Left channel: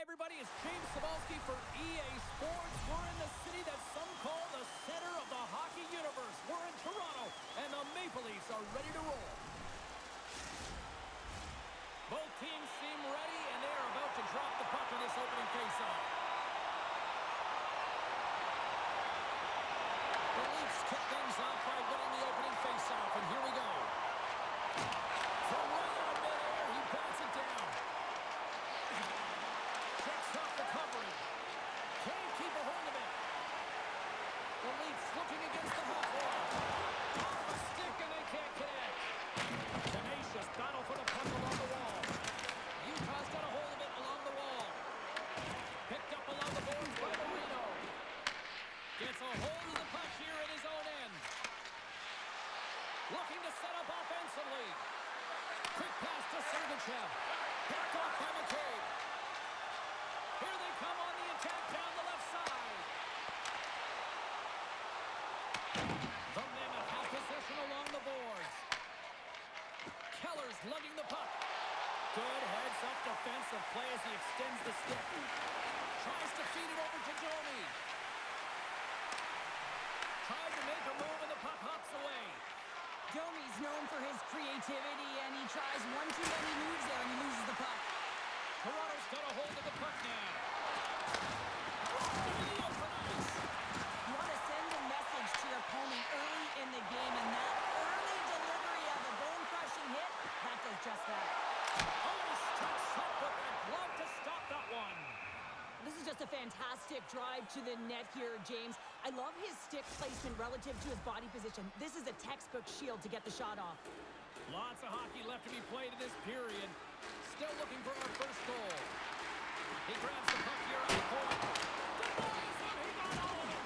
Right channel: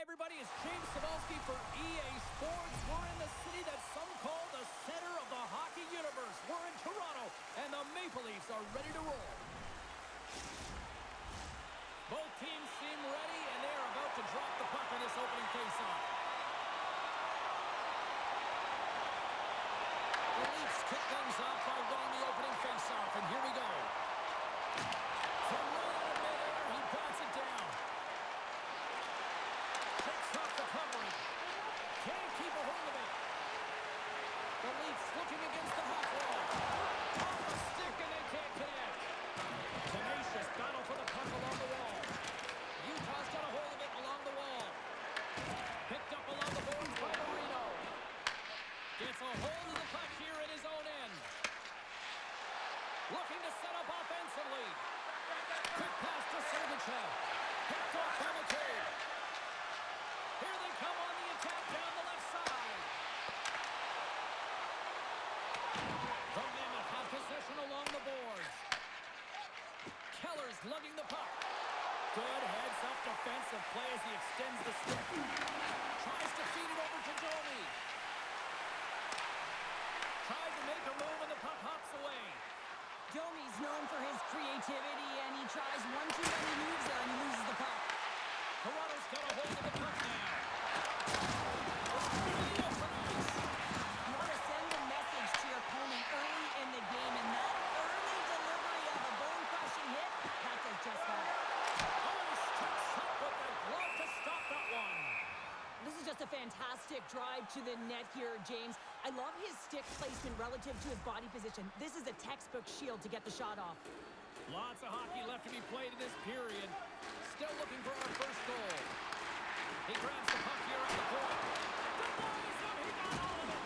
Hi, everybody. It's James Cebulski for EA Sports. We're in the city that some call the center of the hockey universe. We're in Toronto, and the Maple Leafs are ready to roll. Both teams seem ready, and they are about to drop the puck on this opening faceoff. The Leafs kick things off by winning the opening faceoff, and here we go. From right out of midair, he bats it down. Checks off the coverage. Can't keep a hold of it. The Leafs looking against the half wall. Off a stick, and they can't connect. Tenacious battle for the puck along the wall. Utah's got a hold of it along the wall. Picked up along the boards by Marino. Gets a hold of the puck here at his own end. Looking to set up offensively. Quick pass to Sergachev. Picked off by McCabe. Here they come on the attack down the left side. The Mammoth have possession along the boards. Keller's lugging the puck. Good heads-up defensive play as he extends the stick. Tries to feed it over to Domi. Tried to make a move and the puck hops away. Domi's known for his creativity, and he tries one too many moves there, and he loses the puck. Toronto's got a hold of the puck now. You want to send a message to your opponent early in the game, and that early delivery of a bone-crushing hit, that does just that. Oh, he steps up with that glove to stop that one. This is just a fantastic drive to the net here, James. I love his stick placement relative to his body position. This is a textbook shield to get the shot off. Lots of hockey left to be played in this period. Still looking for our first goal. He grabs the puck here on the point. Denies him. He got all of it.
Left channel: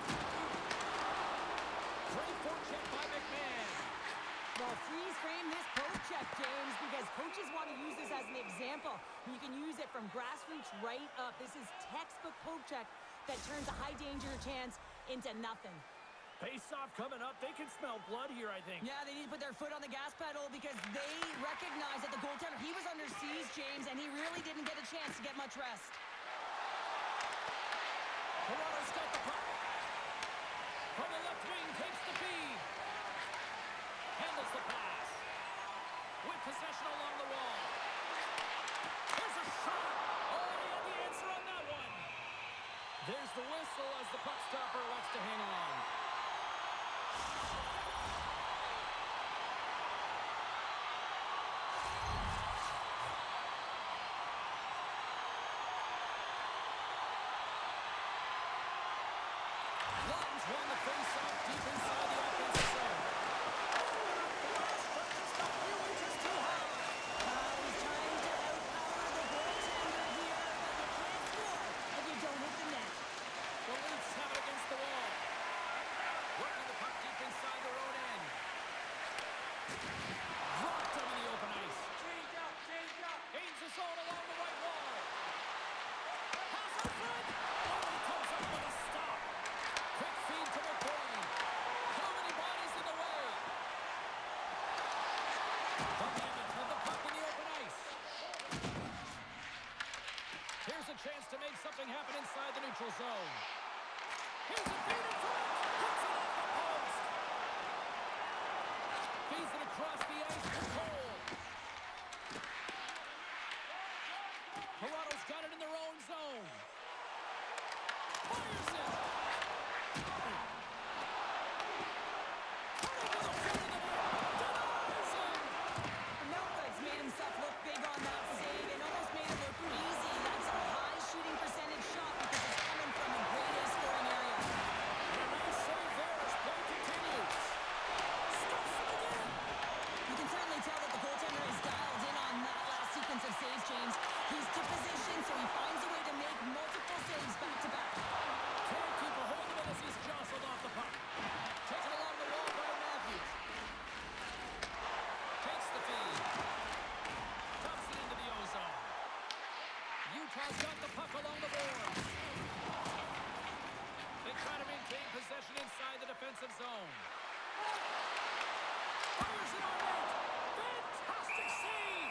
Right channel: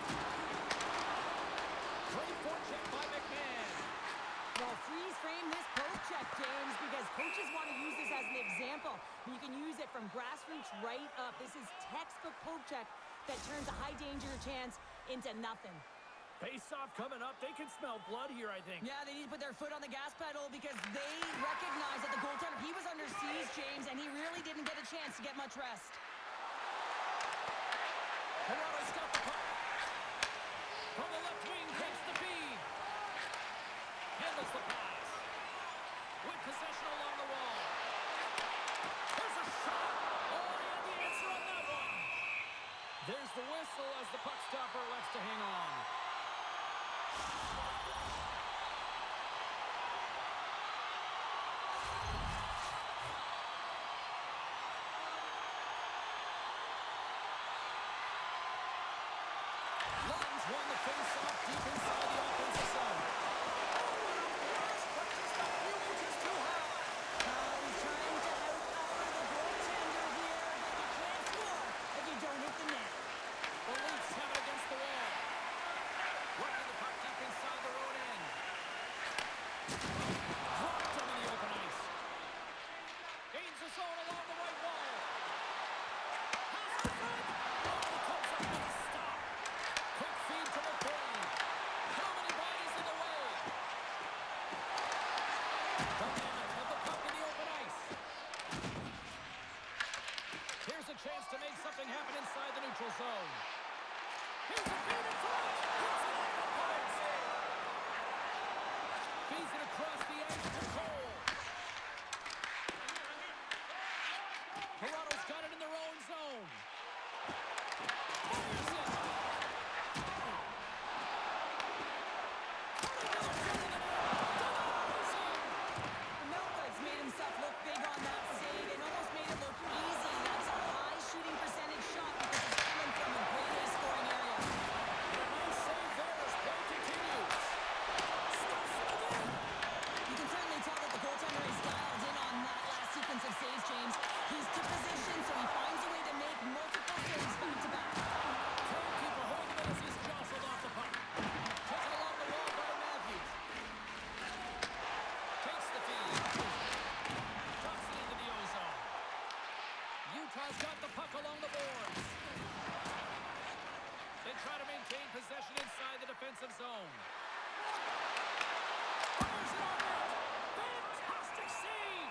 Great forecheck by McMahon. Well, freeze frame this poke check, James, because coaches want to use this as an example. You can use it from grassroots right up. This is textbook poke check that turns a high danger chance into nothing. Face-off coming up. They can smell blood here, I think. Yeah, they need to put their foot on the gas pedal because they recognize that the goaltender, he was under siege, James, and he really didn't get a chance to get much rest. Toronto's got the puck. From the left wing, takes the feed. Handles the pass. With possession along the wall. There's a shot. Oh, he had the answer on that one. There's the whistle as the puck stopper elects to hang on. Lawton's won the face-off deep inside the offensive zone. Oh, what a blast, but just a few inches too high. He's trying to outpower the goaltender here, but you can't score if you don't hit the net. The Leafs have it against the wall. Working the puck deep inside their own end. Dropped him in the open ice. Gains the zone along the right wall. Pass in front. Oh, he comes up with a stop. Quick feed to McCabe. How many bodies in the way? The Mammoth have the puck in the open ice. Here's a chance to make something happen inside the neutral zone. Here's a feed in front. Puts it off the post. Feeds it across the ice to Cole. Toronto's got it in their own zone. Fires it. Denies him. Melka's made himself look big on that save and almost made it look easy. That's a high shooting percentage shot because it's coming from a grade A scoring area. And a nice save there as play continues. Stuffs it again. You can certainly tell that the goaltender is dialed in on that last sequence of saves, James. He's to position, so he finds a way to make multiple saves back-to-back. Can't keep a hold of it as he's jostled off the puck. Taken along the wall by Matthews. Takes the feed. Drops it into the O-zone. Utah's got the puck along the boards. They try to maintain possession inside the defensive zone. Fires it on net. Fantastic save.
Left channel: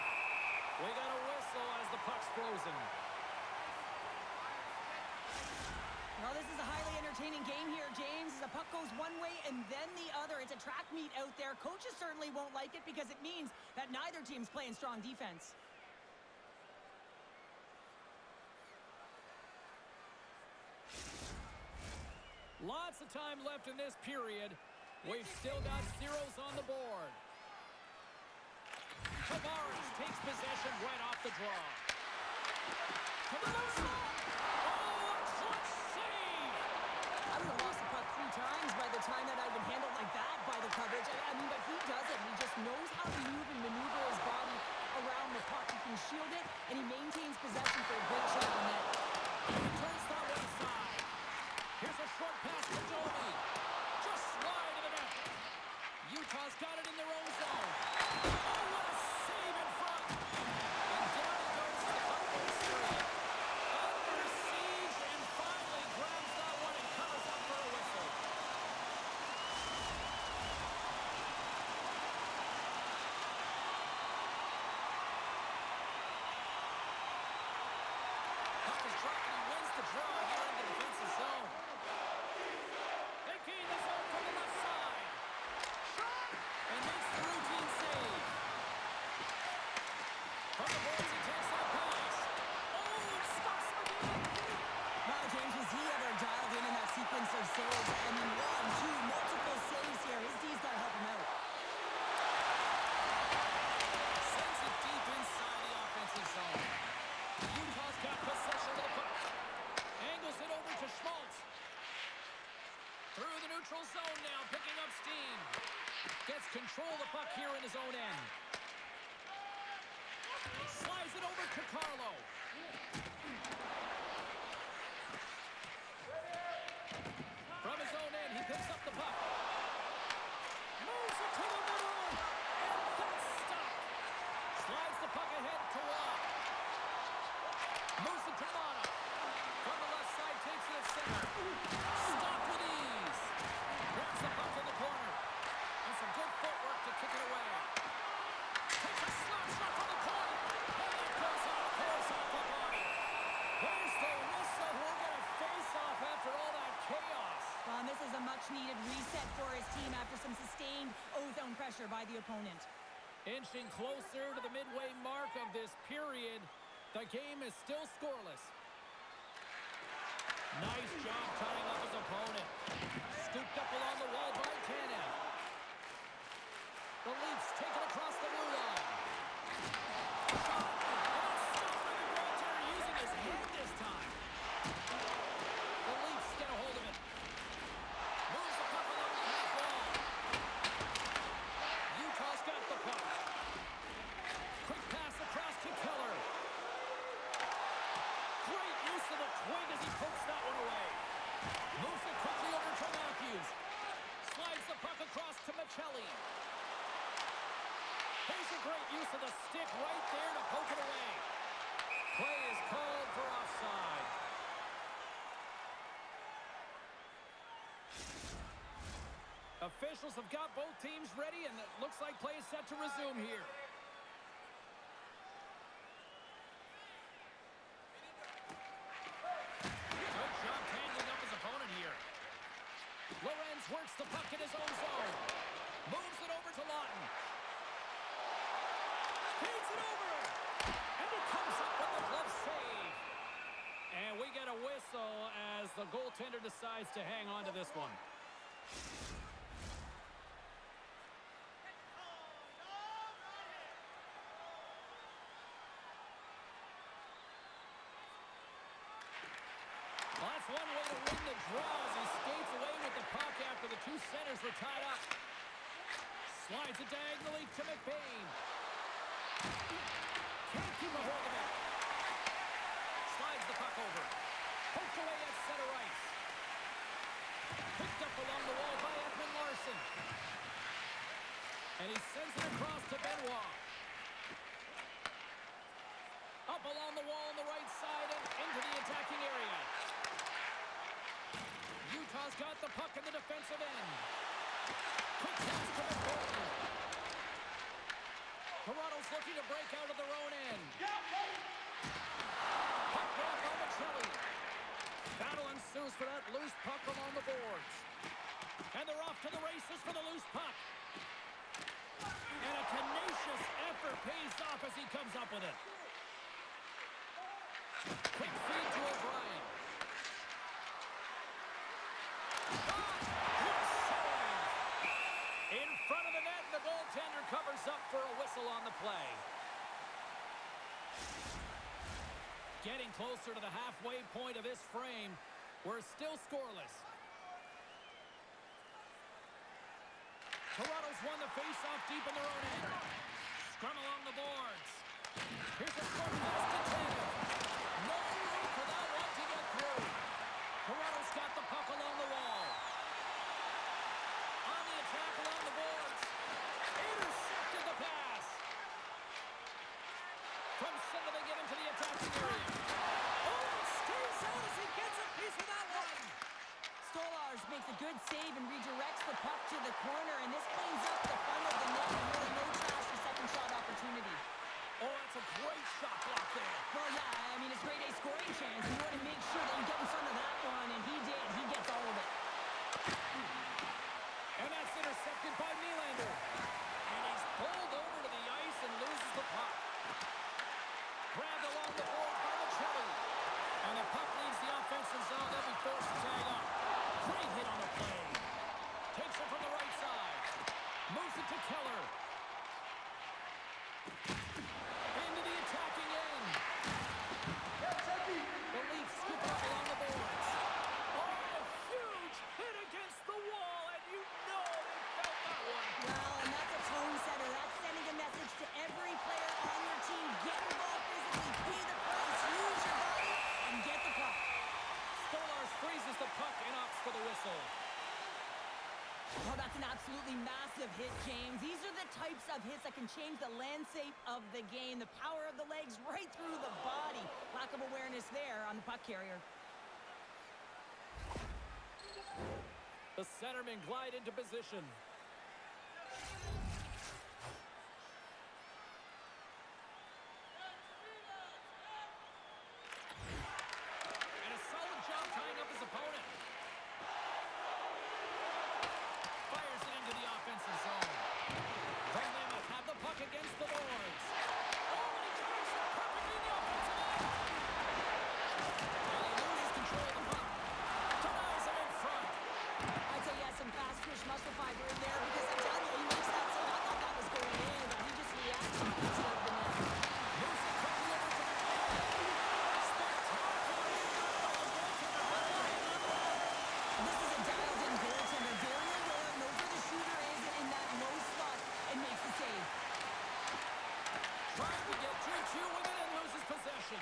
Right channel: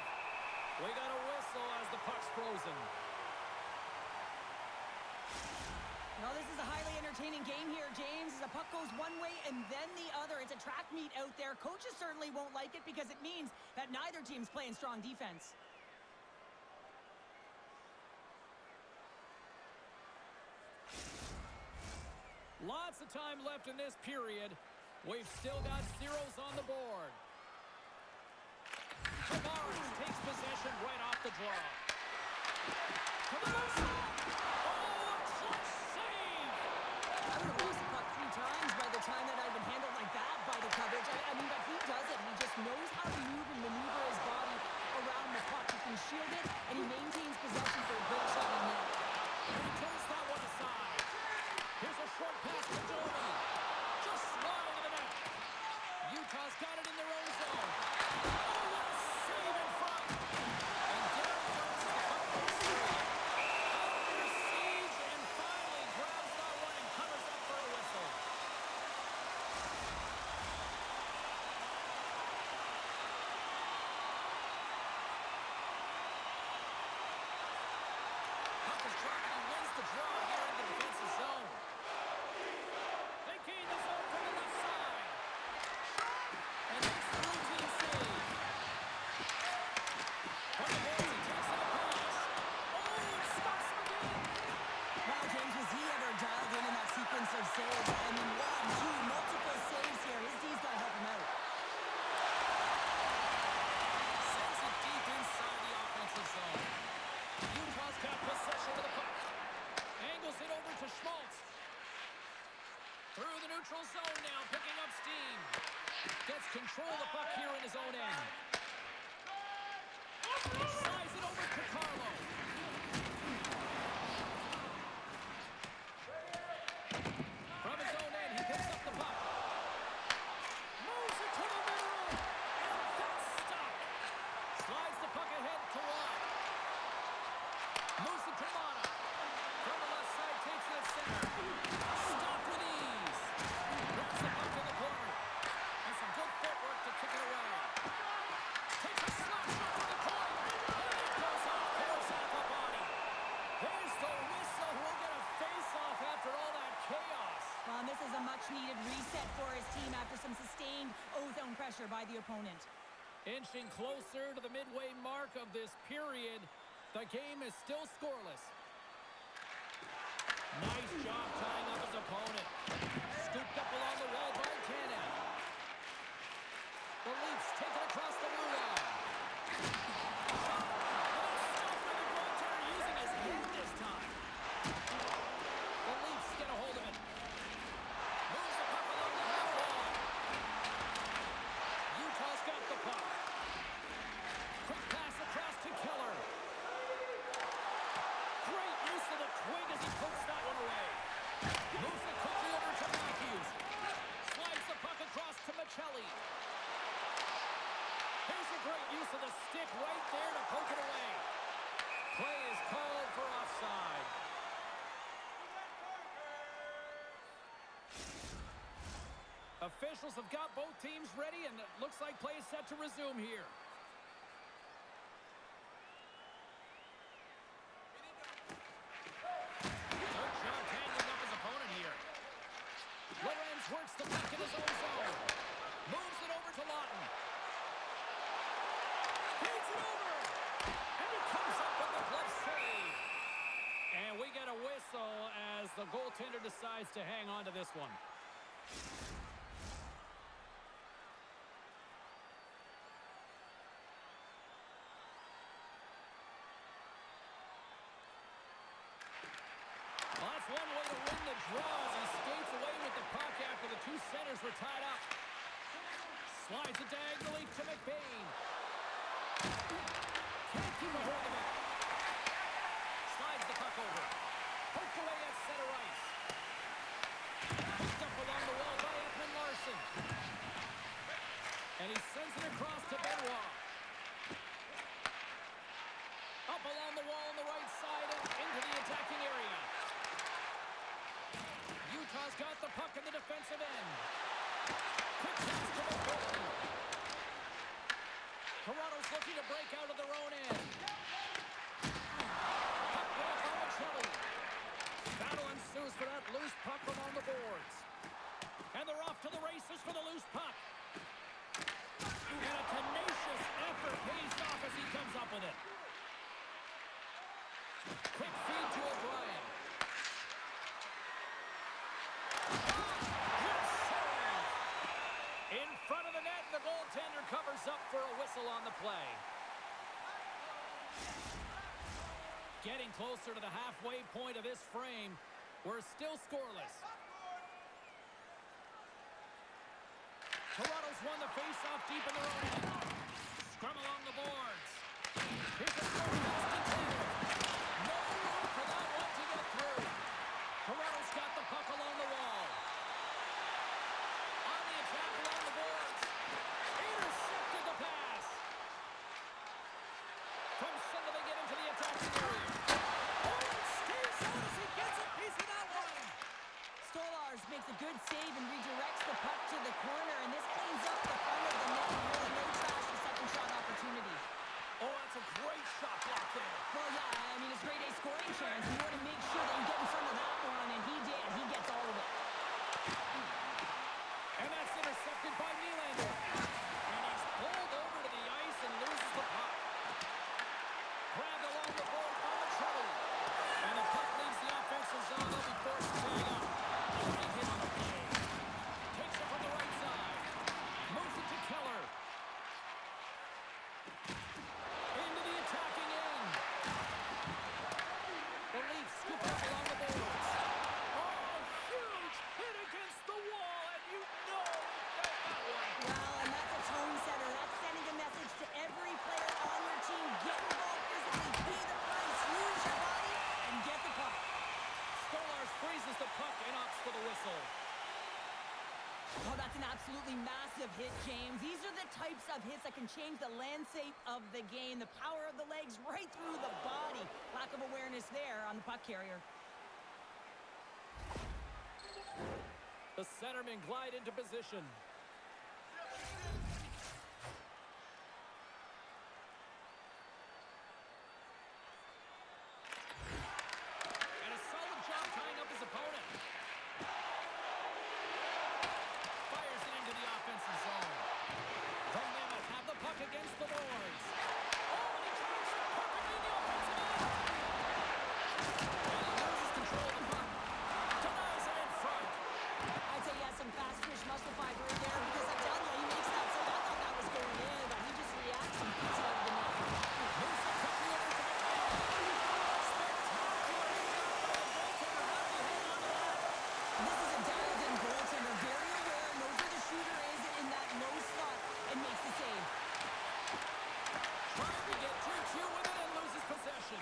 We got a whistle as the puck's frozen. Well, this is a highly entertaining game here, James. The puck goes one way and then the other. It's a track meet out there. Coaches certainly won't like it because it means that neither team's playing strong defense. Lots of time left in this period. We've still got zeros on the board. Tavares takes possession right off the draw. Tavares! Oh, a clutch save! I would have lost the puck 3 times by the time that I'd been handled like that by the coverage. I mean, but he does it. He just knows how to move and maneuver his body around the puck. He can shield it, and he maintains possession for a great shot on net. He turns that one aside. Here's a short pass to Domi. Just wide of the net. Utah's got it in their own zone. Oh, what a save in front. And down it goes to the puck goes through. Under siege and finally grabs that one and covers up for a whistle. Puck is dropped and he wins the draw here in the defensive zone. They gain the zone from the left side. And makes the routine save. From the boards, he takes on a pass. Oh, it stops him again. Wow, James, was he ever dialed in that sequence of saves? I mean, 1, 2, multiple saves here. His D's got to help him out. Sends it deep inside the offensive zone. Utah's got possession of the puck. Angles it over to Schmaltz. Through the neutral zone now, picking up steam. Gets control of the puck here in his own end. Slides it over to Carlo. From his own end, he picks up the puck. Moves it to the middle. And that's stopped. Slides the puck ahead to Watt. Moves it to Mata. From the left side, takes it at center. Stopped with ease. Grabs the puck in the corner. And some good footwork to kick it away. Takes a slap shot from the point. And it goes off, pours off a body. There's the whistle. We'll get a face-off after all that chaos. Well, and this is a much-needed reset for his team after some sustained O-zone pressure by the opponent. Inching closer to the midway mark of this period. The game is still scoreless. Nice job tying up his opponent. Scooped up along the wall by Tanev. The Leafs take it across the blue line. Shot! And it's stopped by the goaltender using his head this time. The Leafs get a hold of it. Moves the puck along the half wall. Utah's got the puck. Quick pass across to Keller. Great use of the twig as he pokes that one away. Moves it quickly over to Matthews. Slides the puck across to Michelli. Here's a great use of the stick right there to poke it away. Play is called for offside. Officials have got both teams ready, and it looks like play is set to resume here. Good job tangling up his opponent here. Lorenz works the puck in his own zone. Moves it over to Lawton. Feeds it over. And he comes up with the glove save. And we get a whistle as the goaltender decides to hang on to this one. Well, that's one way to win the draw as he skates away with the puck after the two centers were tied up. Slides it diagonally to McBain. Can't keep a hold of it. Slides the puck over. Poked away at center ice. Picked up along the wall by Ekman Larsson. And he sends it across to Benoit. Up along the wall on the right side and into the attacking area. Utah's got the puck in the defensive end. Quick pass to McBain. Toronto's looking to break out of their own end. Puck off on Michelli. Battle ensues for that loose puck along the boards. And they're off to the races for the loose puck. And a tenacious effort pays off as he comes up with it. Quick feed to O'Brien. Good save. In front of the net, the goaltender covers up for a whistle on the play. Getting closer to the halfway point of this frame. We're still scoreless. Toronto's won the face-off deep in their own end. Scrum along the boards. Here's a short pass to Tatum. No room for that one to get through. Toronto's got the puck along the wall. On the attack along the boards. Intercepted the pass. From center they get into the attacking area. Oh, it stays out as he gets a piece of that one. Stolarz makes a good save and redirects the puck to the corner, and this cleans up the front of the net. Really no trash for second shot opportunity. Oh, that's a great shot block there. Well, yeah, I mean, it's grade A scoring chance. You want to make sure that you get in front of that one, and he did. He gets all of it. And that's intercepted by Nylander. And he's pulled over to the ice and loses the puck. Grabbed along the board by Machelli. And the puck leaves the offensive zone. They'll be forced to tag up. Great hit on the play. Takes it from the right side. Moves it to Keller. Into the attacking end. The Leafs scoop it up along the boards. Oh, huge hit against the wall, and you know they felt that one. Well, and that's a tone setter. That's sending a message to every player on your team. Get involved physically, pay the price, use your body, and get the puck. Stolarz freezes the puck and opts for the whistle. Oh, that's an absolutely massive hit, James. These are the types of hits that can change the landscape of the game. The power of the legs right through the body. Lack of awareness there on the puck carrier. The centermen glide into position. And a solid job tying up his opponent. Fires it into the offensive zone. The Mammoth have the puck against the boards. Oh, and he drives it perfectly in the offensive end. And he loses control of the puck. Denies it in front. I'd say he has some fast twitch muscle fiber in there because I'm telling you, he makes that save. I thought that was going in, but he just reacts and beats it out of the net. Moves it quickly over to McMahon. Spectacular shot by the goaltender. How did he hang on to that? This is a dialed-in goaltender. Very aware, knows where the shooter is in that low slot, and makes the save. Trying to get 2-2 with it and loses possession.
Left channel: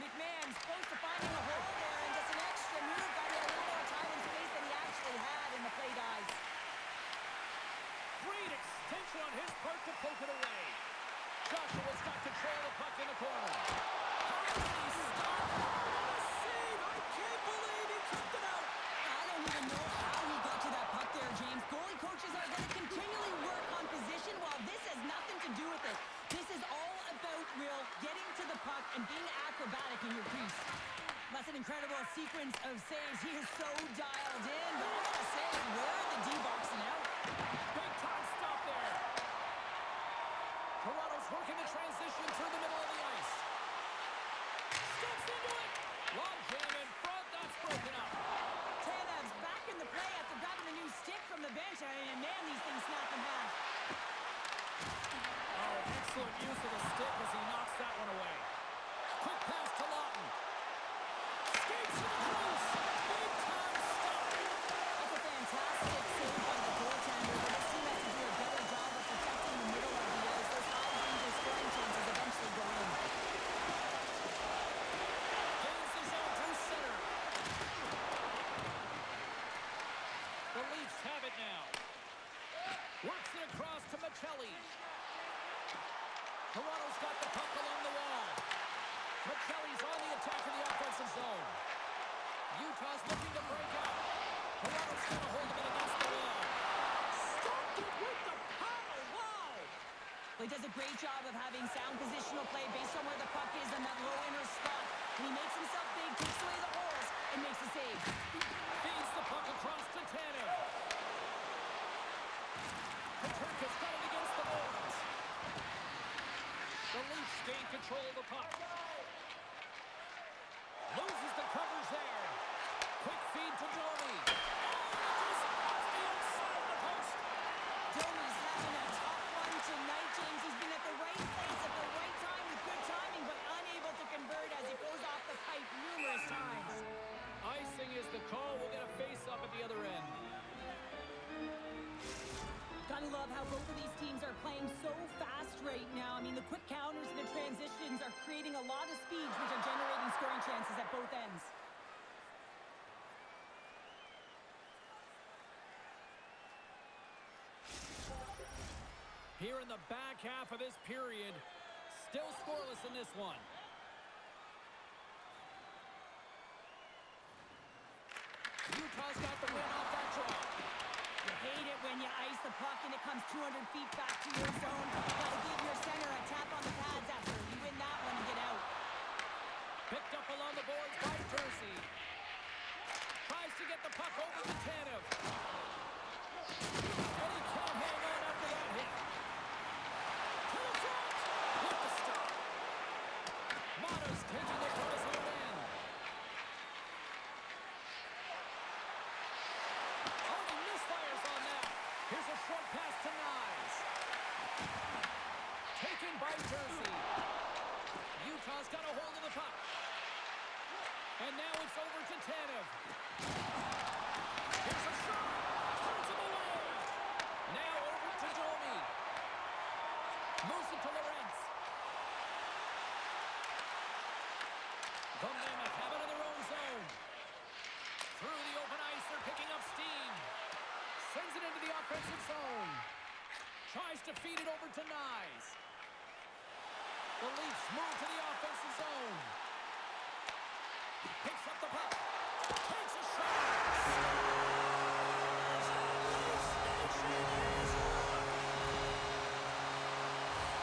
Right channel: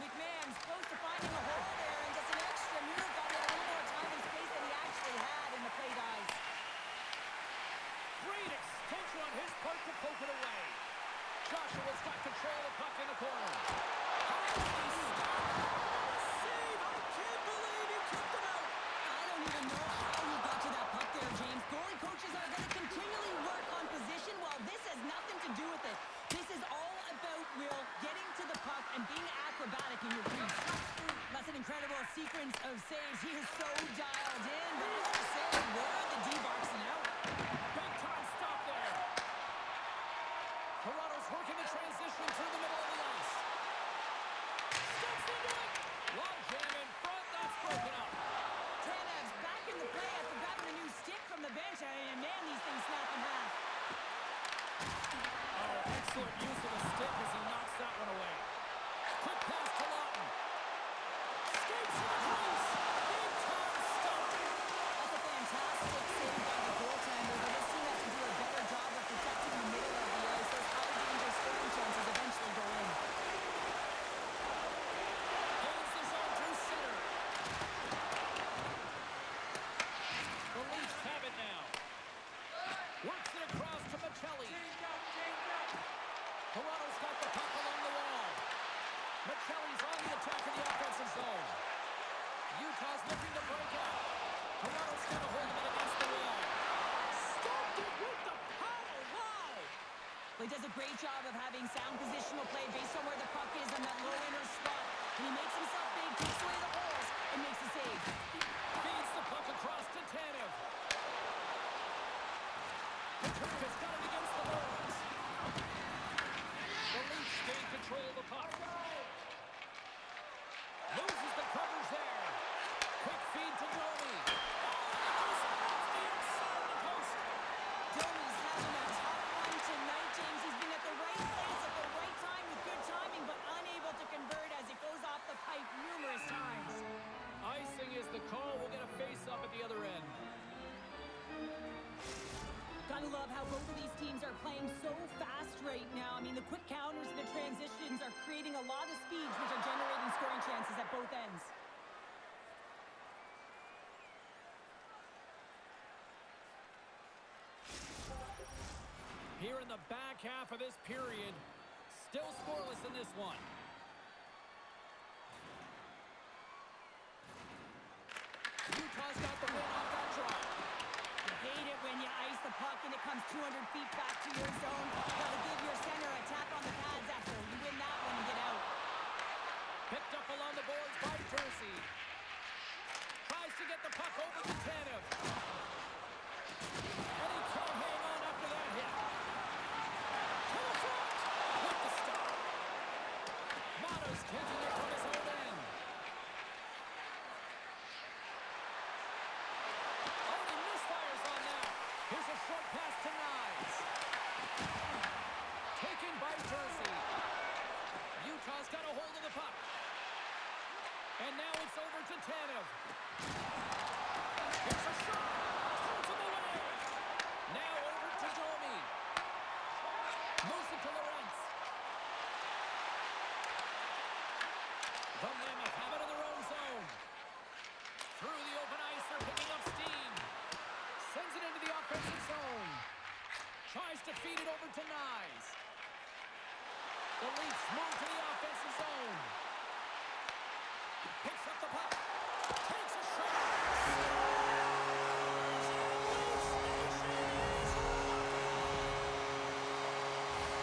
McMahon's close to finding a hole there and gets an extra move. Got to get a little more time and space than he actually had in the play dies. Great extension on his part to poke it away. Joshua's got control of the puck in the corner. How did he stop? What a save! I can't believe he kept it out. I don't even know how he got to that puck there, James. Goalie coaches are going to continually work on position while this has nothing to do with it. This is all about, Will, getting to the puck and being acrobatic in your crease. That's an incredible sequence of saves. He is so dialed in, but I gotta say, where are the D-boxing out? Big time stop there. Toronto's working the transition through the middle of the ice. Steps into it. Long jam in front. That's broken up. Tanev's back in the play after grabbing a new stick from the bench, and man, these things snap in half. Oh, excellent use of the stick as he knocks that one away. Quick pass to Lawton. Skates to the crease. Big time stop. That's a fantastic save by the goaltender, but this team has to do a better job of protecting the middle of the ice. Those high-danger scoring chances eventually go in. Gains the zone through center. The Leafs have it now. Works it across to Machelli. Toronto's got the puck along the wall. Machelli's on the attack in the offensive zone. Utah's looking to break out. Toronto's got a hold of it against the wall. Stopped it with the paddle. Wow! Well, he does a great job of having sound positional play based on where the puck is on that low inner spot. And he makes himself big, takes away the holes, and makes the save. Feeds the puck across to Tanev. Peterka's got it against the boards. The Leafs gain control of the puck. Loses the covers there. Quick feed to Domi. Oh, it goes off the outside of the post. Domi's having a tough one tonight, James. He's been at the right place at the right time with good timing, but unable to convert as it goes off the pipe numerous times. Icing is the call. We'll get a face-up at the other end. Gotta love how both of these teams are playing so fast right now. I mean, the quick counters and the transitions are creating a lot of speeds, which are generating scoring chances at both ends. Here in the back half of this period, still scoreless in this one. Utah's got the win off that draw. You hate it when you ice the puck and it comes 200 feet back to your zone. Gotta give your center a tap on the pads after you win that one and get out. Picked up along the boards by Jersey. Tries to get the puck over to Tanev. And he can't hang on after that hit. To the front with the stop. Mata's taking it from his own end. Oh, he misfires on that. Here's a short pass to Nyes. Taken by Jersey. Utah's got a hold of the puck. And now it's over to Tanev. Here's a shot. Turns him away. Now over to Domi. Moves it to Lorentz. The Mammoth have it in their own zone. Through the open ice, they're picking up steam. Sends it into the offensive zone. Tries to feed it over to Nyes. The Leafs move to the offensive zone. Picks up the puck. Takes a shot. Scores! Leafs Nation is rocking!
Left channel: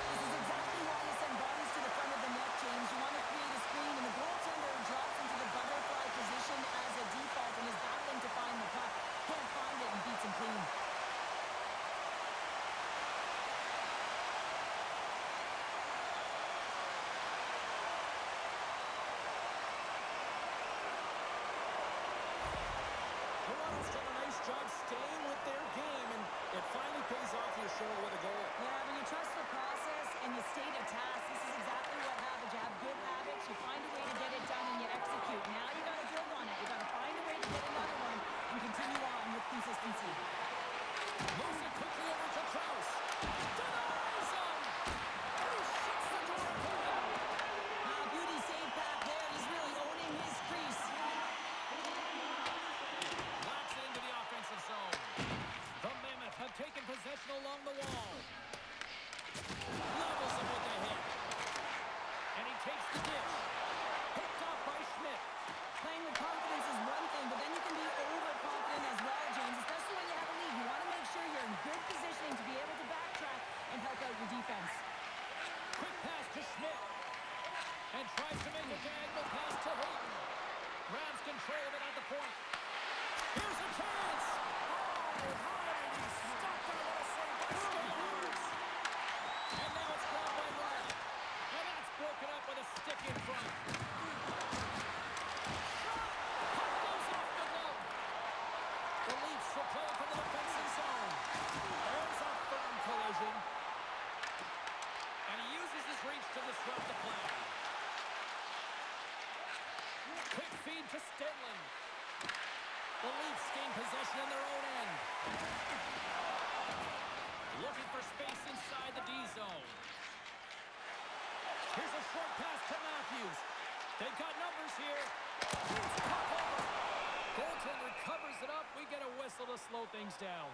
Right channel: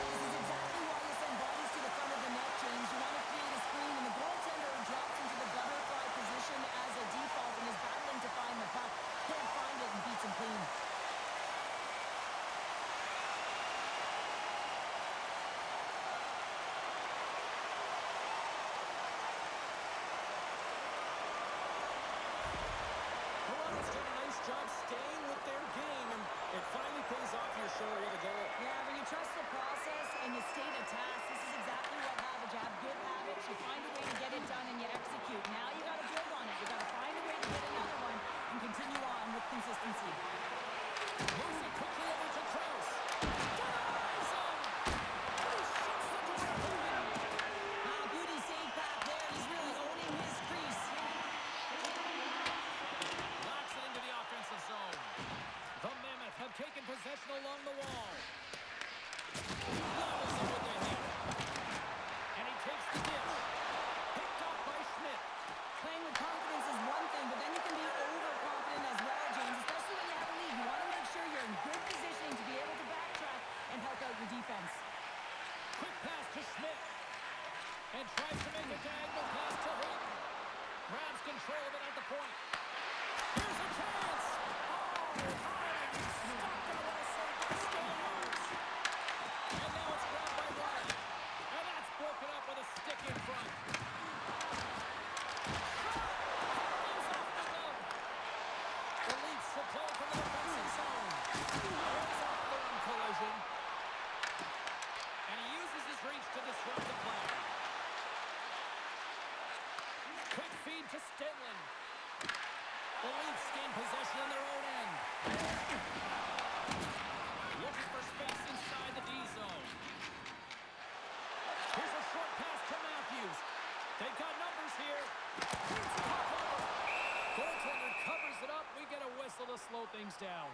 This is exactly why you send bodies to the front of the net, James. You want to create a screen, and the goaltender drops into the butterfly position as a default and is battling to find the puck. Can't find it and beats him clean. Toronto's done a nice job staying with their game, and it finally pays off here, Cheryl, with a goal. Yeah, when you trust the process and you stay to task, this is exactly what happens. You have good habits, you find a way to get it done, and you execute. Now you got to build on it. You got to find a way to get another one and continue on with consistency. Moves it quickly over to Krause. Denies him! And he shuts the door open. Beauty save back there. He's really owning his crease. Locks it into the offensive zone. The Mammoth have taken possession along the wall. Levels him with the hit. And he takes the dish. Picked off by Schmidt. Playing with confidence is one thing, but then you can be overconfident as well, James, especially when you have a lead. You want to make sure you're in good positioning to be able to backtrack and help out your defense. Quick pass to Schmidt. And tries to make a diagonal pass to Hayden. Grabs control of it at the point. Here's a chance. Oh, high. Stopped, I want to say, by Stolars. And now it's grabbed by Wright. And that's broken up with a stick in front. Shot. Puck goes off the glove. The Leafs will play from the defensive zone. There's a firm collision. And he uses his reach to disrupt the play. Quick feed to Stenlund. The Leafs gain possession in their own end. Looking for space inside the D zone. Here's a short pass to Matthews. They've got numbers here. Feeds the puck over. Goaltender covers it up. We get a whistle to slow things down.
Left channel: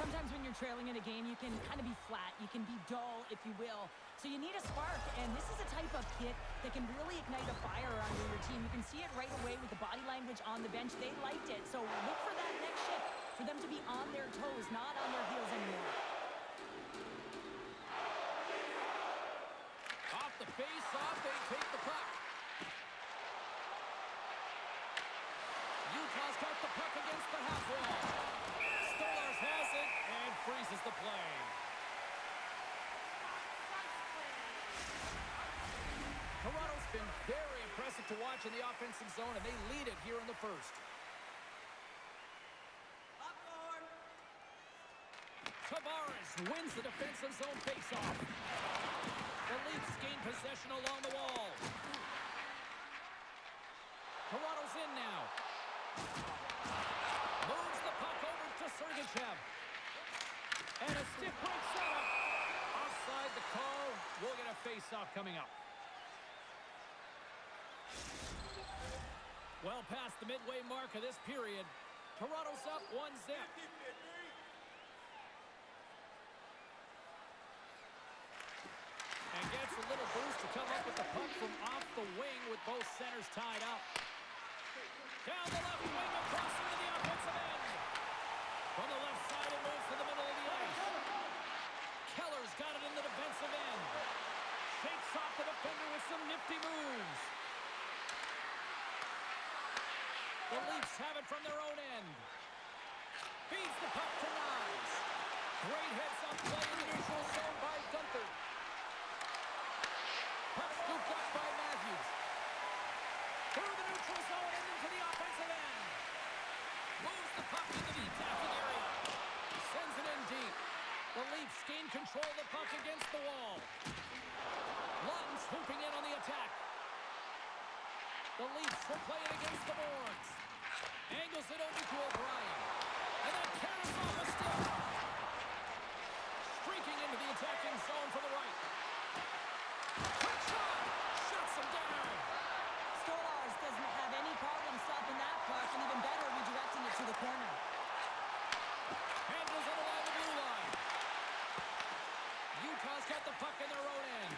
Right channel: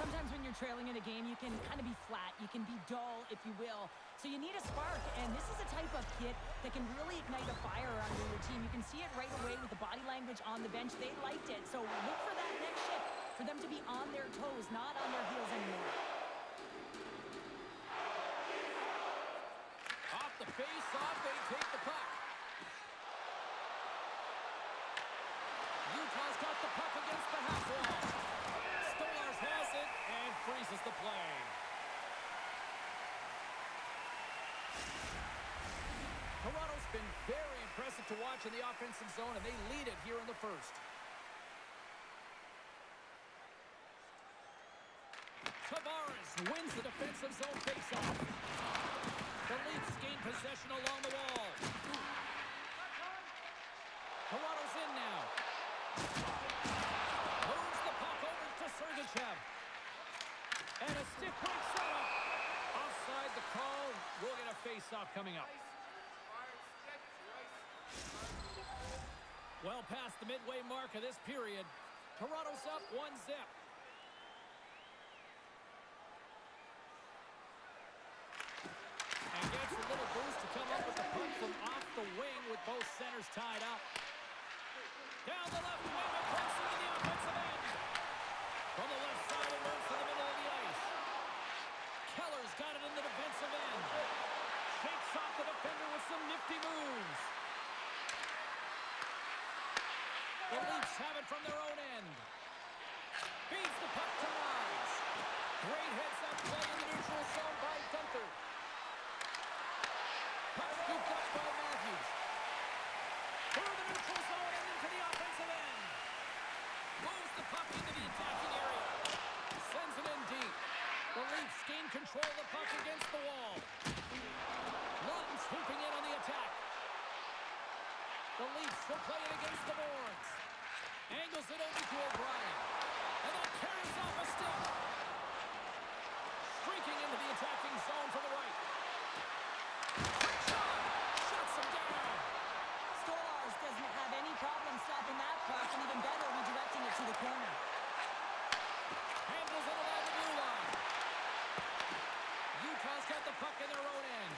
Sometimes when you're trailing in a game, you can kind of be flat. You can be dull, if you will. So you need a spark, and this is a type of kit that can really ignite a fire under your team. You can see it right away with the body language on the bench. They liked it. So look for that next shift, for them to be on their toes, not on their heels anymore. Off the face-off, they take the puck. Utah's got the puck against the half wall. Stolarz has it and freezes the play. Toronto's been very impressive to watch in the offensive zone, and they lead it here in the first. Tavares wins the defensive zone faceoff. The Leafs gain possession along the wall. Toronto's in now. Moves the puck over to Sergachev. And a stiff break setup. Offside the call. We'll get a faceoff coming up. Well past the midway mark of this period. Toronto's up 1-0. And gets a little boost to come up with the puck from off the wing with both centers tied up. Down the left wing across into the offensive end. From the left side it moves to the middle of the ice. Keller's got it in the defensive end. Shakes off the defender with some nifty moves. The Leafs have it from their own end. Feeds the puck to Nyes. Great heads-up play in the neutral zone by Gunther. Puck scooped up by Matthews. Through the neutral zone and into the offensive end. Moves the puck into the attacking area. Sends it in deep. The Leafs gain control of the puck against the wall. Lund swooping in on the attack. The Leafs will play it against the boards. Angles it over to O'Brien. And then carries off a stick. Streaking into the attacking zone from the right. Quick shot! Shuts him down. Stolarz doesn't have any problem stopping that puck, and even better, redirecting it to the corner. Handles it along the blue line. Utah's got the puck in their own end.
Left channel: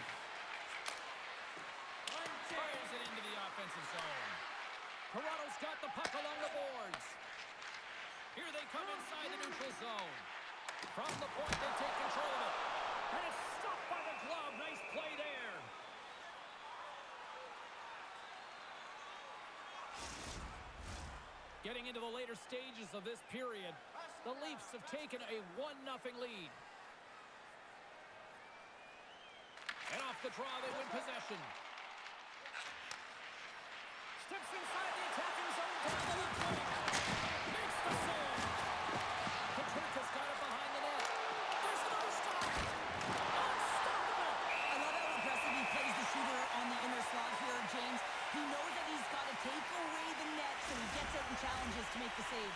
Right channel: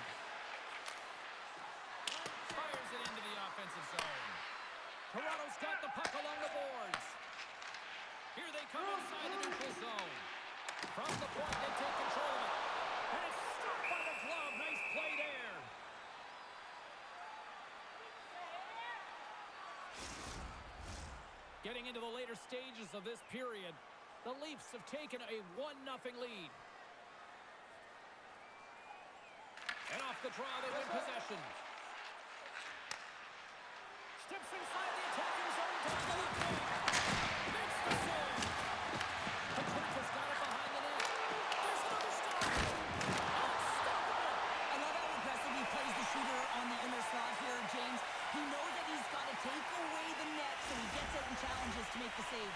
Fires it into the offensive zone. Toronto's got the puck along the boards. Here they come inside the neutral zone. From the point, they take control of it. And it's stopped by the glove. Nice play there. Getting into the later stages of this period, the Leafs have taken a 1-0 lead. And off the draw, they win possession. Steps inside the attacking zone down the left wing. Makes the save. Patrick's got it behind the net. There's another stop. Unstoppable. I love how aggressive he plays the shooter on the inner slot here, James. He knows that he's got to take away the net, so he gets out and challenges to make the save.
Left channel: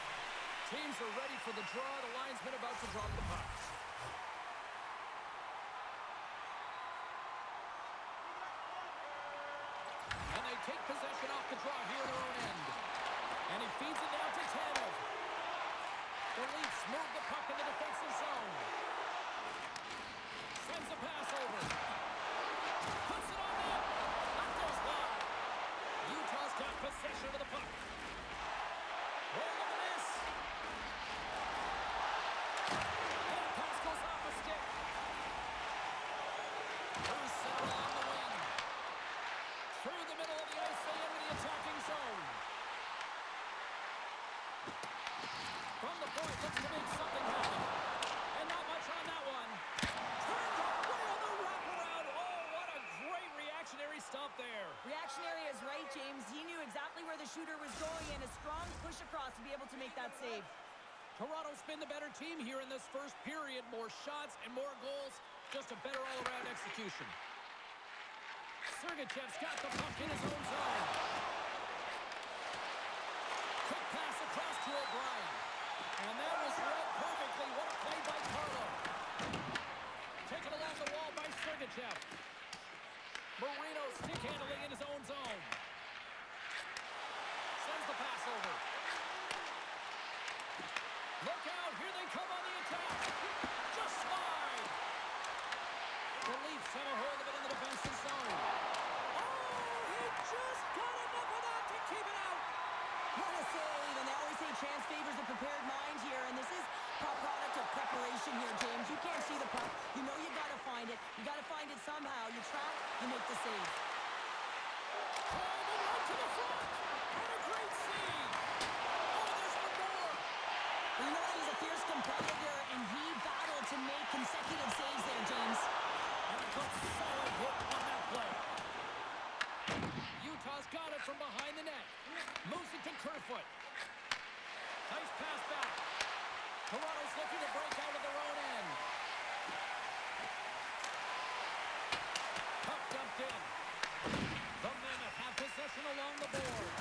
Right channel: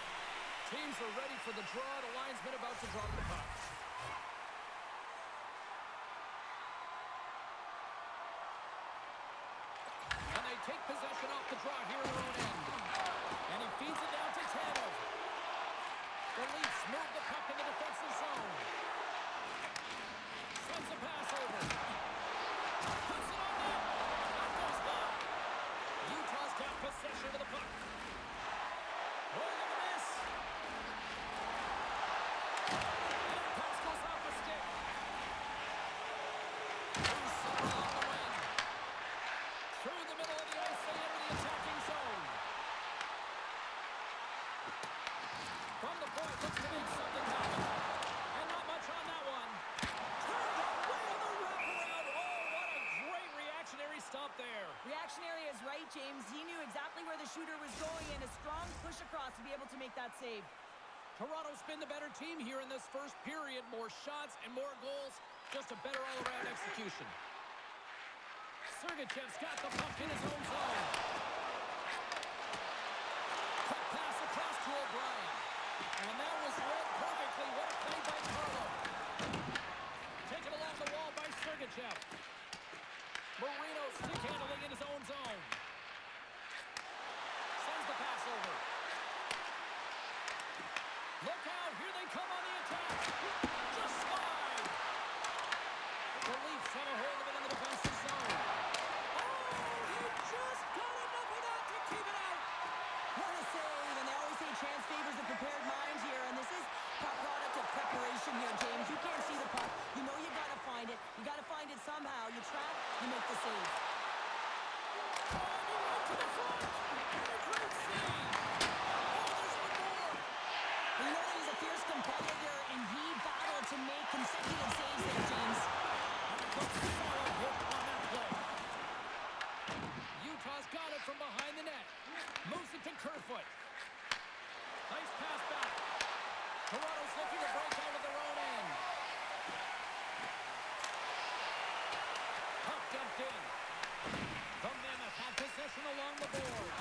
Teams are ready for the draw. The linesman about to drop the puck. And they take possession off the draw here in their own end. And he feeds it down to Tanev. The Leafs move the puck in the defensive zone. Sends a pass over. Puts it on net. That goes wide. Utah's got possession of the puck. Roll of the miss. And that pass goes off a stick. Through center along the wing. Through the middle of the ice, they enter the attacking zone. From the point, looks to make something happen. And not much on that one. Turned away on the wraparound. Oh, what a great reactionary stop there. Reactionary is right, James. He knew exactly where the shooter was going, and a strong push across to be able to make that save. Toronto's been the better team here in this first period. More shots and more goals. Just a better all-around execution. Sergachev's got the puck in his own zone. Quick pass across to O'Brien. And that was read perfectly. What a play by Carlo. Taken along the wall by Sergachev. Marino stick handling in his own zone. Sends the pass over. Look out. Here they come on the attack. Just slide. The Leafs have a hold of it in the defensive zone. Oh, he just got enough of that to keep it out. What a save, and they always say chance favors a prepared mind here, and this is a product of preparation here, James. You can't see the puck. You know you got to find it. You got to find it somehow. You track, you make the save. Driving right to the front, and a great save. Well, you know that he's a fierce competitor, and he battled to make consecutive saves there, James. And a good solid hit on that play. Utah's got it from behind the net. Moves it to Kerfoot. Nice pass back. Toronto's looking to break out of their own end. Puck dumped in. The Mammoth have possession along the board.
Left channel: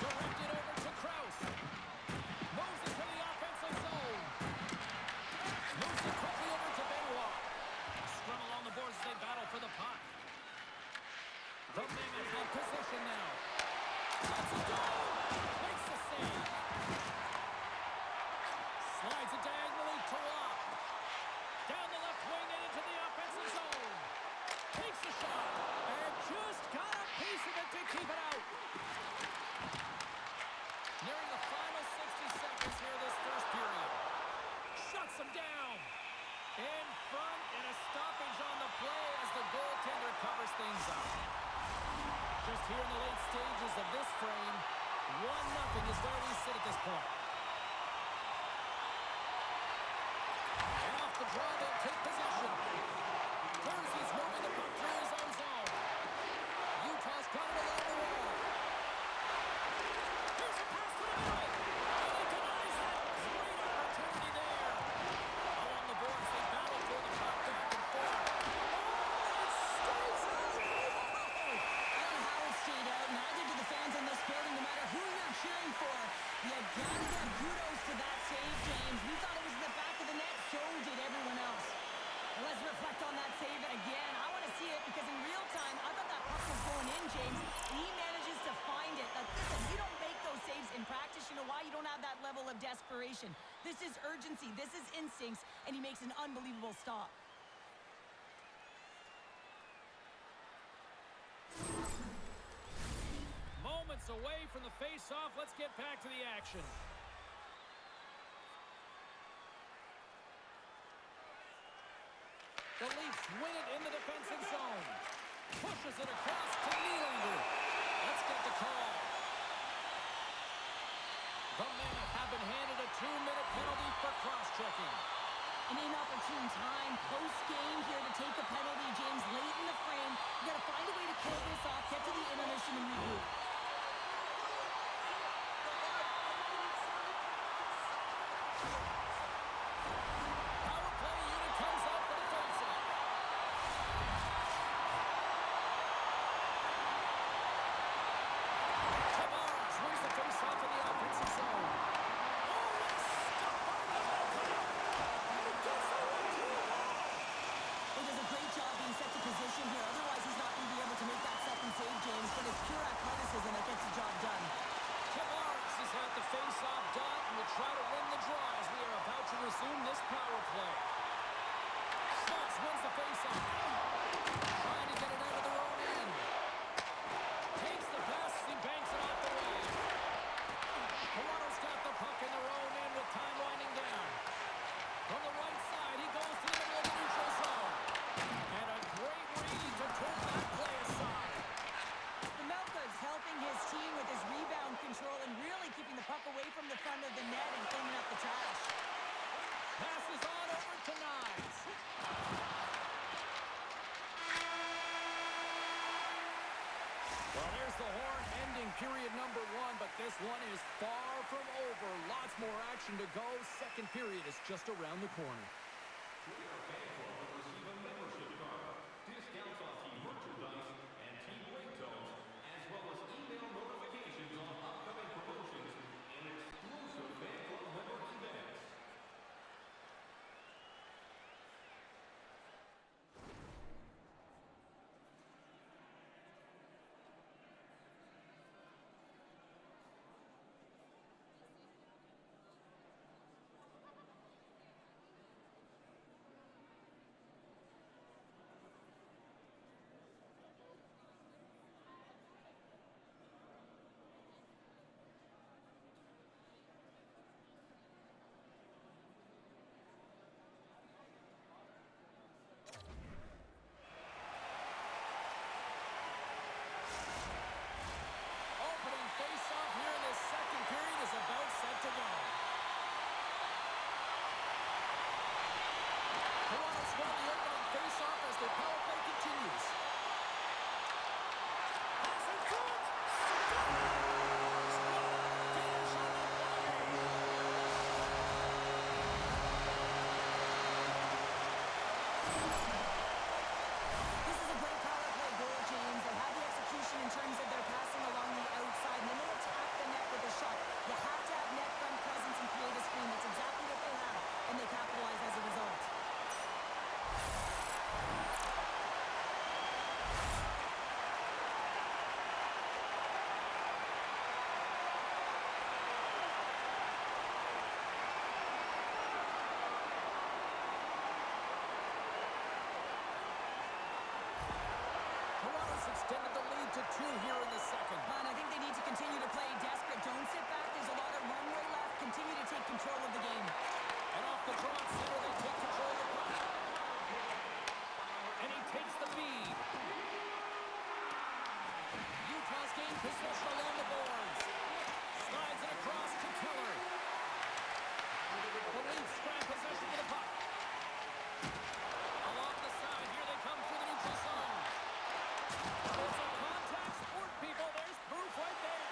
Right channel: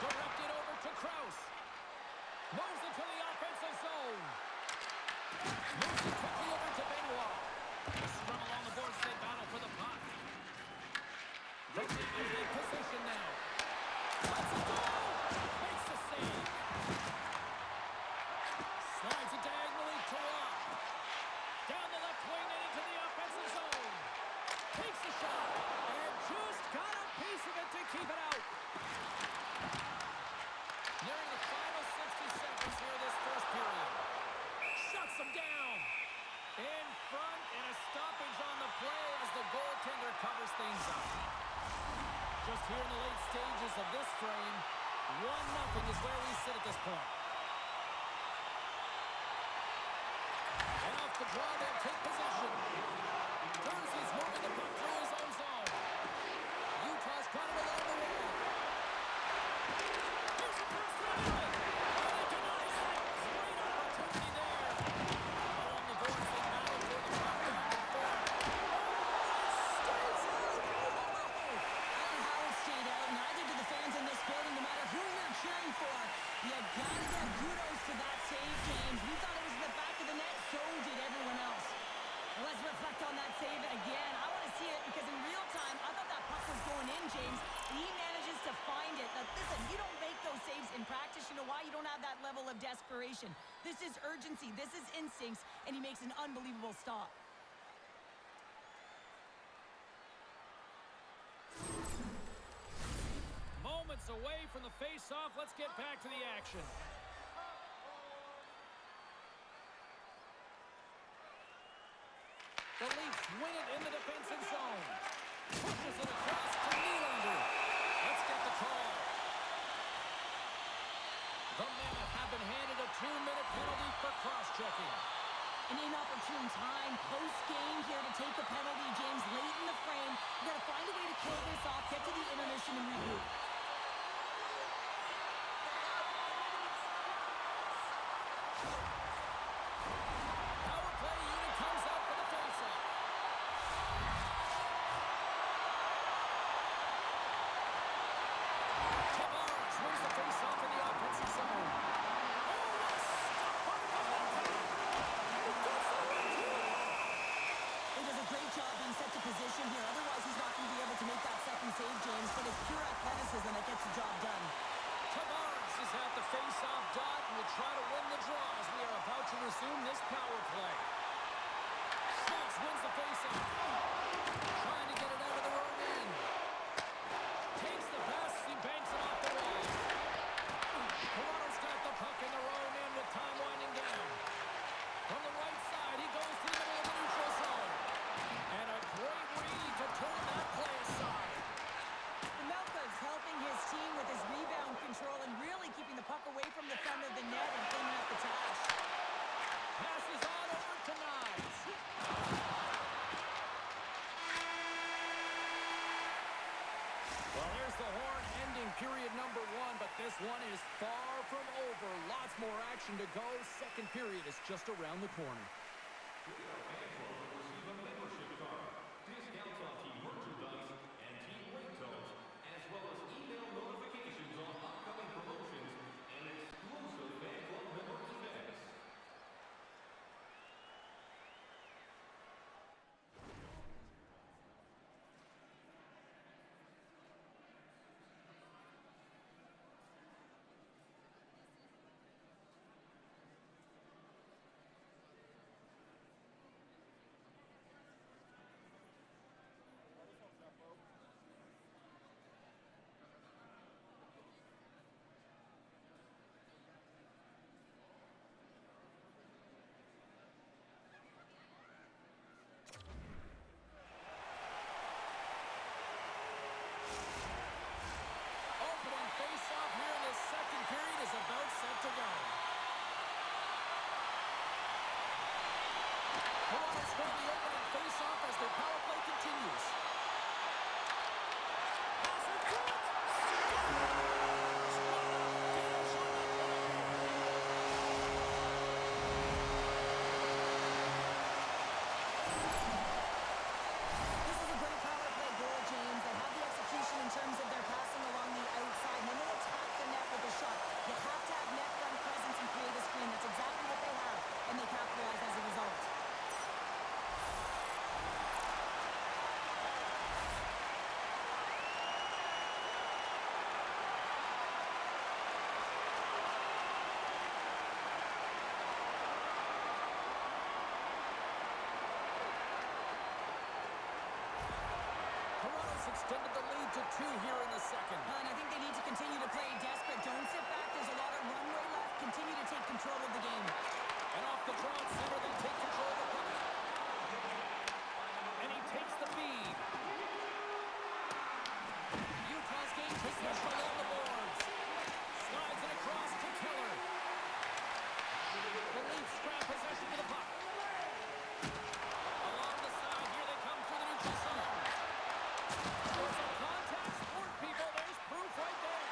Directed over to Krause. Moves it to the offensive zone. Moves it quickly over to Benoit. Scrum along the boards as they battle for the puck. The Mammoth have possession now. Let's go! Makes the save. Slides it diagonally to Rock. Down the left wing and into the offensive zone. Takes the shot. And just got a piece of it to keep it out. Nearing the final 60 seconds here this first period. Shuts them down. In front and a stoppage on the play as the goaltender covers things up. Just here in the late stages of this frame, 1-0 is where we sit at this point. And off the draw, they'll take possession. Jersey's moving the puck through his own zone. Utah's got it along the wall. Here's a pass to the middle. And he denies that. Great opportunity there. Along the boards, they battle for the puck back and forth. Oh, it stays out. I don't know how it stayed out. Neither do the fans in this building, no matter who you're cheering for. You gotta give kudos to that save, James. We thought it was in the back of the net. So did everyone else. Well, let's reflect on that save again. I want to see it because in real time, I thought that puck was going in, James, and he manages to find it. Now, listen, you don't make those saves in practice. You know why? You don't have that level of desperation. This is urgency. This is instincts, and he makes an unbelievable stop. Moments away from the face-off. Let's get back to the action. The Leafs win it in the defensive zone. Pushes it across to Nylander. Let's get the call. The Mammoth have been handed a 2-minute penalty for cross-checking. An inopportune time, post-game here to take a penalty, James, late in the frame. You got to find a way to kill this off, get to the intermission, and regroup. Power play unit comes out for the face-off. Tavares wins the face-off in the offensive zone. Oh, what a stop by the Mammoth! And he gets the win to the wall! He does a great job being set to position here. Otherwise, he's not going to be able to make that second save, James. But it's pure athleticism that gets the job done. Tavares is at the face-off dot and will try to win the draw as we are about to resume this power play. Schultz wins the face-off. Trying to get it out of their own end. Takes the pass as he banks it off the wall. Toronto's got the puck in their own end with time winding down. From the right side, he goes to the middle of the neutral zone. And a great read to turn that play aside. Melka's helping his team with his rebound control and really keeping the puck away from the front of the net and cleaning up the trash. Passes on over to Knies. Well, there's the horn ending period number 1, but this one is far from over. Lots more action to go. Second period is just around the corner. Join our fan club and receive a membership card, discounts on team merchandise, and team ringtones, as well as email notifications on upcoming promotions and exclusive fan club member events. Toronto's won the opening face-off as their power play continues. Pass in front. Scores! What a finish on the play! This is a great power play goal, James. They have the execution in terms of their passing along the outside, and then they attack the net with a shot. You have to have net front presence and create a screen. That's exactly what they have, and they capitalize as a result. Toronto's extended the lead to 2 here in the second. And I think they need to continue to play desperate. Don't sit back. There's a lot of runway left. Continue to take control of the game. And off the draw at center, they take control of the puck. And he takes the feed. Utah's gained possession along the boards. Slides it across to Keller. The Leafs grab possession of the puck. Along the side, here they come through the neutral zone. It's a contact sport, people. There's proof right there.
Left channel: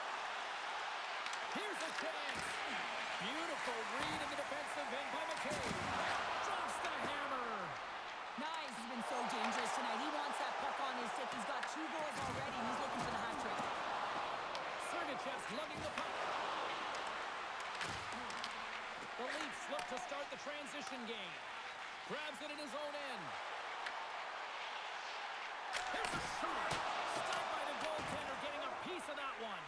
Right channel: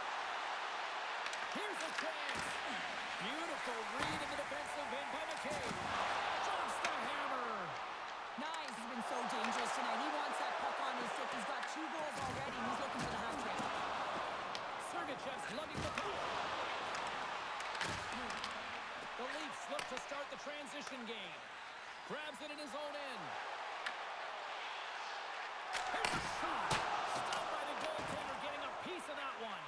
Here's a chance. Beautiful read in the defensive end by McKay. Drops the hammer. Nice. He's been so dangerous tonight. He wants that puck on his stick. He's got 2 goals already, and he's looking for the hat trick. Sergachev's lugging the puck. The Leafs look to start the transition game. Grabs it in his own end. Here's a shot. Stopped by the goaltender, getting a piece of that one.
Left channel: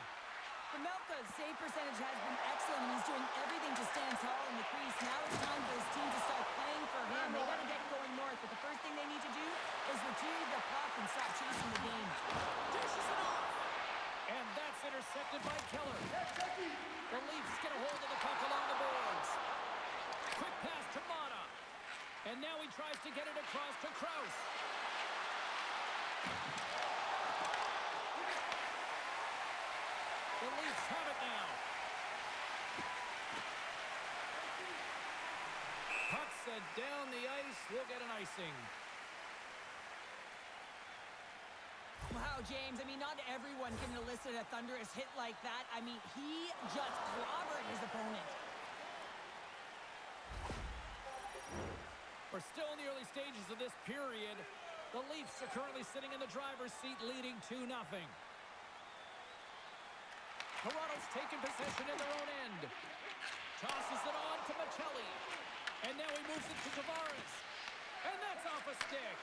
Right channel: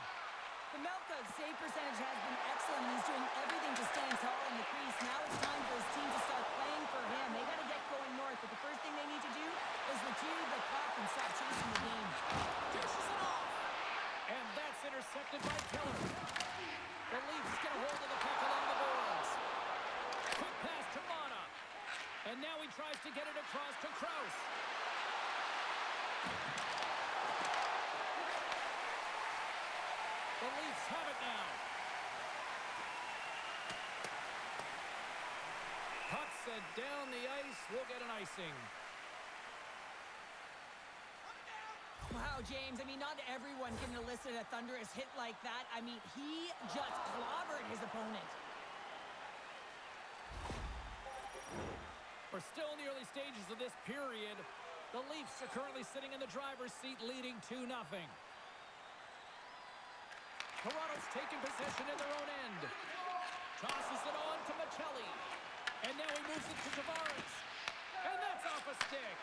Pamelka's save percentage has been excellent, and he's doing everything to stand tall in the crease. Now it's time for his team to start playing for him. They got to get going north, but the first thing they need to do is retrieve the puck and stop chasing the game. Dishes it off. And that's intercepted by Keller. The Leafs get a hold of the puck along the boards. Quick pass to Mata. And now he tries to get it across to Kraus. The Leafs have it now. Puck set down the ice. We'll get an icing. Wow, James, I mean, not everyone can elicit a thunderous hit like that. I mean, he just clobbered his opponent. We're still in the early stages of this period. The Leafs are currently sitting in the driver's seat, leading 2-0. Toronto's taken possession in their own end. Tosses it on to Machelli. And now he moves it to Tavares. And that's off a stick.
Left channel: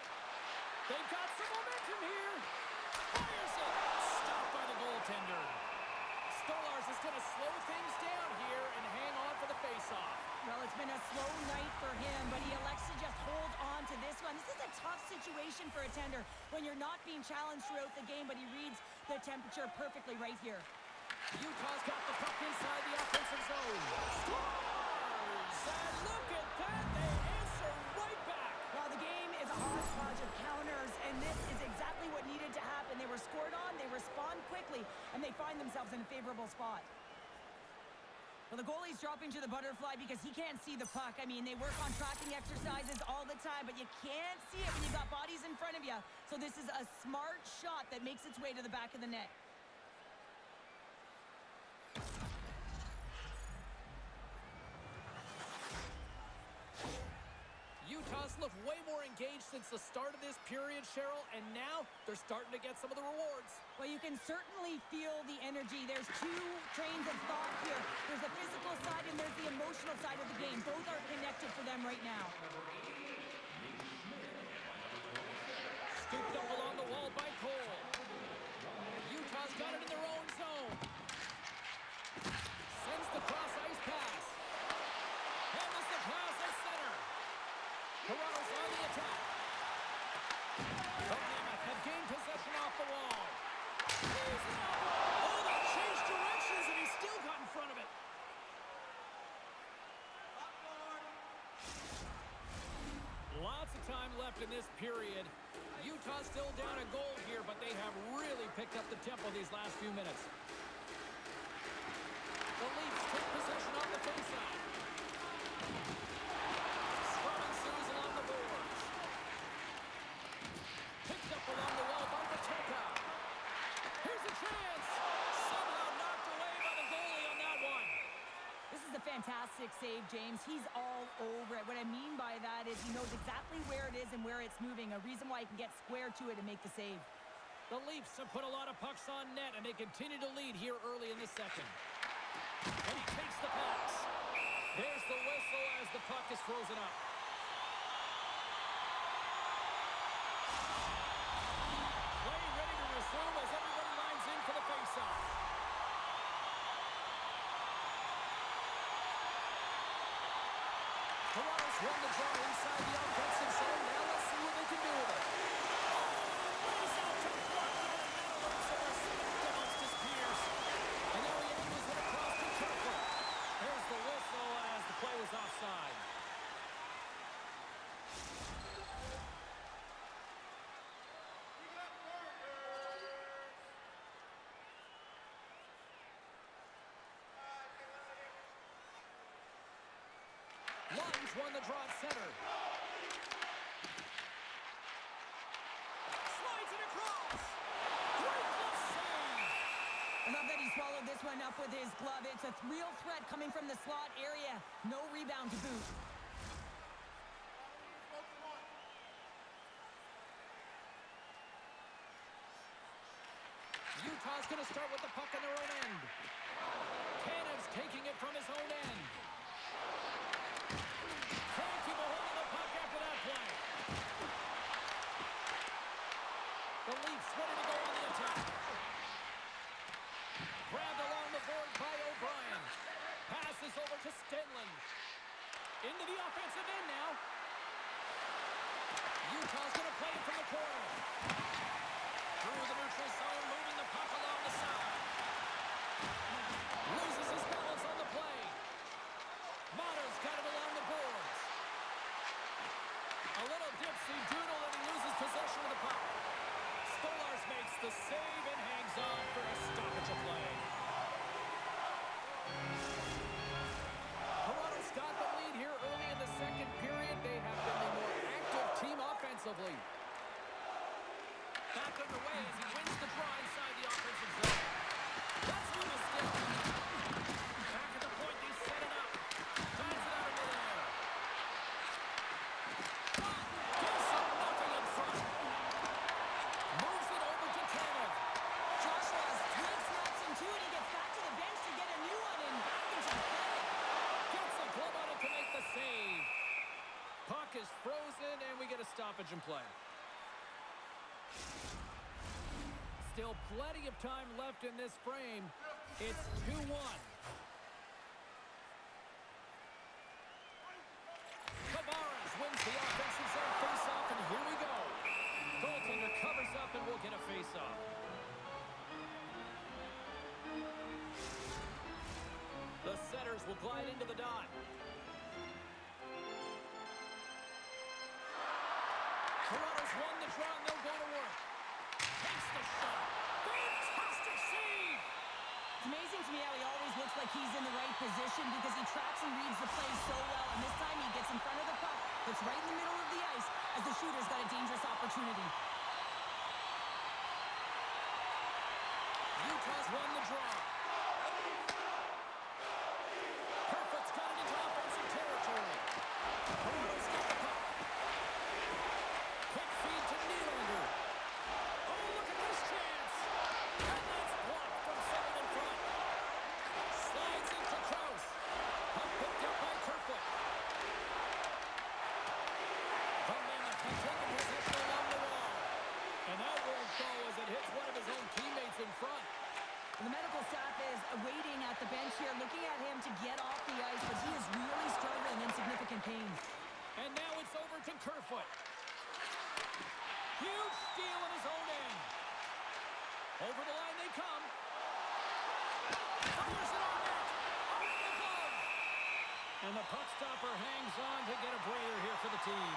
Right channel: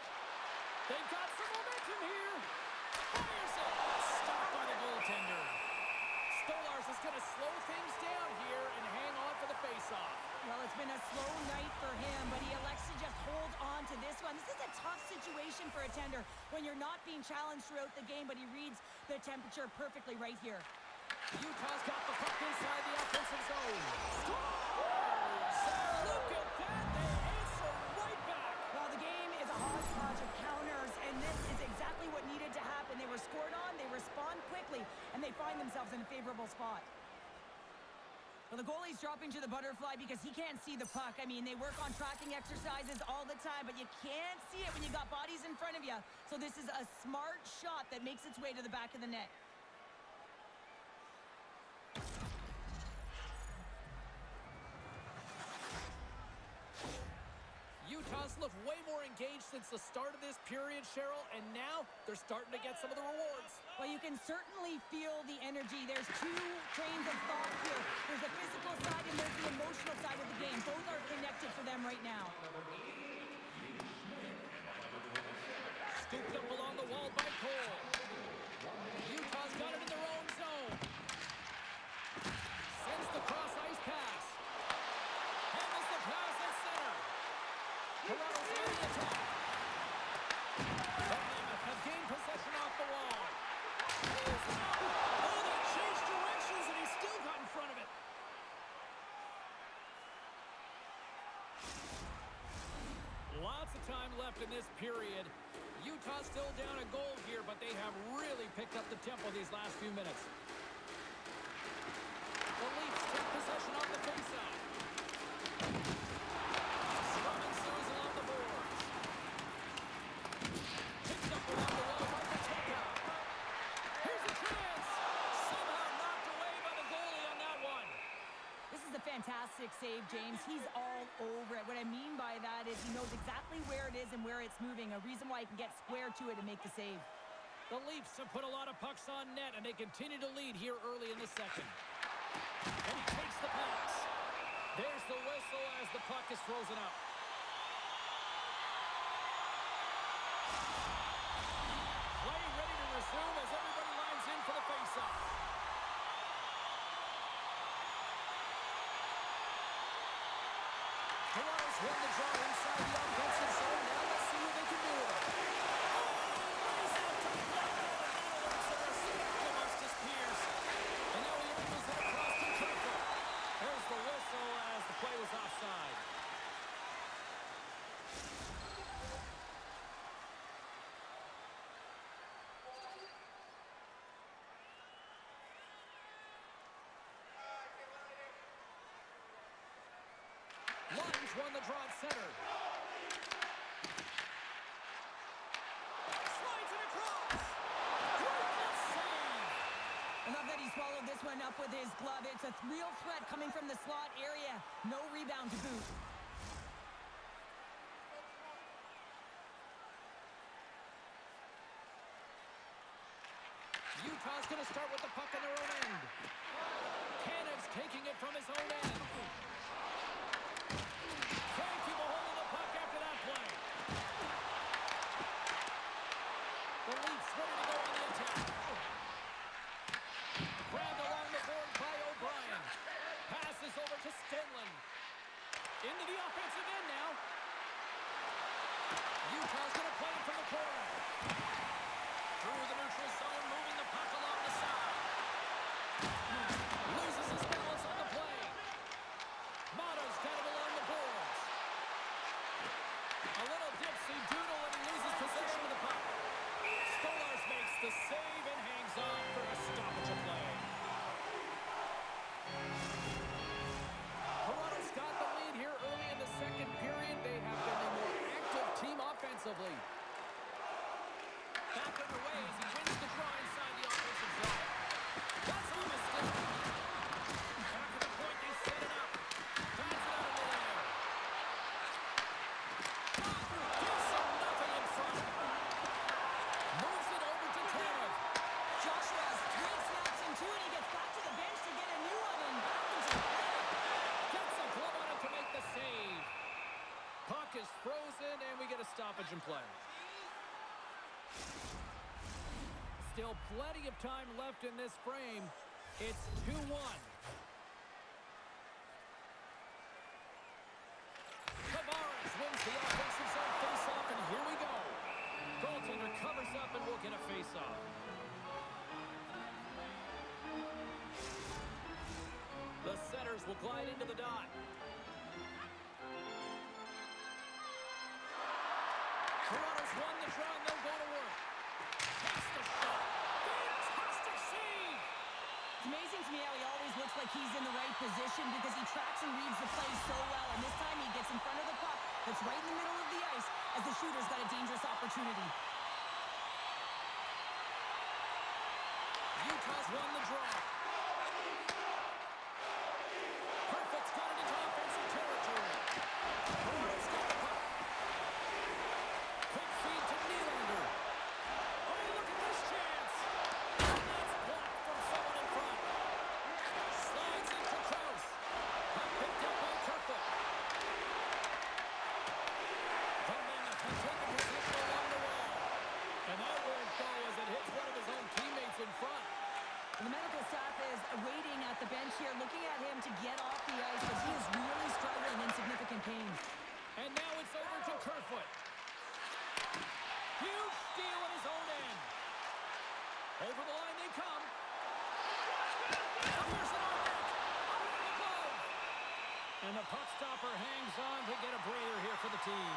They've got some momentum here. Fires it. Stopped by the goaltender. Stolarz is going to slow things down here and hang on for the faceoff. Well, it's been a slow night for him, but he elects to just hold on to this one. This is a tough situation for a tender when you're not being challenged throughout the game, but he reads the temperature perfectly right here. Utah's got the puck inside the offensive zone. Scores! And look at that. They answer right back. Well, the game is a hodgepodge of counters, and this is exactly what needed to happen. They were scored on, they respond quickly, and they find themselves in a favorable spot. Well, the goalie's dropping to the butterfly because he can't see the puck. I mean, they work on tracking exercises all the time, but you can't see it when you got bodies in front of you. So this is a smart shot that makes its way to the back of the net. Utah's looked way more engaged since the start of this period, Cheryl, and now they're starting to get some of the rewards. Well, you can certainly feel the energy. There's 2 trains of thought here. There's the physical side and there's the emotional side of the game. Both are connected for them right now. Scooped up along the wall by Cole. Utah's got it in their own zone. Sends the cross-ice pass. Handles the pass at center. Toronto's on the attack. The Mammoth have gained possession off the wall. Oh, that changed directions, and he still got in front of it. Lots of time left in this period. Utah's still down a goal here, but they have really picked up the tempo these last few minutes. The Leafs take possession off the faceoff. Scrum ensues along the boards. fantastic save, James. He's all over it. What I mean by that is he knows exactly where it is and where it's moving, a reason why he can get square to it and make the save. The Leafs have put a lot of pucks on net, and they continue to lead here early in the second. And he takes the pass. There's the whistle as the puck is frozen up. Play ready to resume as everybody lines in for the faceoff. Toronto's won the draw inside the offensive zone. Now let's see what they can do with it. Oh, lays out to block that, and that'll earn some respect amongst his peers. And now he angles it across to Kerfoot. There's the whistle as the play was offside. Lunge won the draw at center. Slides it across. Great glove save. I love that he swallowed this one up with his glove. It's a real threat coming from the slot area. No rebound to boot. Utah's going to start with the puck on their own end. Canev's taking it from his own end. Can't keep a hold of the puck after that play. The Leafs ready to go on the attack. Grabbed along the boards by O'Brien. Passes over to Stenlund. Into the offensive end now. Utah's going to play it from the corner. Through the neutral zone, moving the puck along the side. Loses his balance on the play. Mata's got it along the boards. A little dipsy doodle and he loses possession of the puck. Stolarz makes the save and hangs on for a stoppage of play. Toronto's got the lead here early in the second period. They have been the more active team offensively. Back underway as he wins the draw inside the offensive zone. That's on a stick. Back at the point, they set it up. Bats it out of midair. Shot! Gives them nothing in front. Moves it over to Tanev. Joshua has 3 snaps in 2, and he gets back to the bench to get a new one and back into the play. Gets a glove on it to make the save. Puck is frozen, and we get a stoppage in play. Still plenty of time left in this frame. It's 2-1. Tavares wins the offensive zone faceoff, and here we go. Goaltender covers up, and we'll get a faceoff. The setters will glide into the dot. Toronto's won the draw, and they'll go to work. Takes the shot. Fantastic save! It's amazing to me how he always looks like he's in the right position because he tracks and reads the play so well. And this time he gets in front of the puck that's right in the middle of the ice as the shooter's got a dangerous opportunity. Utah's won the draw. Kerfoot's got it into offensive territory. Toronto's got the puck. Quick feed to Nylander. Oh, look at this chance. And that's blocked from someone in front. Slides into Krause. Puck picked up by Kerfoot. The Mammoth has taken possession along the wall. And that won't go as it hits one of his own teammates in front. The medical staff is waiting at the bench here, looking at him to get off the ice, but he is really struggling in significant pain. And now it's over to Kerfoot. Huge steal in his own end. Over the line they come. Fires it on net. Off the glove. And the puck stopper hangs on to get a breather here for the team.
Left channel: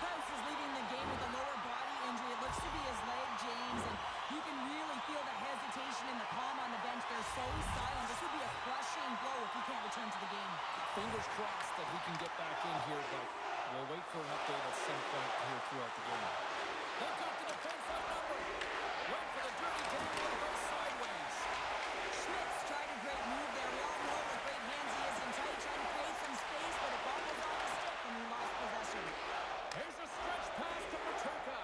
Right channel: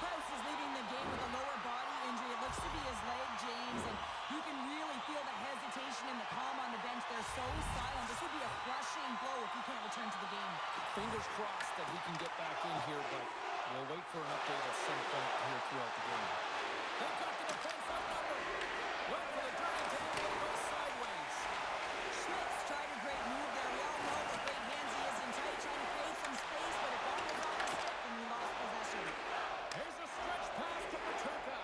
Krause is leaving the game with a lower body injury. It looks to be his leg, James, and you can really feel the hesitation and the calm on the bench. They're so silent. This would be a crushing blow if if you can't return to the game. Fingers crossed that he can get back in here, but we'll wait for an update at some point here throughout the game. They've got the defense outnumbered. Went for the dirty dangle and goes sideways. Schmidt's tried a great move there. We all know what great hands he is in tight, trying to create some space, but it bobbles off the stick and he lost possession. Here's a stretch pass to Paterka.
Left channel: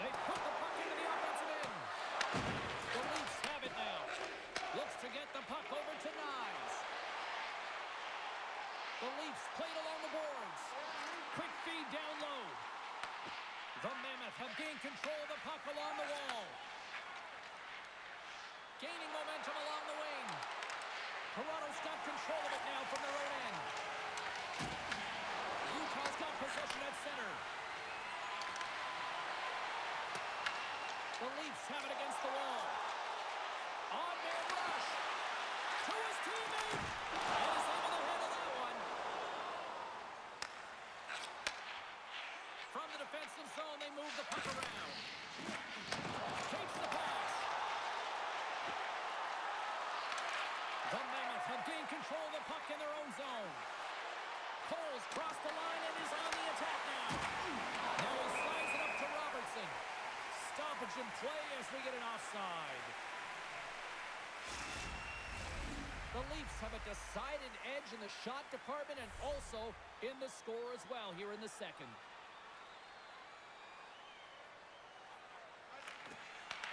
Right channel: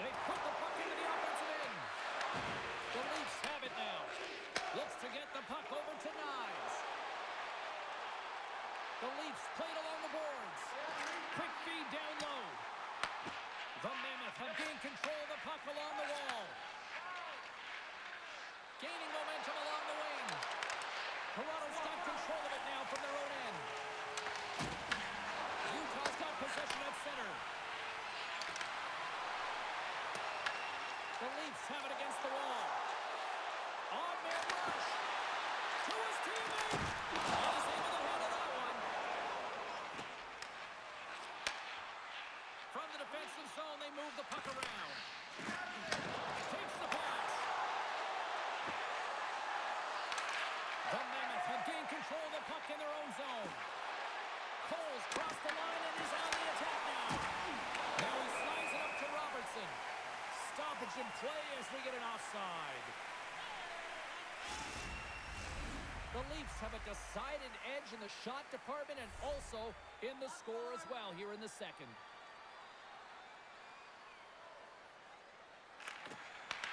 They put the puck into the offensive end. The Leafs have it now. Looks to get the puck over to Nyes. The Leafs played along the boards. Quick feed down low. The Mammoth have gained control of the puck along the wall. Gaining momentum along the wing. Toronto's got control of it now from their own end. Utah's got possession at center. The Leafs have it against the wall. On-man rush. To his teammate. And is able to handle that one. From the defensive zone, they move the puck around. Takes the pass. The Mammoth have gained control of the puck in their own zone. Cole's crossed the line and is on the attack now. Now he slides it up to Robertson. Stoppage in play as we get an offside. The Leafs have a decided edge in the shot department and also in the score as well here in the second.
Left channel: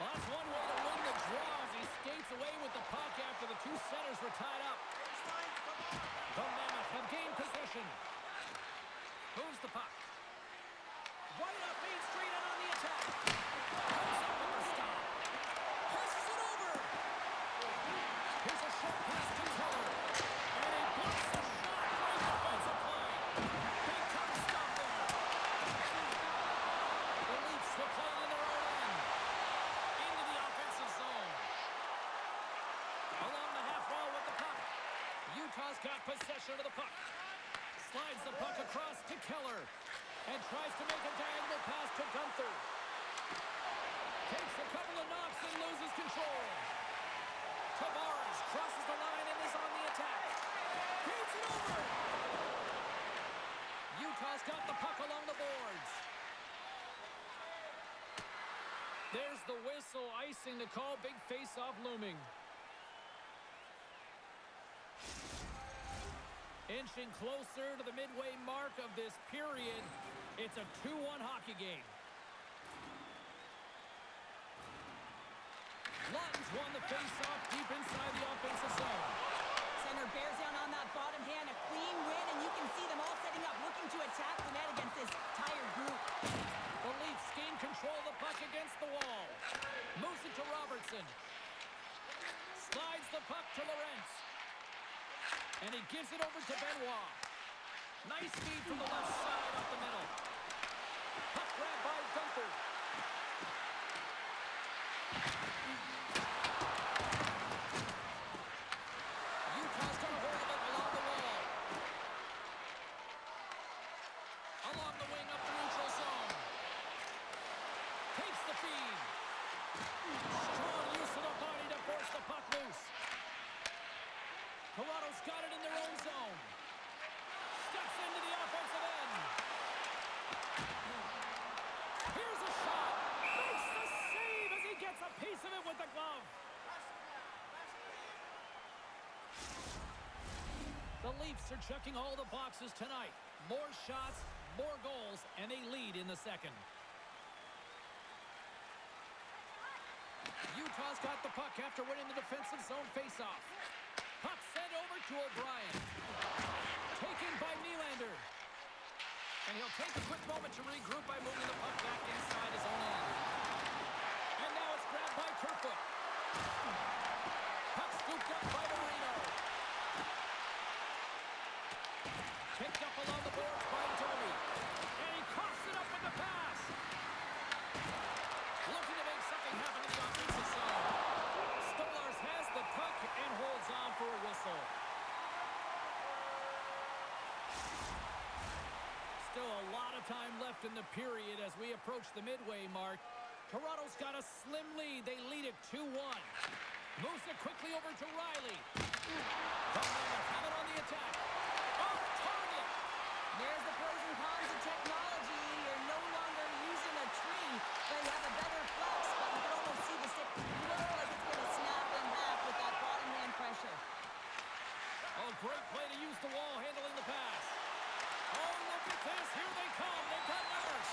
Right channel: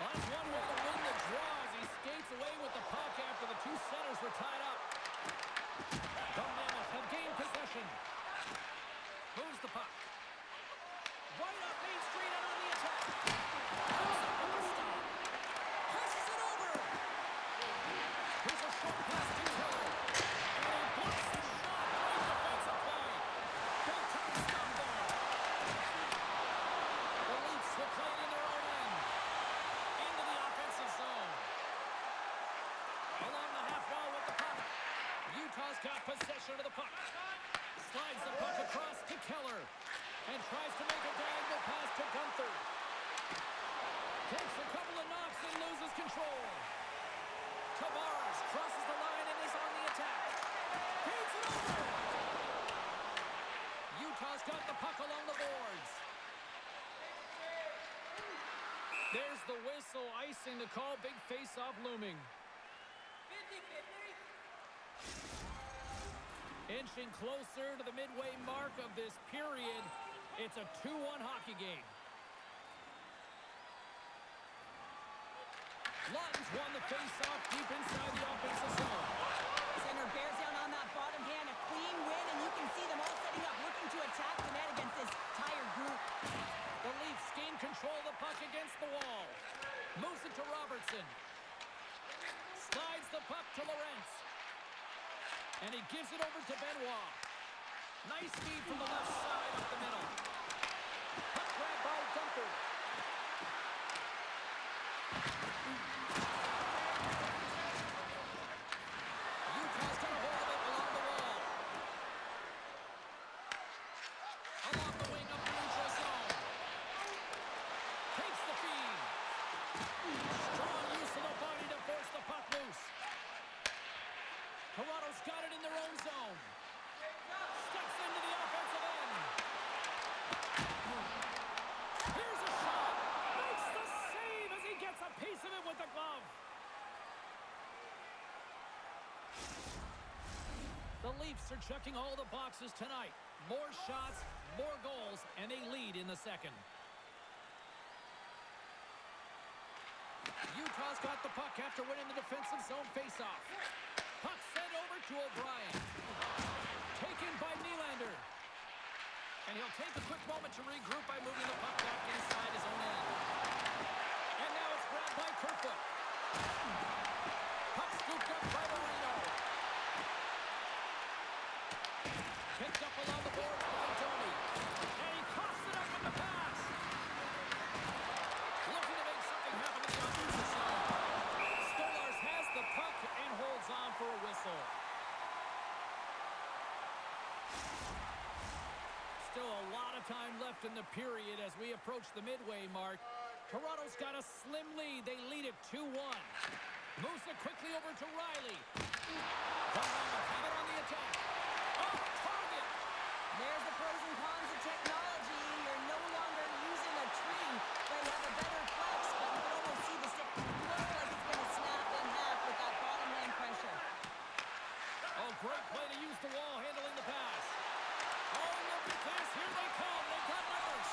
Well, that's one way to win the draw as he skates away with the puck after the two centers were tied up. The Mammoth have gained possession. Moves the puck. Right up Main Street and on the attack. Comes up with the stop. Passes it over. Here's a short pass to Keller. And he blocks the shot. Great defensive play. Big time stop there. The Leafs will play it in their own end. Into the offensive zone. Along the half wall with the puck. Utah's got possession of the puck. Slides the puck across to Keller. And tries to make a diagonal pass to Gunther. Takes a couple of knocks and loses control. Tavares crosses the line and is on the attack. Feeds it over. Utah's got the puck along the boards. There's the whistle, icing the call. Big face-off looming. Inching closer to the midway mark of this period. It's a 2-1 hockey game. Lawton's won the face-off deep inside the offensive zone. Center bears down on that bottom hand. A clean win, and you can see them all setting up, looking to attack the net against this tired group. The Leafs gain control of the puck against the wall. Moves it to Robertson. Slides the puck to Lorentz. And he gives it over to Benoit. Nice feed from the left side up the middle. Puck grabbed by Gunther. Utah's got a hold of it along the wall. Along the wing up the neutral zone. Takes the feed. Strong use of the body to force the puck loose. Toronto's got it in their own zone. Steps into the offensive end. Here's a shot. Makes the save as he gets a piece of it with the glove. The Leafs are checking all the boxes tonight. More shots, more goals, and they lead in the second. Utah's got the puck after winning the defensive zone faceoff. Puck sent over to O'Brien. Taken by Nylander. And he'll take a quick moment to regroup by moving the puck back inside his own end. And now it's grabbed by Kerfoot. Puck scooped up by Marino. Picked up along the boards by Domi. And he coughs it up with the pass. Looking to make something happen in the offensive zone. Stolarz has the puck and holds on for a whistle. Still a lot of time left in the period as we approach the midway mark. Toronto's got a slim lead. They lead it 2-1. Moves it quickly over to Riley. The Mammoth have it on the attack. Off target. There's the pros and cons of technology. You're no longer using a tree, but you have a better flex, but you can almost see the stick look like it's going to snap in half with that bottom hand pressure. Oh, great play to use the wall handling the pass. Oh, look at this. Here they come. They've got numbers.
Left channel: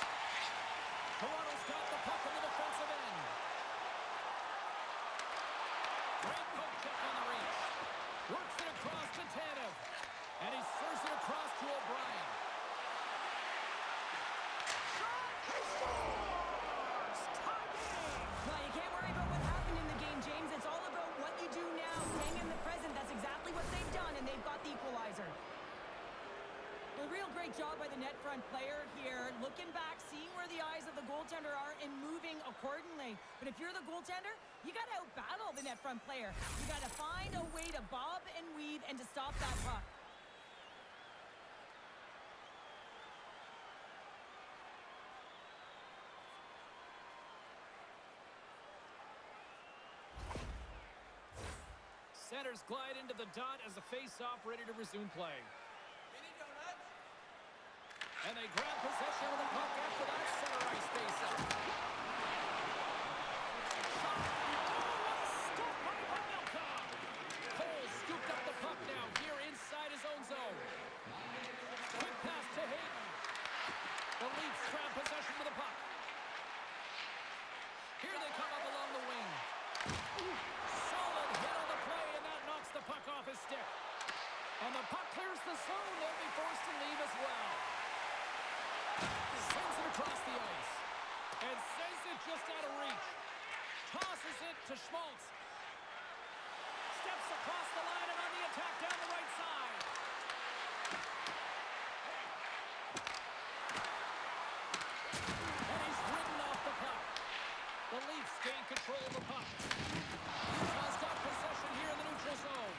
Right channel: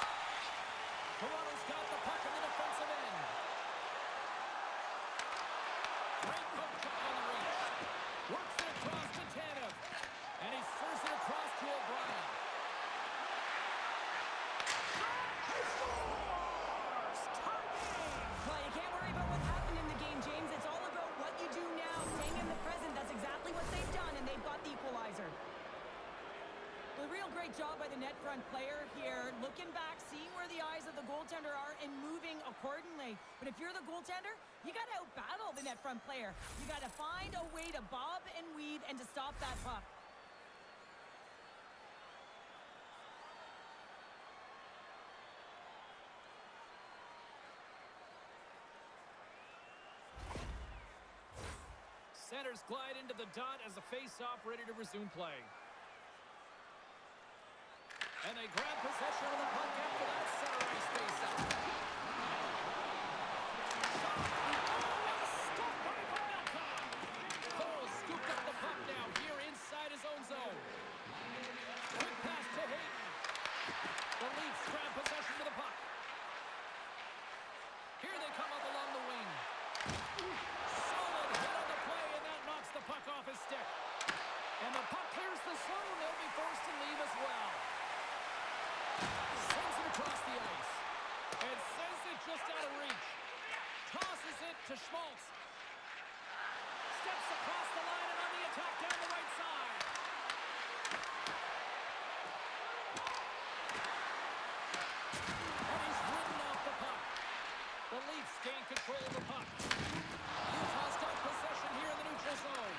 Toronto's got the puck in the defensive end. Great poke check on the reach. Works it across to Tanev. And he serves it across to O'Brien. Shot! He scores! Tie game! Well, you can't worry about what happened in the game, James. It's all about what you do now, staying in the present. That's exactly what they've done, and they've got the equalizer. Well, a real great job by the net front player here, looking back, seeing where the eyes of the goaltender are, and moving accordingly. But if you're the goaltender, you got to outbattle the net front player. You got to find a way to bob and weave and to stop that puck. Centers glide into the dot as the face-off ready to resume play. And they grab possession of the puck after that center ice face-off. Shot! Oh, what a stop by Mammoth! Cole scooped up the puck now here inside his own zone. Quick pass to Hayden. The Leafs grab possession of the puck. Here they come up along the wing. Solid hit on the play, and that knocks the puck off his stick. And the puck clears the zone. They'll be forced to leave as well. Sends it across the ice. And sends it just out of reach. Tosses it to Schmaltz. Steps across the line and on the attack down the right side. And he's ridden off the puck. The Leafs gain control of the puck. Utah's got possession here in the neutral zone.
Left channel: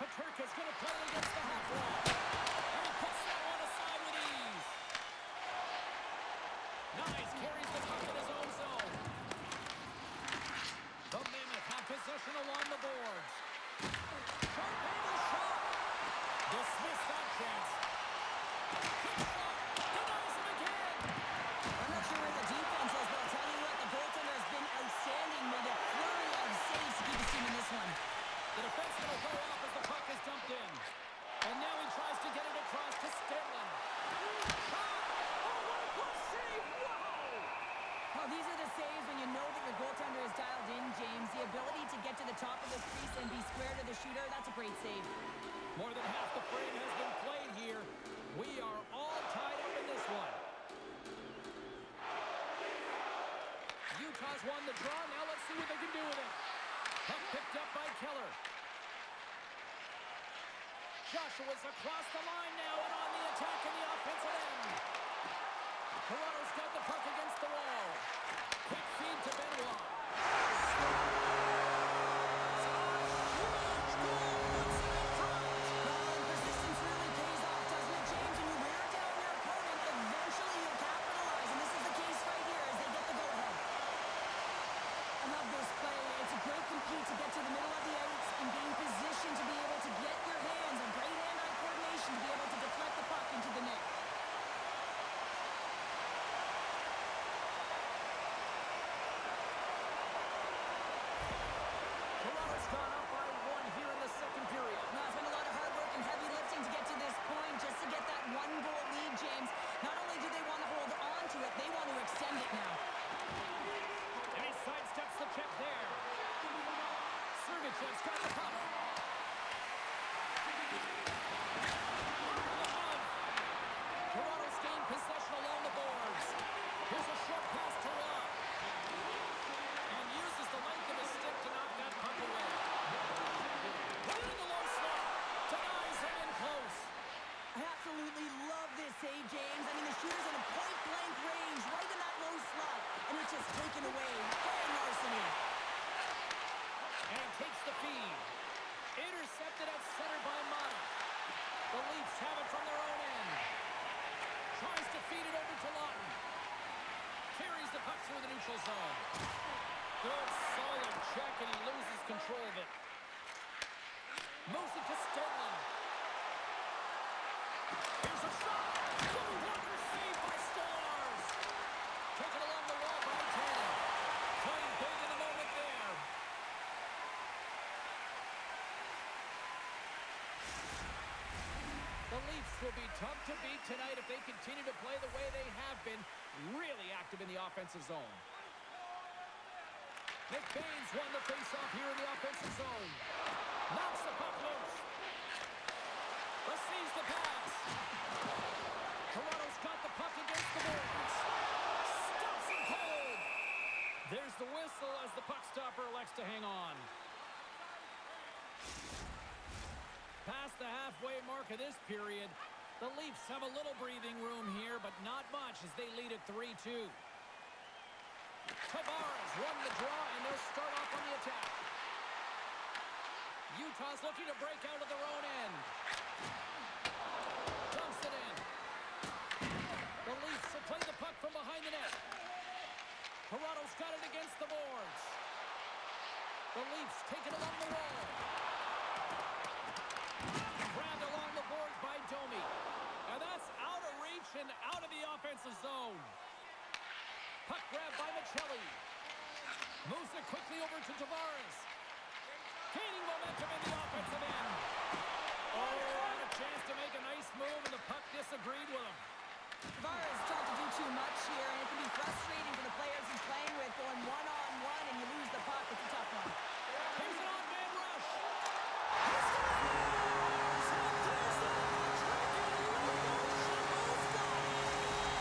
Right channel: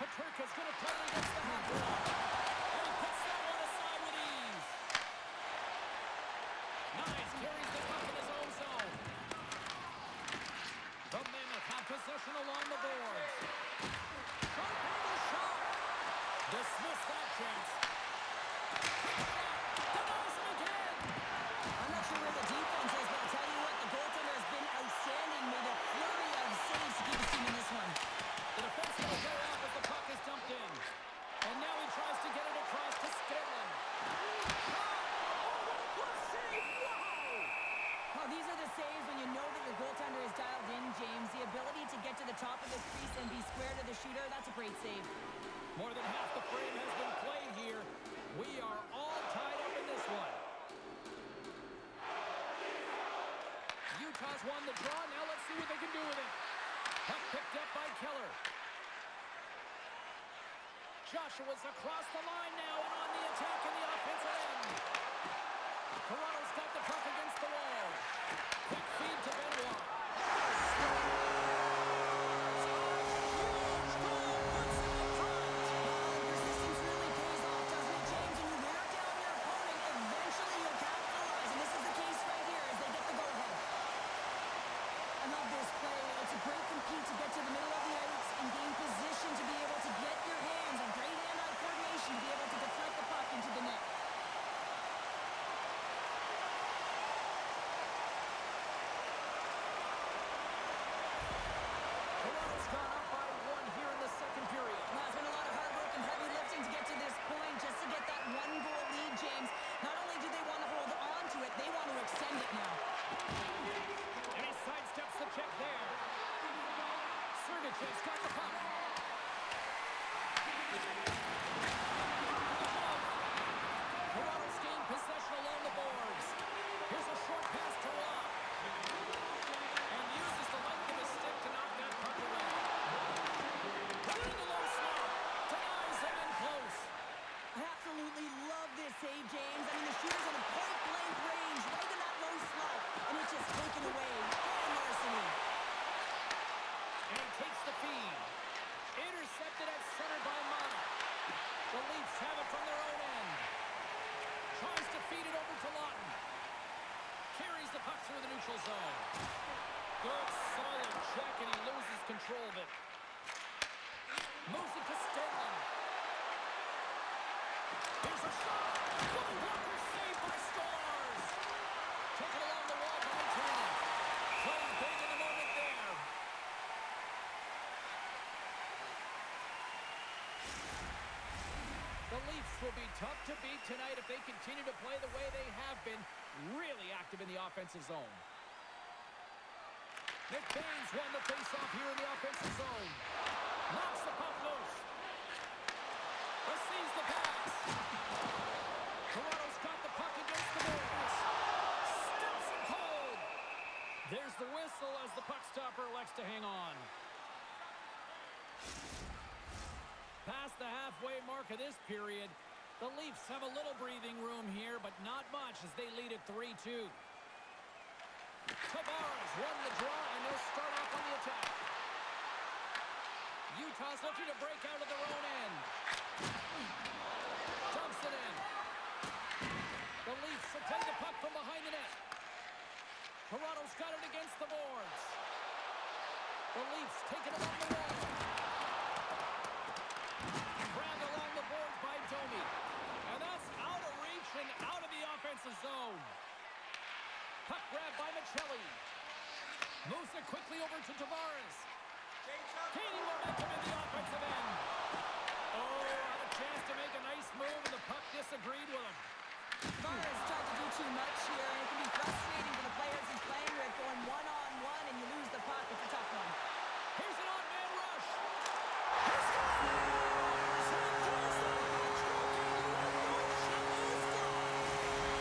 Peterka's going to play it against the half wall. And he puts that one aside with ease. Nyes carries the puck in his own zone. The Mammoth have possession along the boards. Sharp angle shot. Dismiss that chance. Quick shot. Denies him again. I'm not sure where the defense is, but I'll tell you what, the goaltender has been outstanding. Made a flurry of saves to keep his team in this one. The defenseman will go off as the puck is dumped in. And now he tries to get it across to Stanley. Shot! Oh, what a glove save! Wow! Well, these are the saves when you know that your goaltender is dialed in, James. The ability to get to the top of the crease and be square to the shooter, that's a great save. More than half the frame has been played here. We are all tied up in this one. Utah's won the draw. Now let's see what they can do with it. Puck picked up by Keller. Joshua's across the line now and on the attack in the offensive end. Toronto's got the puck against the wall. Quick feed to Benoit. Huge goal puts it in front. Well, and persistence really pays off, doesn't it, James? When you wear down your opponent, eventually you'll capitalize. And this is the case right here as they get the go-ahead. I love this play. It's a great compete to get to the middle of the ice and gain position to be able to get your hands and great hand-eye coordination to be able to deflect the puck into the net. Toronto's gone up by one here in the second period. Well, it's been a lot of hard work and heavy lifting to get to this point, just to get that one-goal lead, James. Not only do they want to hold on to it, they want to extend it now. And he sidesteps the check there. Sergachev's got the puck. Toronto's gained possession along the boards. Here's a short pass to Rob. And uses the length of his stick to knock that puck away. Putting the low slot. Denies him in close. I absolutely love this save, James. I mean, the shooter's in a point-blank range, right in that low slot, and it's just taken away. Grand larceny. And he takes the feed. Intercepted at center by Mata. The Leafs have it from their own end. Tries to feed it over to Lawton. Carries the puck through the neutral zone. Good, solid check, and he loses control of it. Moves it to Stenlin. Here's a shot. Little blocker saved by Stars. Taken along the wall by Tannen. Playing big in the moment there. The Leafs will be tough to beat tonight if they continue to play the way they have been, really active in the offensive zone. McBain's won the faceoff here in the offensive zone. Knocks the puck loose. Receives the pass. Toronto's got the puck against the boards. Stops him cold. There's the whistle as the puck stopper elects to hang on. Past the halfway mark of this period, the Leafs have a little breathing room here, but not much as they lead at 3-2. Tavares won the draw, and they'll start off on the attack. Utah's looking to break out of their own end. Dumps it in. The Leafs will play the puck from behind the net. Toronto's got it against the boards. The Leafs take it along the wall. Grabbed along the boards by Domi. And that's out of reach and out of the offensive zone. Puck grab by Michelli. Moves it quickly over to Tavares. Gaining momentum in the offensive end. Oh, had a chance to make a nice move, and the puck disagreed with him. Tavares tried to do too much here, and it can be frustrating for the players he's playing with, going one-on-one, and you lose the puck. It's a tough one. Here's an odd-man rush.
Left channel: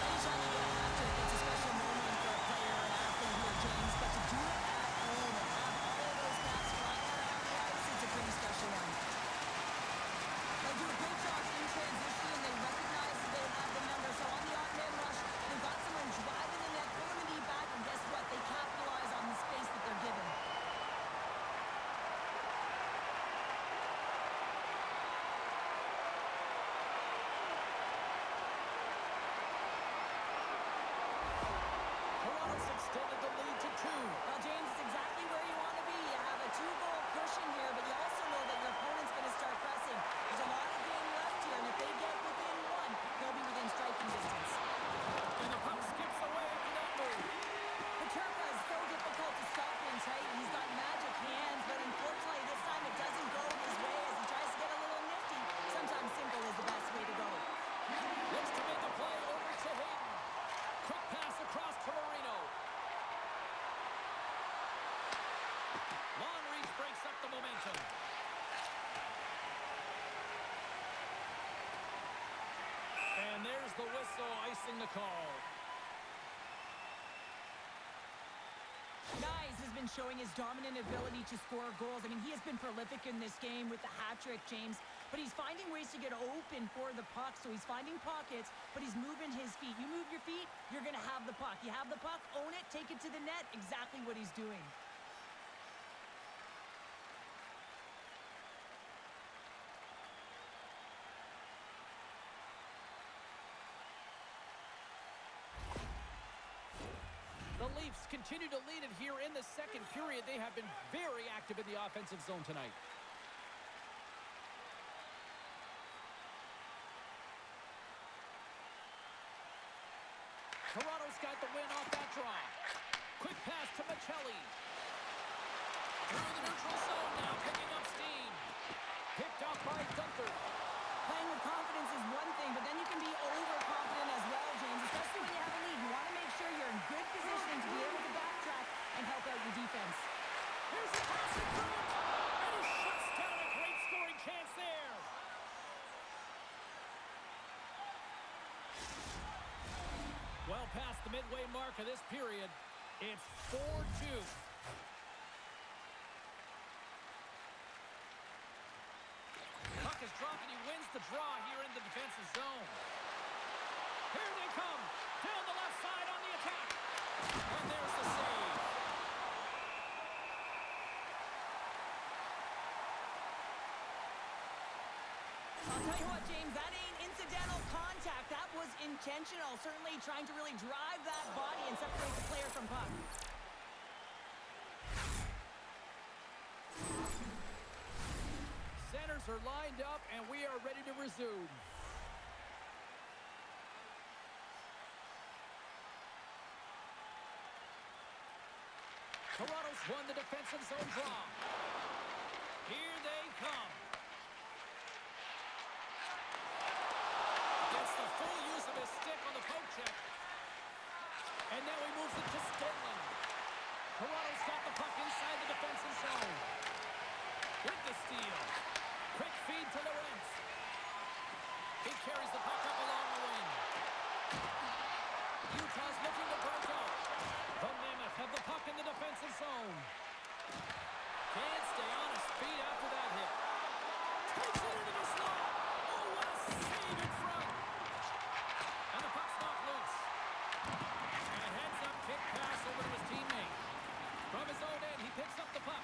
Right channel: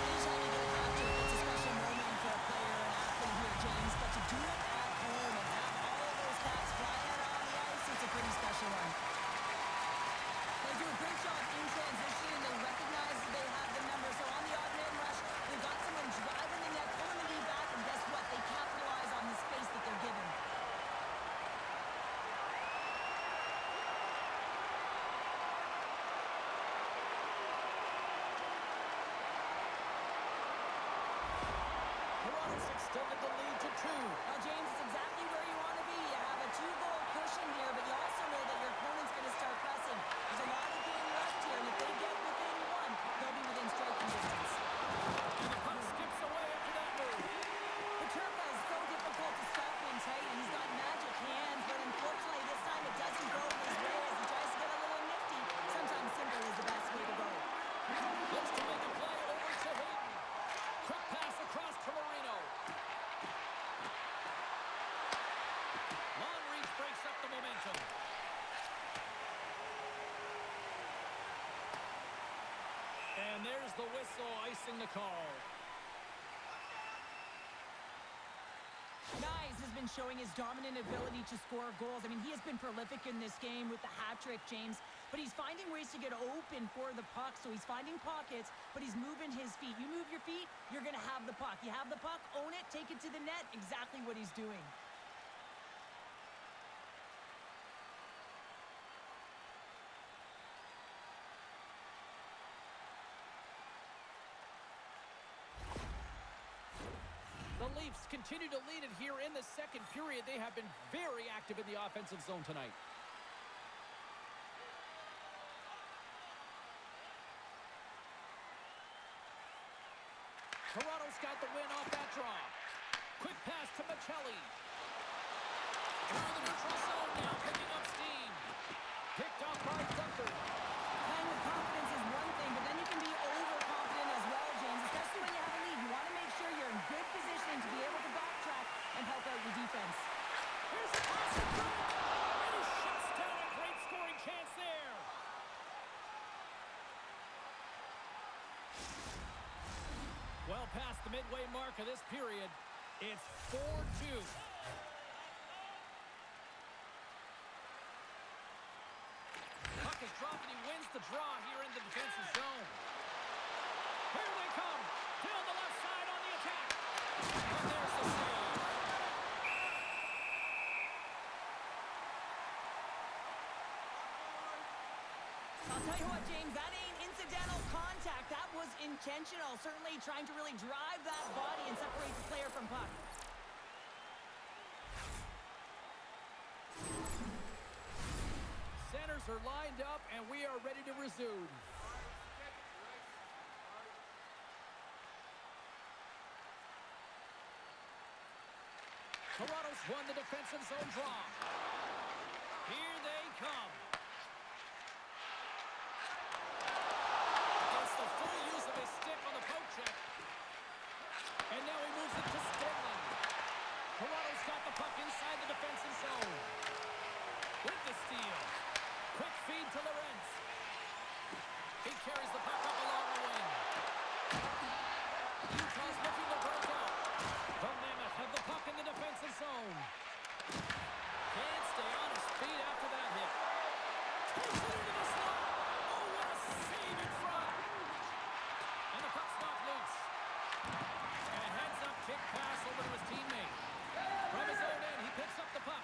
Anytime you get a hat trick, it's a special moment for a player, an athlete here, James. But to do it at home and have all of those caps flying out on the ice, it's a pretty special one. They do a great job in transition, and they recognize that they have the number. So on the odd man rush, they've got someone driving the net, pulling the knee back, and guess what? They capitalize on the space that they're given. Toronto's extended the lead to 2. Well, James, it's exactly where you want to be. You have a 2-goal cushion here, but you also know that your opponent's going to start pressing. There's a lot of game left here, and if they get within 1, they'll be within striking distance. And the puck skips away after that move. Peterka is so difficult to stop in tight. He's got magic hands, but unfortunately this time it doesn't go his way as he tries to get a little nifty. Sometimes simple is the best way to go. Looks to make a play over to Hayden. Quick pass across to Marino. Long reach breaks up the momentum. And there's the whistle icing the call. Nyes has been showing his dominant ability to score goals. I mean, he has been prolific in this game with the hat trick, James. But he's finding ways to get open for the puck. So he's finding pockets, but he's moving his feet. You move your feet, you're going to have the puck. You have the puck, own it, take it to the net. Exactly what he's doing. The Leafs continue to lead it here in the second period. They have been very active in the offensive zone tonight. Toronto's got the win off that draw. Quick pass to Michelli. Through the neutral zone now, picking up steam. Picked off by Gunther. Playing with confidence is one thing, but then you can be overconfident as well, James, especially when you have a lead. You want to make sure you're in good positioning to be able to backtrack and help out your defense. Here's a pass in front, and he shuts down a great scoring chance there. Well past the midway mark of this period, it's 4-2. Puck is dropped and he wins the draw here in the defensive zone. Here they come, down the left side on the attack. And there's the save. I'll tell you what, James, that ain't incidental contact. That was intentional. Certainly trying to really drive that body and separate the player from puck. Sent centers are lined up, and we are ready to resume. Toronto's won the defensive zone draw. Here they come. Gets the full use of his stick on the poke check. And now he moves it to Stenlund. Toronto's got the puck inside the defensive zone. With the steal. Quick feed to Lorentz. He carries the puck up along the wing. Utah's looking to break out. The Mammoth have the puck in the defensive zone. Can't stay on his feet after that hit. Takes it into the slot. Oh, what a save in front. And the puck's knocked loose. And a heads-up kick pass over to his teammate. From his own end, he picks up the puck.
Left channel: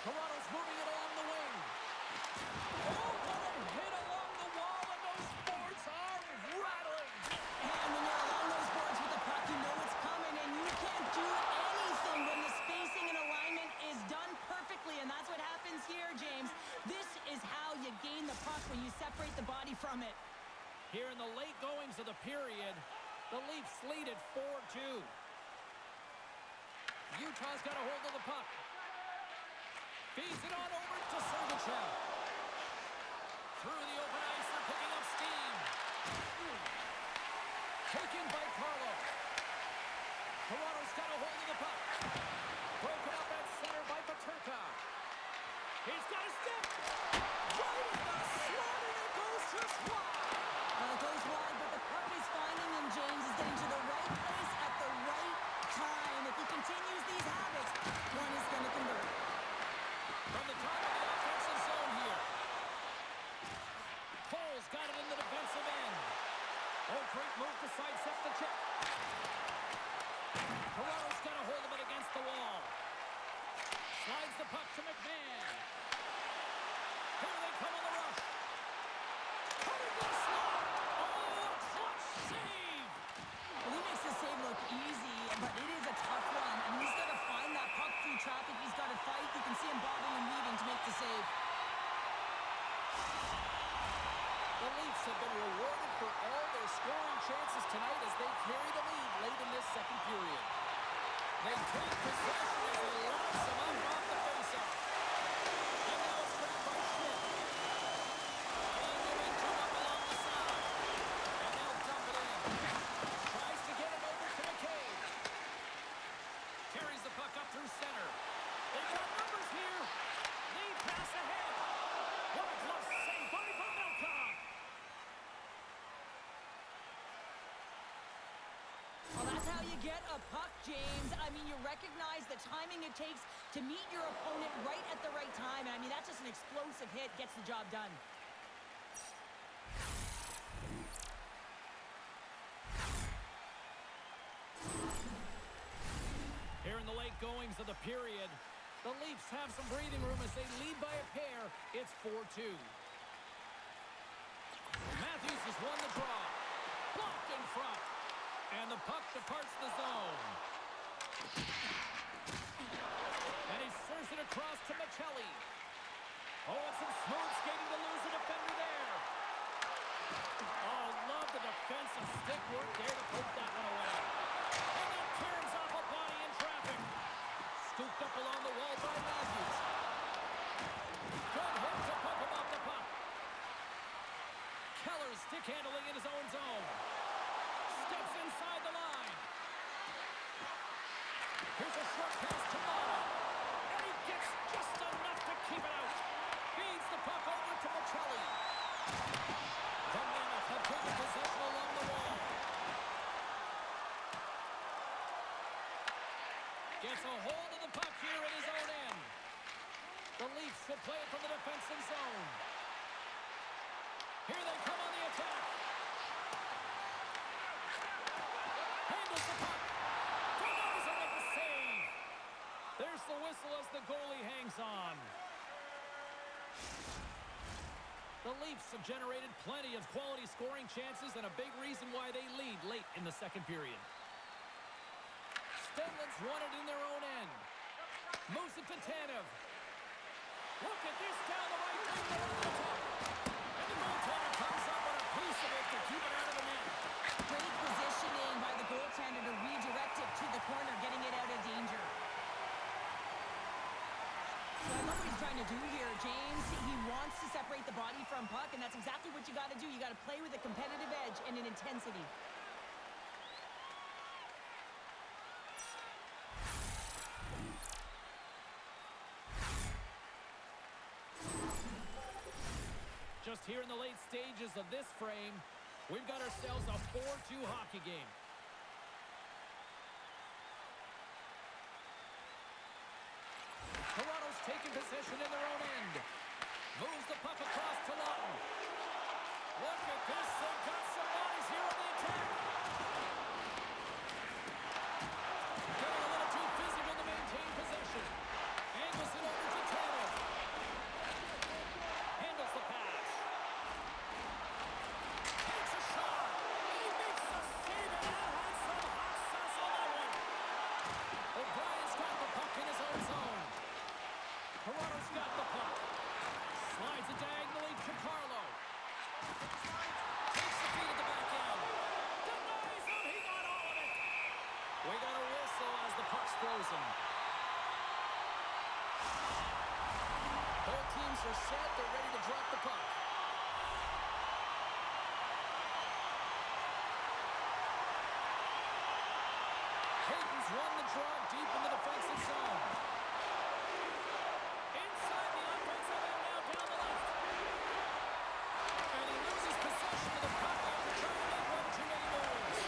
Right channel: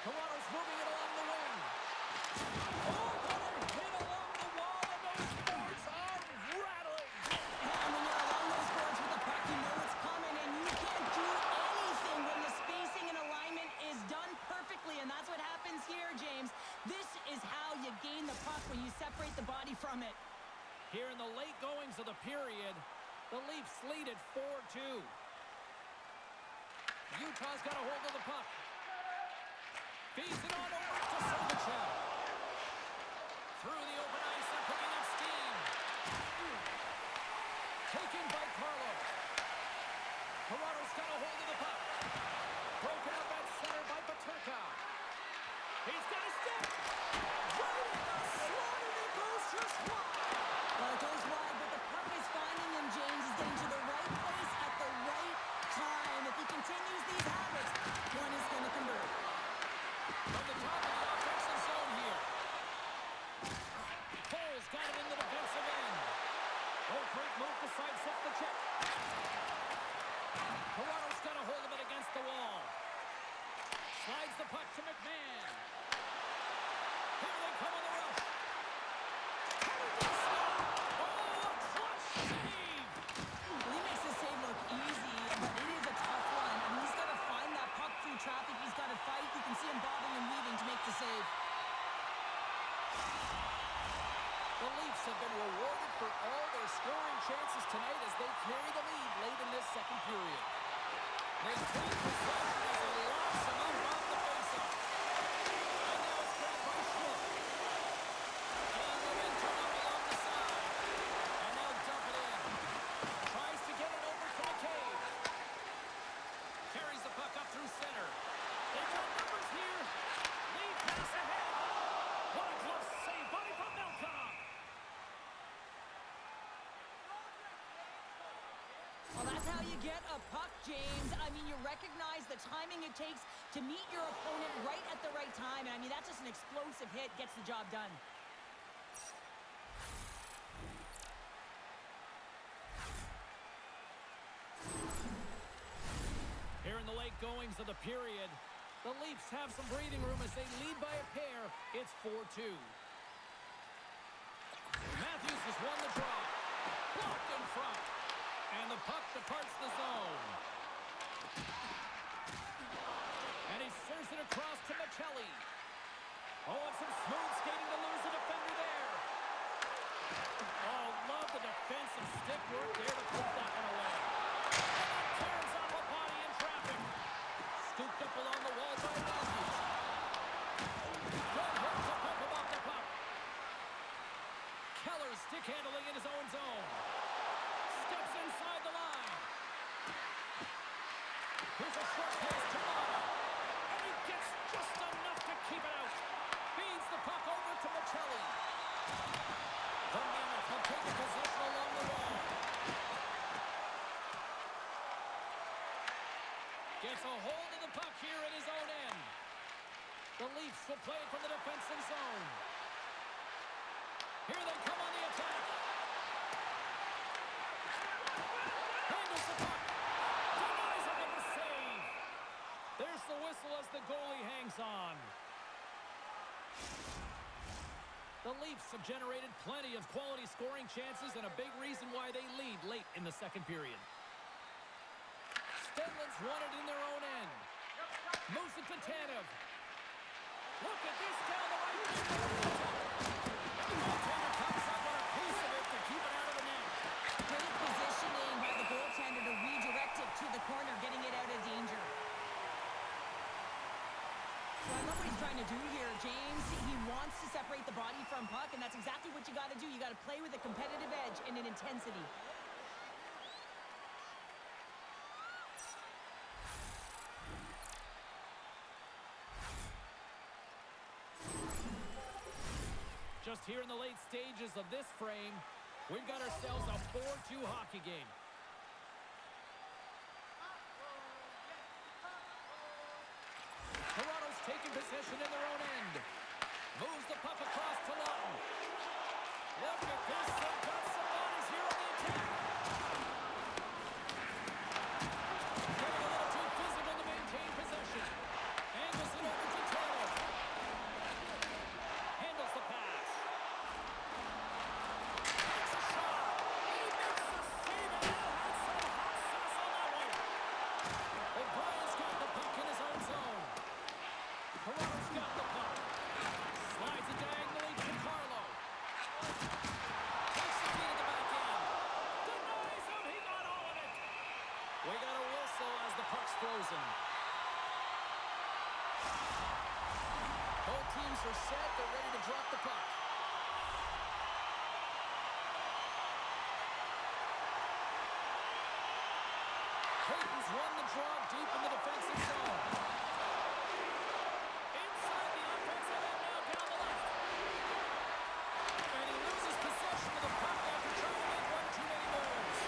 Toronto's moving it along the wing. Oh, what a hit along the wall, and those boards are rattling. And when you're along those boards with the puck, you know it's coming, and you can't do anything when the spacing and alignment is done perfectly, and that's what happens here, James. This is how you gain the puck, when you separate the body from it. Here in the late goings of the period, the Leafs lead at 4-2. Utah's got a hold of the puck. Feeds it on over to Sergachev. Through the open ice, they're picking up steam. Taken by Carlo. Toronto's got a hold of the puck. Broken up at center by Paterka. He's got a step. Right in the slot, and it goes just wide. Well, it goes wide, but the puck is finding him, James. Is getting to the right place at the right time. If he continues these habits, one is going to convert. From the top of the offensive zone here. Cole's got it in the defensive end. Oh, great move to sidestep the check. Toronto's got a hold of it against the wall. Slides the puck to McMahon. Here they come on the rush. Cut into the slot. Oh, a clutch save. Well, he makes the save look easy, but it is a tough one. I mean, he's got to find that puck through traffic. He's got to fight. You can see him bobbing and weaving to make the save. The Leafs have been rewarded for all their scoring chances tonight as they carry the lead late in this second period. They take possession as he locks him up off the faceoff. And now it's grabbed by Schmidt. Gain momentum up along the side. And they'll dump it in. Tries to get it over to McCabe. Carries the puck up through center. They've got numbers here. Lead pass ahead. What a glove save by Pavelka. Well, that's how you get a puck, James. I mean, you recognize the timing it takes to meet your opponent right at the right time. And I mean, that's just an explosive hit. Gets the job done. Here in the late goings of the period, the Leafs have some breathing room as they lead by a pair. It's 4-2. Matthews has won the draw. Blocked in front. And the puck departs the zone. And he serves it across to Michelli. Oh, and some smooth skating to lose the defender there. Oh, love the defensive stick work there to poke that one away. And that turns off a body in traffic. Scooped up along the wall by Matthews. Good hit to poke him off the puck. Keller stick handling in his own zone. Steps inside the line. Here's a short pass to Mata. And he gets just enough to keep it out. Feeds the puck over to Michelli. The Mammoth have taken possession along the wall. Gets a hold of the puck here in his own end. The Leafs will play it from the defensive zone. Here they come on the attack. Handles the puck. Denies him with the save. There's the whistle as the goalie hangs on. The Leafs have generated plenty of quality scoring chances and a big reason why they lead late in the second period. Stenlund's won it in their own end. Moves it to Tanev. Look at this down the right wing. And the goaltender comes up with a piece of it to keep it out of the net. Great positioning by the goaltender to redirect it to the corner, getting it out of danger. So I love what he's trying to do here, James. He wants to separate the body from puck, and that's exactly what you got to do. You got to play with a competitive edge and an intensity. Just here in the late stages of this frame, we've got ourselves a 4-2 hockey game. Toronto's taking possession in their own end. Moves the puck across to Lawton. Look at this. They've got some bodies here on the attack. Getting a little too physical to maintain possession. Angles it over to Taylor. Handles the pass. Takes a shot. He makes the save, and that had some hot sauce on that one. O'Brien's got the puck in his own zone. Toronto's got the puck. Slides it diagonally to Carlo. Takes the feed at the back end. Denies him. He got all of it. We got a whistle as the puck's frozen. Both teams are set. They're ready to drop the puck. Hayton's won the draw deep in the defensive zone. Inside the offensive end now down the left. And he loses possession of the puck after trying to make one too many moves.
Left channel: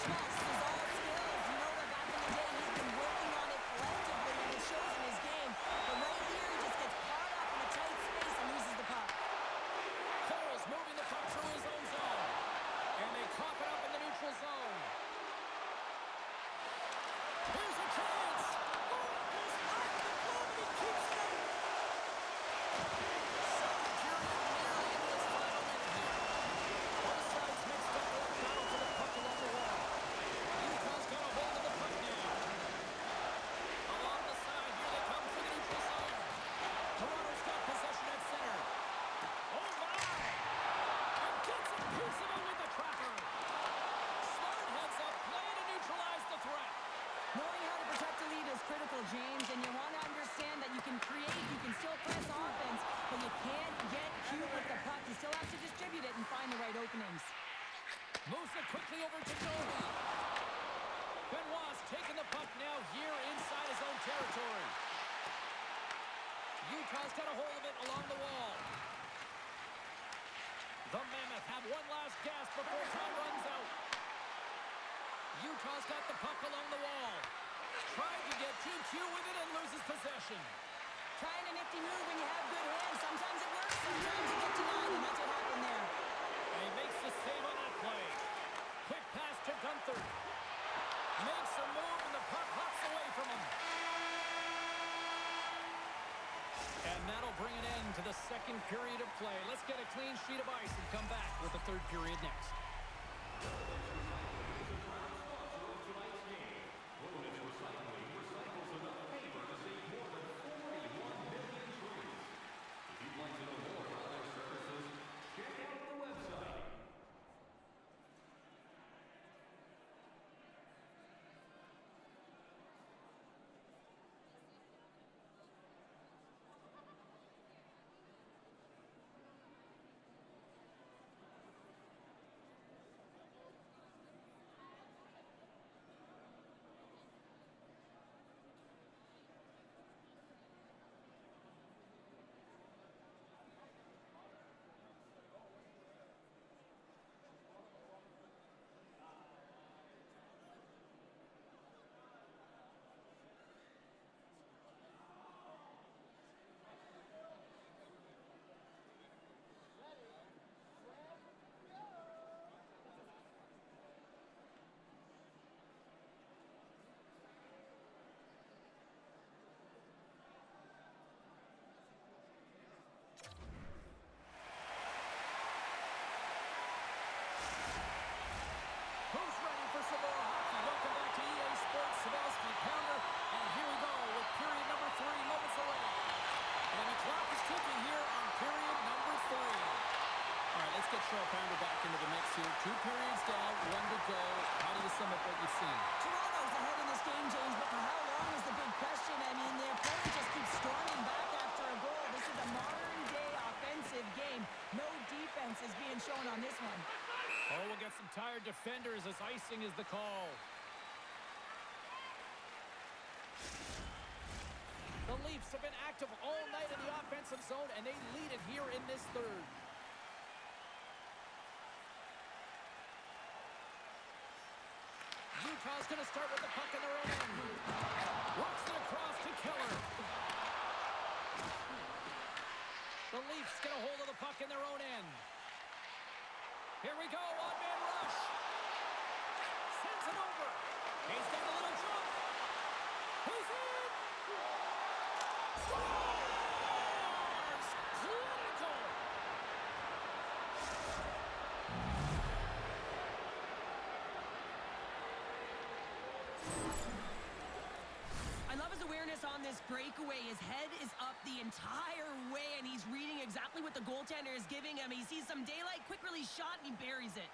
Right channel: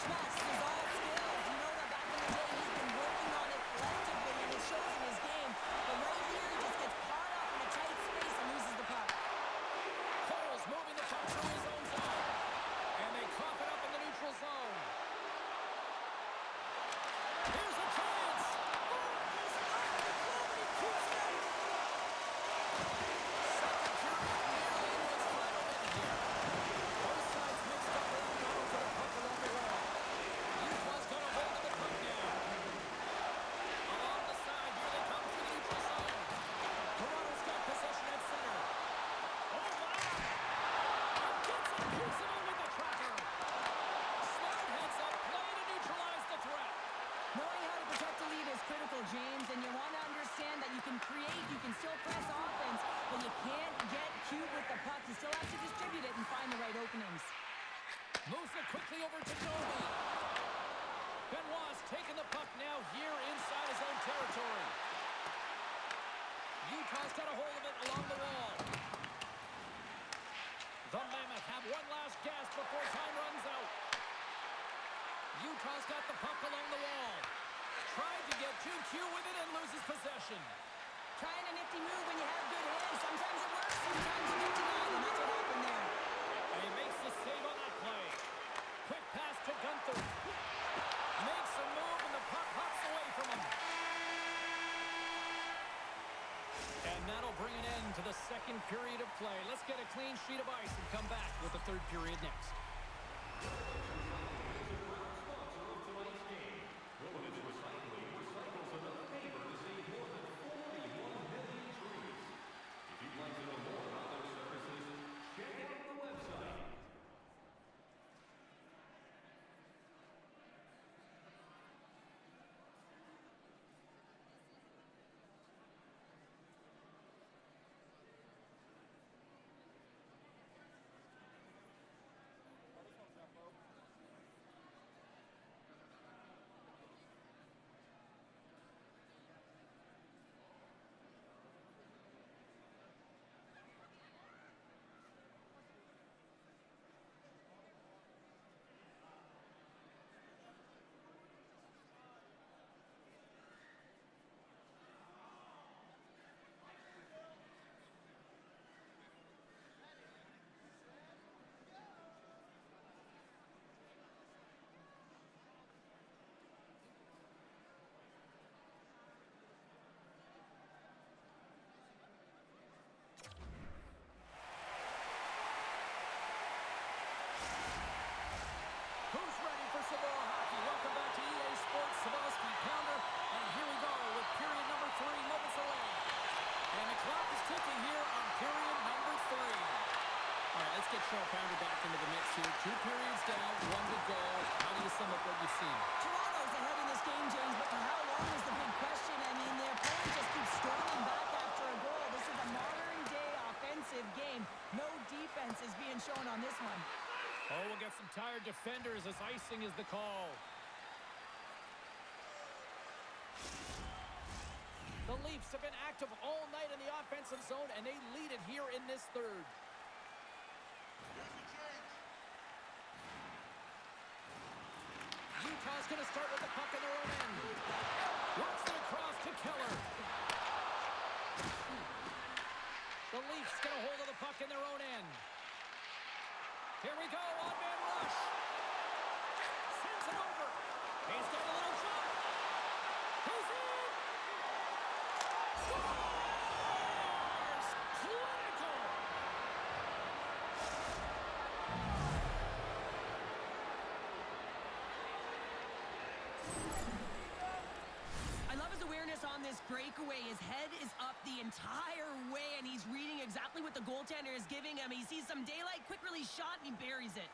Schmaltz is all skills. You know that back in the day he's been working on it collectively, and it shows in his game. But right here, he just gets caught up in a tight space and loses the puck. Cole's moving the puck through his own zone. And they cough it up in the neutral zone. Here's a chance. Oh, goes off the glove and he keeps it out. Second period nearly into its final minute here. Both sides mixed up for that battle for the puck along the wall. Utah's got a hold of the puck now. Along the side, here they come through the neutral zone. Toronto's got possession at center. Oh, my! And gets a piece of it with the tracker. Smart heads up play to neutralize the threat. Knowing how to protect the lead is critical, James, and you want to understand that you can create, you can still press offense, but you can't get cute with the puck. You still have to distribute it and find the right openings. Moves it quickly over to Domi. Benoit's taking the puck now here inside his own territory. Utah's got a hold of it along the wall. The Mammoth have one last gasp before time runs out. Utah's got the puck along the wall. Tried to get too cute with it and loses possession. Trying a nifty move when you have good hands. Sometimes it works, sometimes you get denied, and that's what happened there. And he makes the save on that play. Quick pass to Gunther. Makes a move and the puck hops away from him. And that'll bring an end to the second period of play. Let's get a clean sheet of ice and come back with the third period next. Show pounder back into the mix here. 2 periods down, 1 to go. How do you sum up what you've seen? Toronto's ahead in this game, James, but for how long is the big question. I mean, their opponent just keeps storming back after a goal. This is a modern-day offensive game. No defense is being shown on this one. Oh, we'll get some tired defenders as icing is the call. The Leafs have been active all night in the offensive zone, and they lead it here in this third. Utah's going to start with the puck in their own end. Works it across to Keller. The Leafs get a hold of the puck in their own end. Here we go, one-man rush. Sends it over. He's got a little jump. He's in. Scores! Clinical. I love his awareness on this breakaway. His head is up the entire way, and he's reading exactly what the goaltender is giving him. He sees some daylight, quick release shot, and he buries it.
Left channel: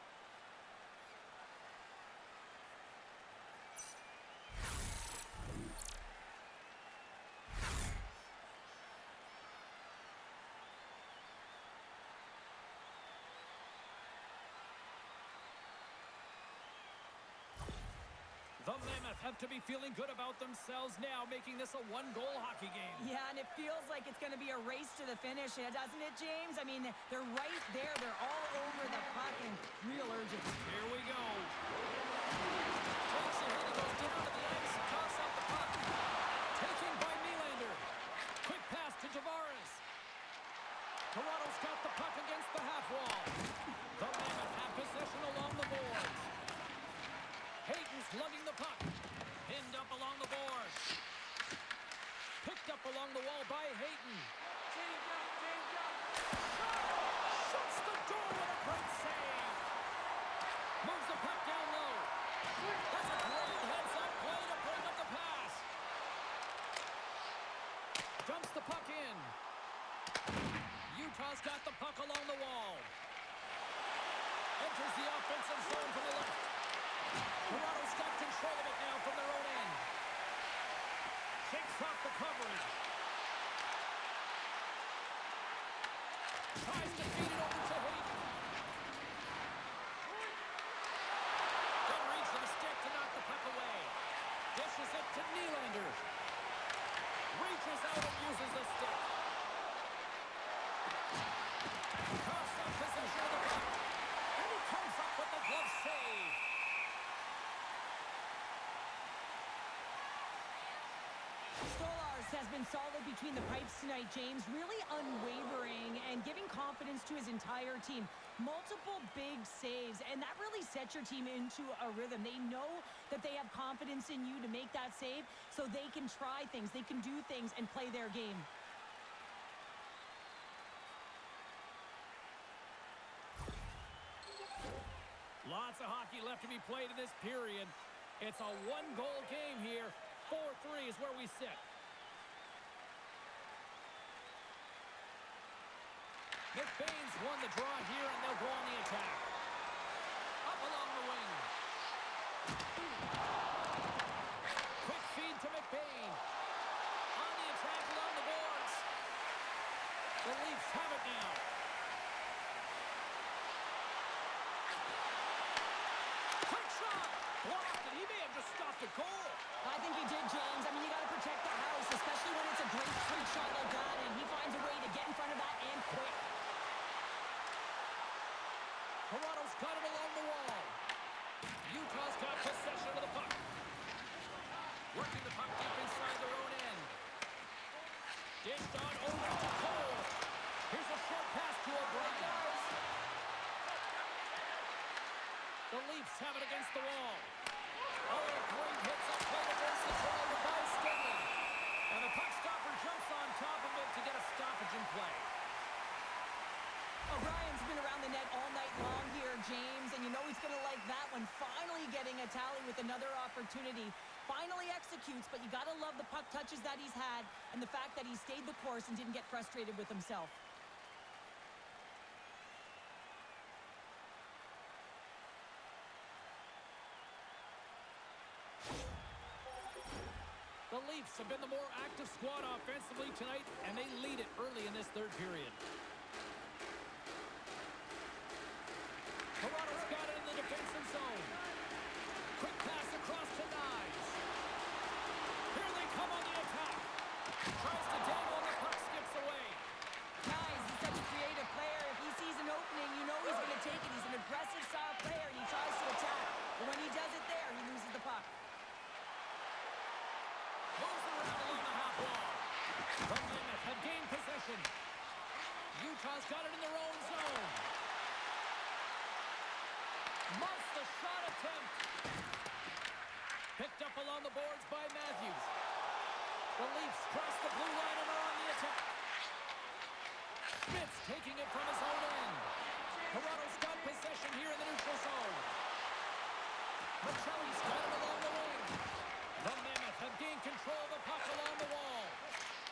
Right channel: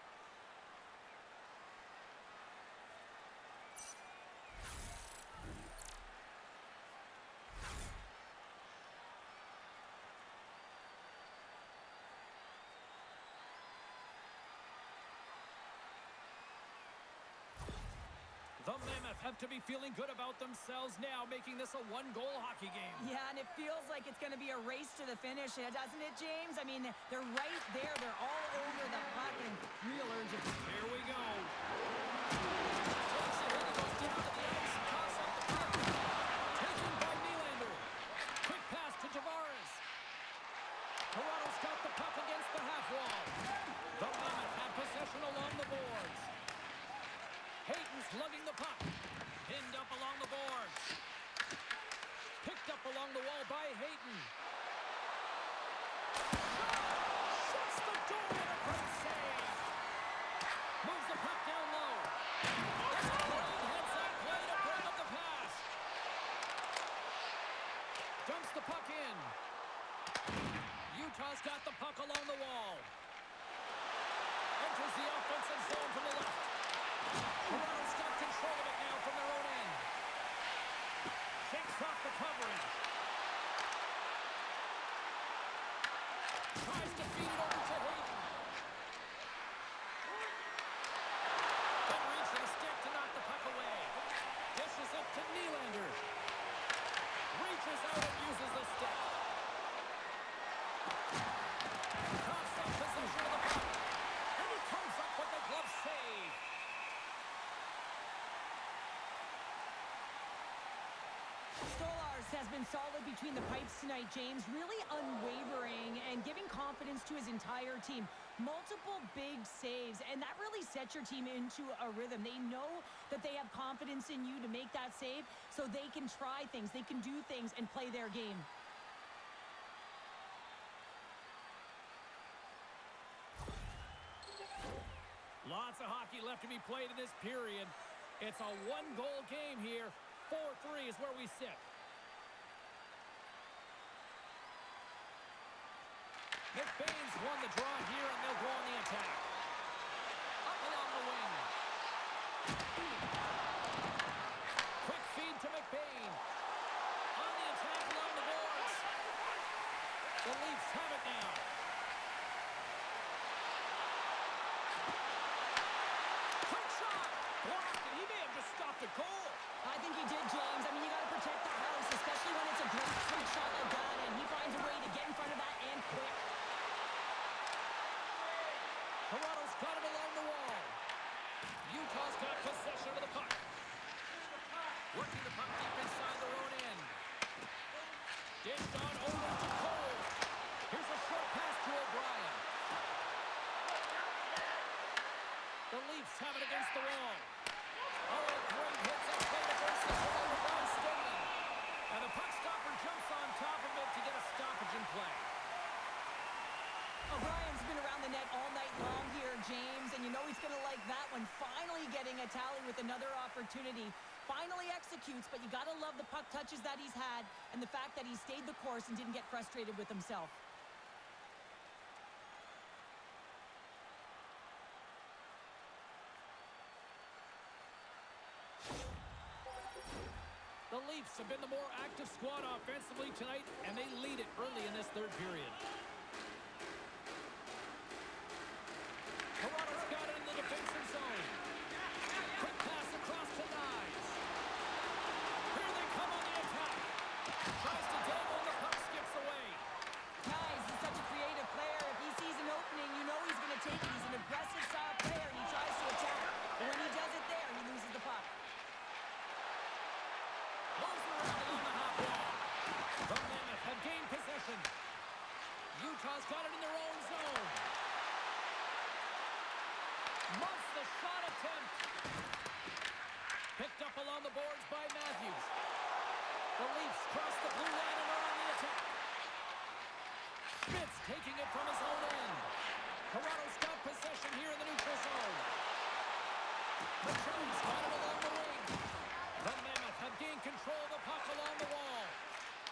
The Mammoth have to be feeling good about themselves now, making this a one-goal hockey game. Yeah, and it feels like it's going to be a race to the finish, doesn't it, James? I mean, they're right there. They're all over the puck and real urgency. Here we go. Takes a hit. He goes down to the ice and coughs up the puck. Taken by Nylander. Quick pass to Tavares. Toronto's got the puck against the half wall. The Mammoth have possession along the boards. Hayton's lugging the puck. Pinned up along the boards. Picked up along the wall by Hayton. Shot! Shuts the door with a great save. Moves the puck down low. That's a great heads-up play to bring up the pass. Dumps the puck in. Utah's got the puck along the wall. Enters the offensive zone from the left. Toronto's got control of it now from their own end. Shakes off the coverage. Tries to feed it over to Hayton. Good reach to the stick to knock the puck away. Dishes it to Nylander. Reaches out and uses the stick. Coughs up possession of the puck. And he comes up with the glove save. Stolarz has been solid between the pipes tonight, James. Really unwavering and giving confidence to his entire team. Multiple big saves, and that really sets your team into a rhythm. They know that they have confidence in you to make that save, so they can try things, they can do things, and play their game. Lots of hockey left to be played in this period. It's a one-goal game here. 4-3 is where we sit. McBain's won the draw here, and they'll go on the attack. Up along the wing. Quick feed to McBain. On the attack along the boards. The Leafs have it now. Quick shot. Blocked, and he may have just stopped a goal. I think he did, James. I mean, you got to protect the house, especially when it's a great straight shot like that, and he finds a way to get in front of that and quick. Toronto's got it along the wall. Utah's got possession of the puck. Working the puck deep inside their own end. Dished on over to Cole. Here's a short pass to O'Brien. The Leafs have it against the wall. Oh, a great hits up play to force the turnover by Stenley. And the puck stopper jumps on top of it to get a stoppage in play. O'Brien's been around the net all night long here, James, and you know he's going to like that one. Finally getting a tally with another opportunity. Finally executes, but you got to love the puck touches that he's had and the fact that he stayed the course and didn't get frustrated with himself. The Leafs have been the more active squad offensively tonight, and they lead it early in this third period. Toronto's got it in the defensive zone. Quick pass across to Nyes. Here they come on the attack. Tries to dangle, and the puck skips away. Nyes is such a creative player. If he sees an opening, you know he's going to take it. He's an impressive style player, and he tries to attack. But when he does it there, he loses the puck. Moves it around along the half wall. The Mammoth have gained possession. Utah's got it in their own zone. Muffs the shot attempt. Picked up along the boards by Matthews. The Leafs cross the blue line and are on the attack. Schmitz taking it from his own end. Toronto's got possession here in the neutral zone. Machelli's got it along the wing. The Mammoth have gained control of the puck along the wall.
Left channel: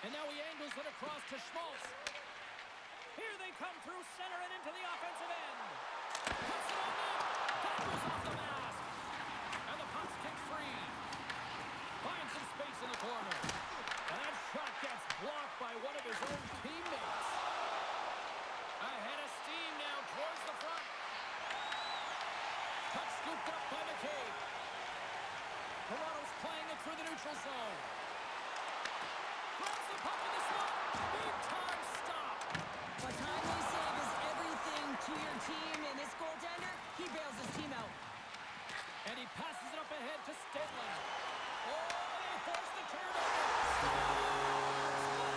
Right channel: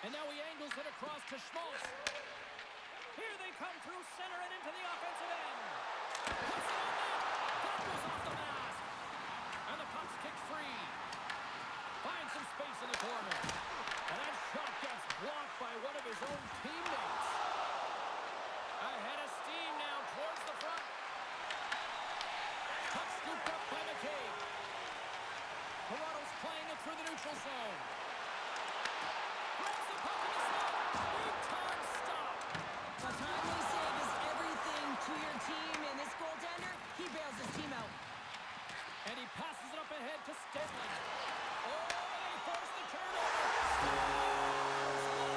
And now he angles it across to Schmaltz. Here they come through center and into the offensive end. Puts it on net. That goes off the mask. And the puck's kicked free. Finds some space in the corner. And that shot gets blocked by one of his own teammates. Ahead of steam now towards the front. Puck scooped up by McCabe. Toronto's playing it through the neutral zone. Grabs the puck in the slot. Big time stop. A timely save is everything to your team, and this goaltender, he bails his team out. And he passes it up ahead to Stenley. Oh, they force the turnover. Scores! What a shot!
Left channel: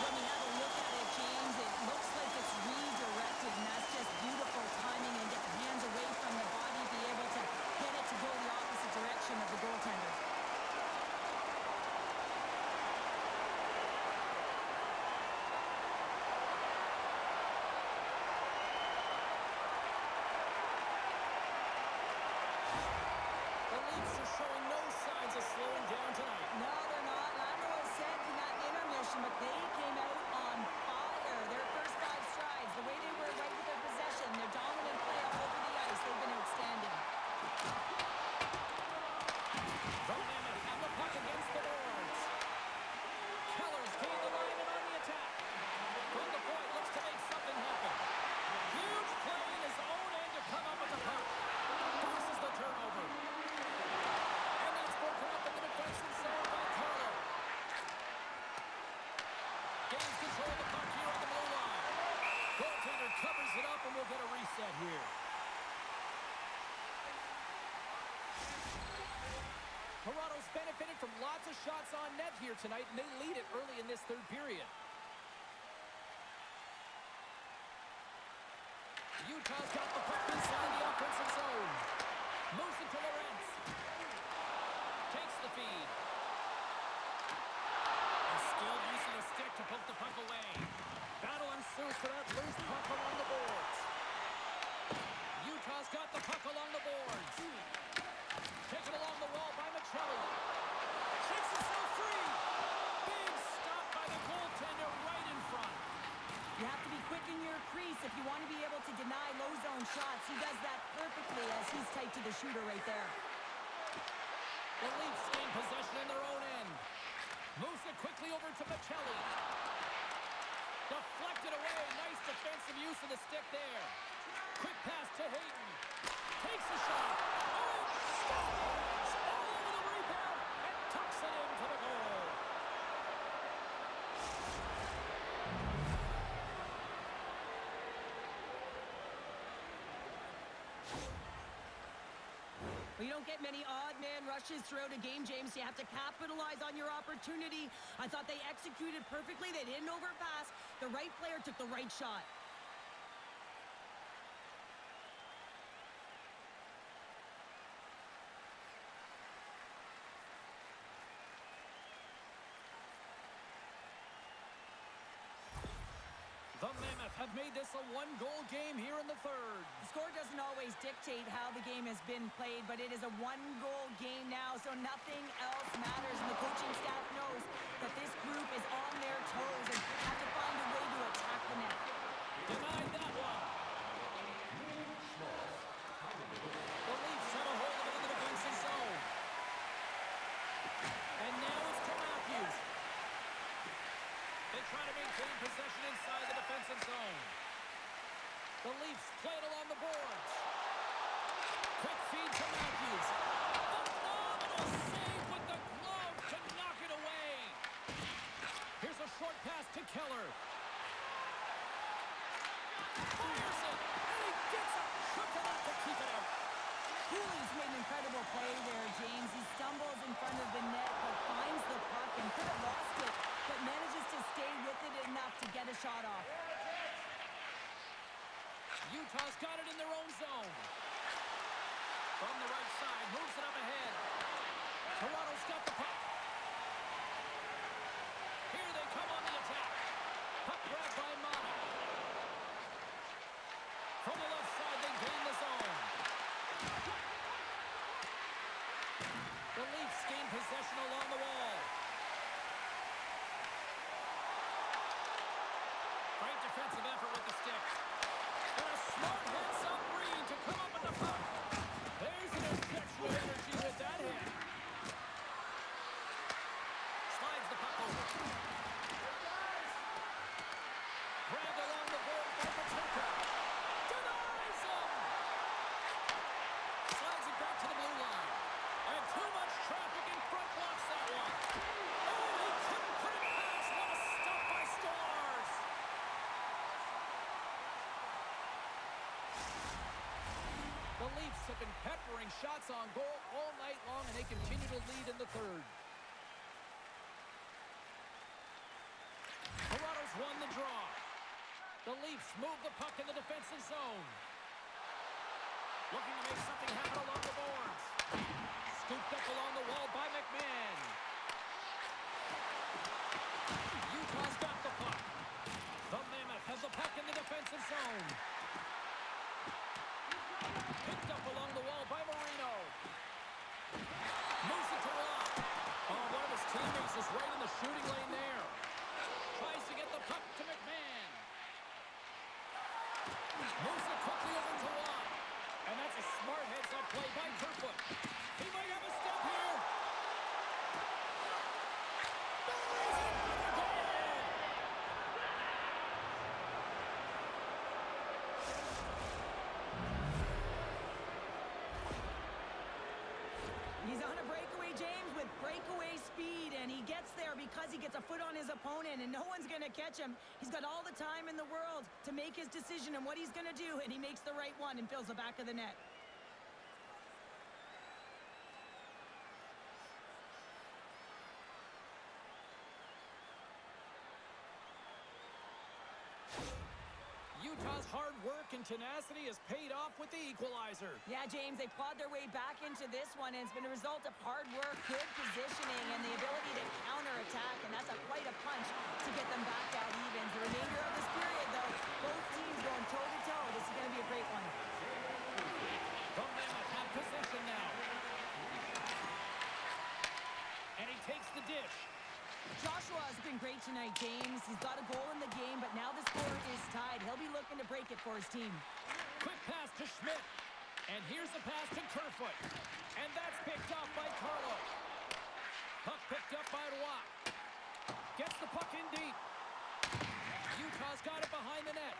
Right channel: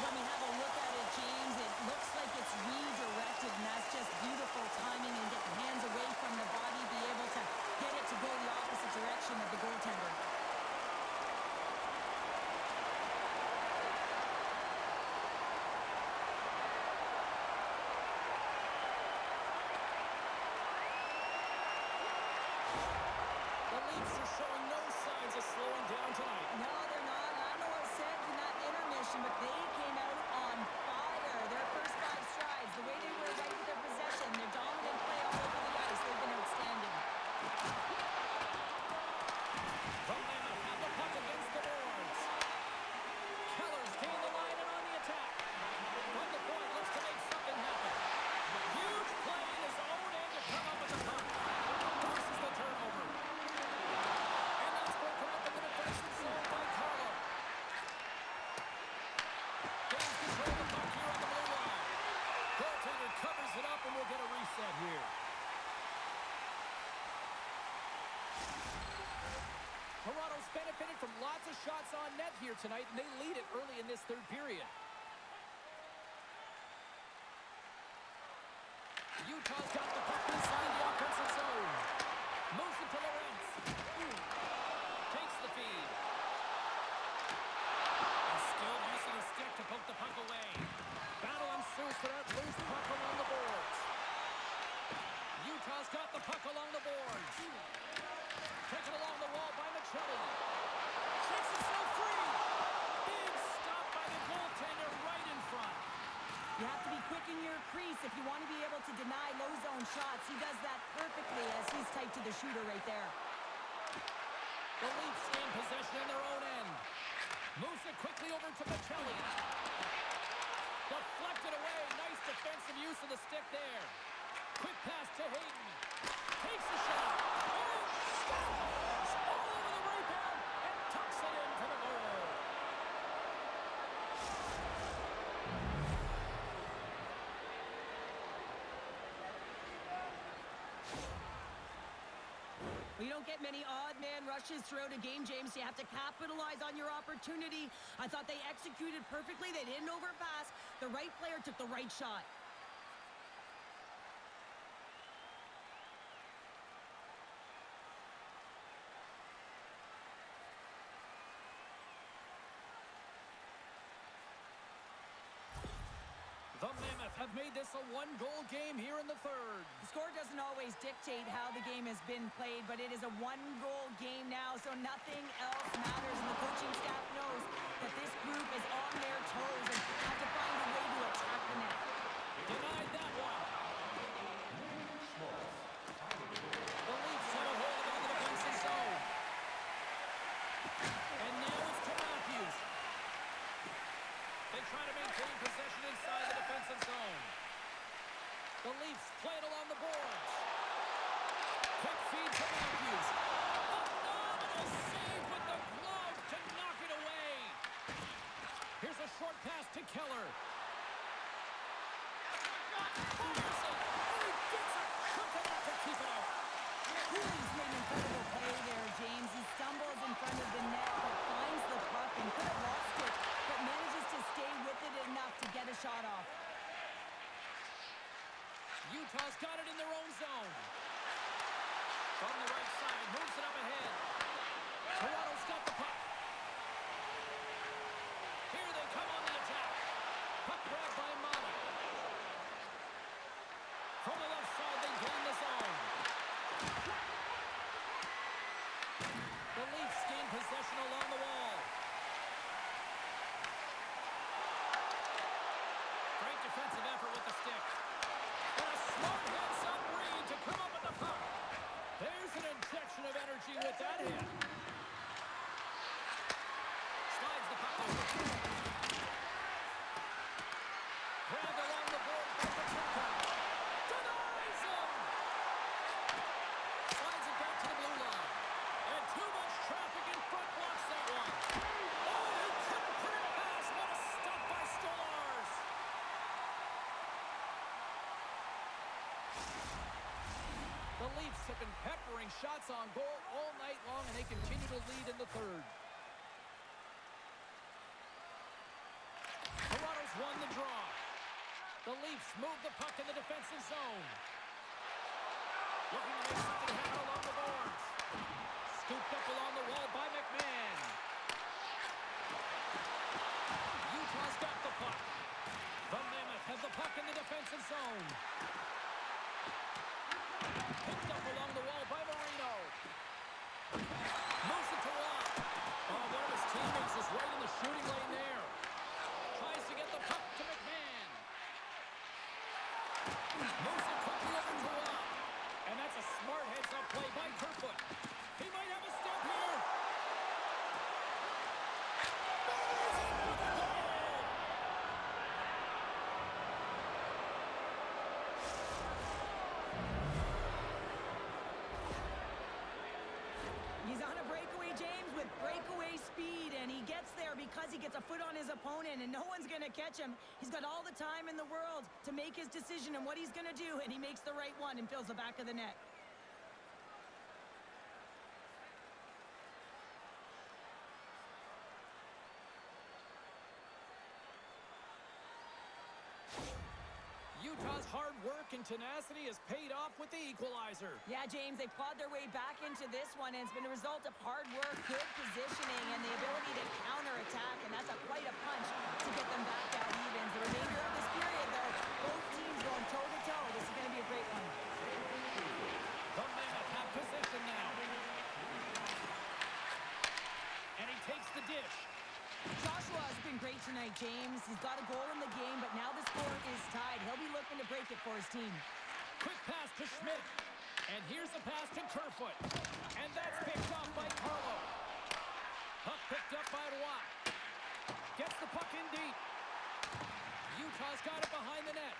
When we have a look at it, James, it looks like it's redirected, and that's just beautiful timing and get the hands away from the body, be able to get it to go the opposite direction of the goaltender. The Leafs are showing no signs of slowing down tonight. No, they're not. And I don't know what was said in that intermission, but they came out on fire. Their first 5 strides, the way they were right with their possession, their dominant play all over the ice, they've been outstanding. The Mammoth have the puck against the boards. Keller's gained the line and on the attack. From the point, looks to make something happen. Huge play in his own end to come up with the puck. Forces the turnover. And that's broken up in the defensive zone by Carlo. Gains control of the puck here on the blue line. Goaltender covers it up and we'll get a reset here. Toronto's benefited from lots of shots on net here tonight, and they lead it early in this third period. Utah's got the puck inside the offensive zone. Moves it to Lorentz. Takes the feed. A skilled use of the stick to poke the puck away. Battle ensues for that loose puck along the boards. Utah's got the puck along the boards. Taken along the wall by Machelli. Shakes himself free. Big stop by the goaltender right in front. You have to be quick in your crease if you want to be able to deny low zone shots. He does that perfectly as he's tight to the shooter right there. The Leafs gain possession in their own end. Moves it quickly over to Machelli. Deflected away. Nice defensive use of the stick there. Quick pass to Hayden. Takes a shot. Oh, scores! All over the rebound and tucks it in for the goal. Well, you don't get many odd man rushes throughout a game, James. You have to capitalize on your opportunity. I thought they executed perfectly. They didn't overpass. The right player took the right shot. The Mammoth have made this a one-goal game here in the third. The score doesn't always dictate how the game has been played, but it is a one-goal game now, so nothing else matters. And the coaching staff knows that this group is on their toes and have to find a way to attack the net. Denied that one. zone. The Leafs play it along the boards. Quick feed to Matthews. Phenomenal save with the glove to knock it away. Here's a short pass to Keller. Fires it, and he gets a chunk of that to keep it out. Cooley's made an incredible play there, James. He stumbles in front of the net, but finds the puck and could have lost it, but manages to stay with it enough to get a shot off. Utah's got it in their own zone. From the right side, moves it up ahead. Toronto's got the puck. Here they come on the attack. Puck grab by Mammoth. From the left side, they gain the zone. The Leafs gain possession along the wall. Great defensive effort with the stick. And a smart heads-up read to come up with the puck. There's an injection of energy with that hit. Slides the puck over. Grabbed along the board by Pachuca. Denies him! Slides it back to the blue line. And too much traffic in front blocks that one. Oh, he couldn't put it past. What a stop by Stolarz. The Leafs have been peppering shots on goal all night long, and they continue to lead in the third. Toronto's won the draw. The Leafs move the puck in the defensive zone. Looking to make something happen along the boards. Scooped up along the wall by McMahon. Utah's got the puck. The Mammoth have the puck in the defensive zone. Picked up along the wall by Marino. Moves it to Rob. Oh, one of his teammates is right in the shooting lane there. Tries to get the puck to McMahon. Moves it quickly over to Rob. And that's a smart heads-up play by Kerfoot. He might have a step here. Buries it for the goal! He's on a breakaway, James, with breakaway speed, and he gets there because he gets a foot on his opponent, and no one's going to catch him. He's got all the time in the world to make his decision on what he's going to do, and he makes the right one and fills the back of the net. Utah's hard work and tenacity has paid off with the equalizer. Yeah, James, they clawed their way back into this one, and it's been a result of hard work, good positioning, and the ability to counterattack, and that's quite a punch to get them back out even. The remainder of this period, though, both teams going toe-to-toe. This is going to be a great one. The Mammoth have possession now. And he takes the dish. Joshua has been great tonight, James. He's got a goal in the game, but now the score is tied. He'll be looking to break it for his team. Quick pass to Schmidt. And here's the pass to Kerfoot. And that's picked off by Carlo. Puck picked up by Roy. Gets the puck in deep. Utah's got it behind the net.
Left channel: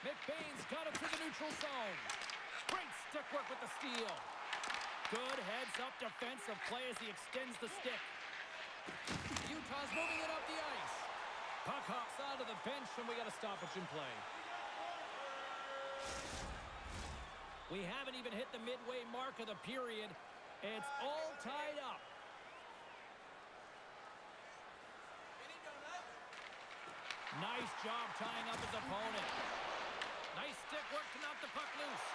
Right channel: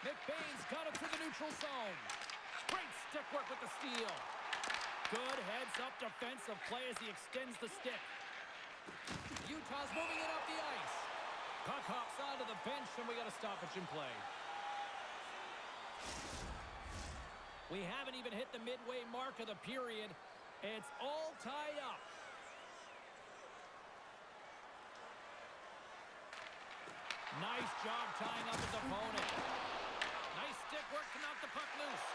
McBain's got it through the neutral zone. Great stick work with the steal. Good heads-up defensive play as he extends the stick. Utah's moving it up the ice. Puck hops onto the bench, and we got a stoppage in play. We haven't even hit the midway mark of the period. It's all tied up. Nice job tying up his opponent. Nice stick work to knock the puck loose.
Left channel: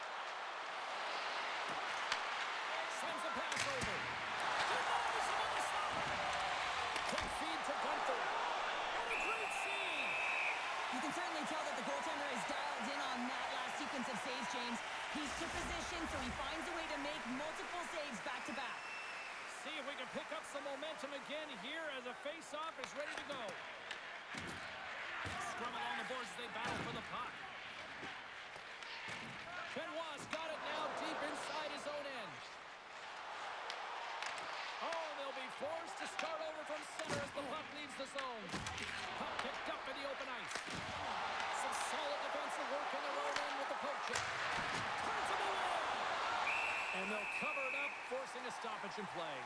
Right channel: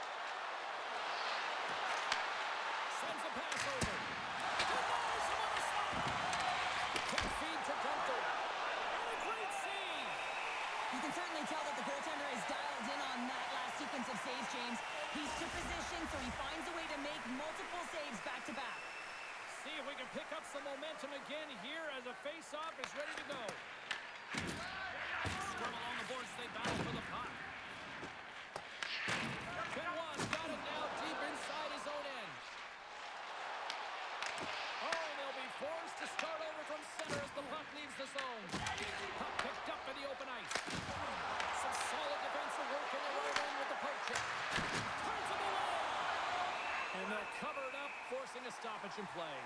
Sends a pass over. Denies him on the stop. Quick feed to Gunther. And a great save. You can certainly tell that the goaltender is dialed in on that last sequence of saves, James. He's to position, so he finds a way to make multiple saves back-to-back. See if we can pick up some momentum again here as a face-off is ready to go. Scrum along the boards as they battle for the puck. Benoit's got it now deep inside his own end. Oh, they'll be forced to start over from center as the puck leaves the zone. Puck picked up in the open ice. Some solid defensive work in the right end with the poke check. Turns him away. And they'll cover it up, forcing a stoppage in play.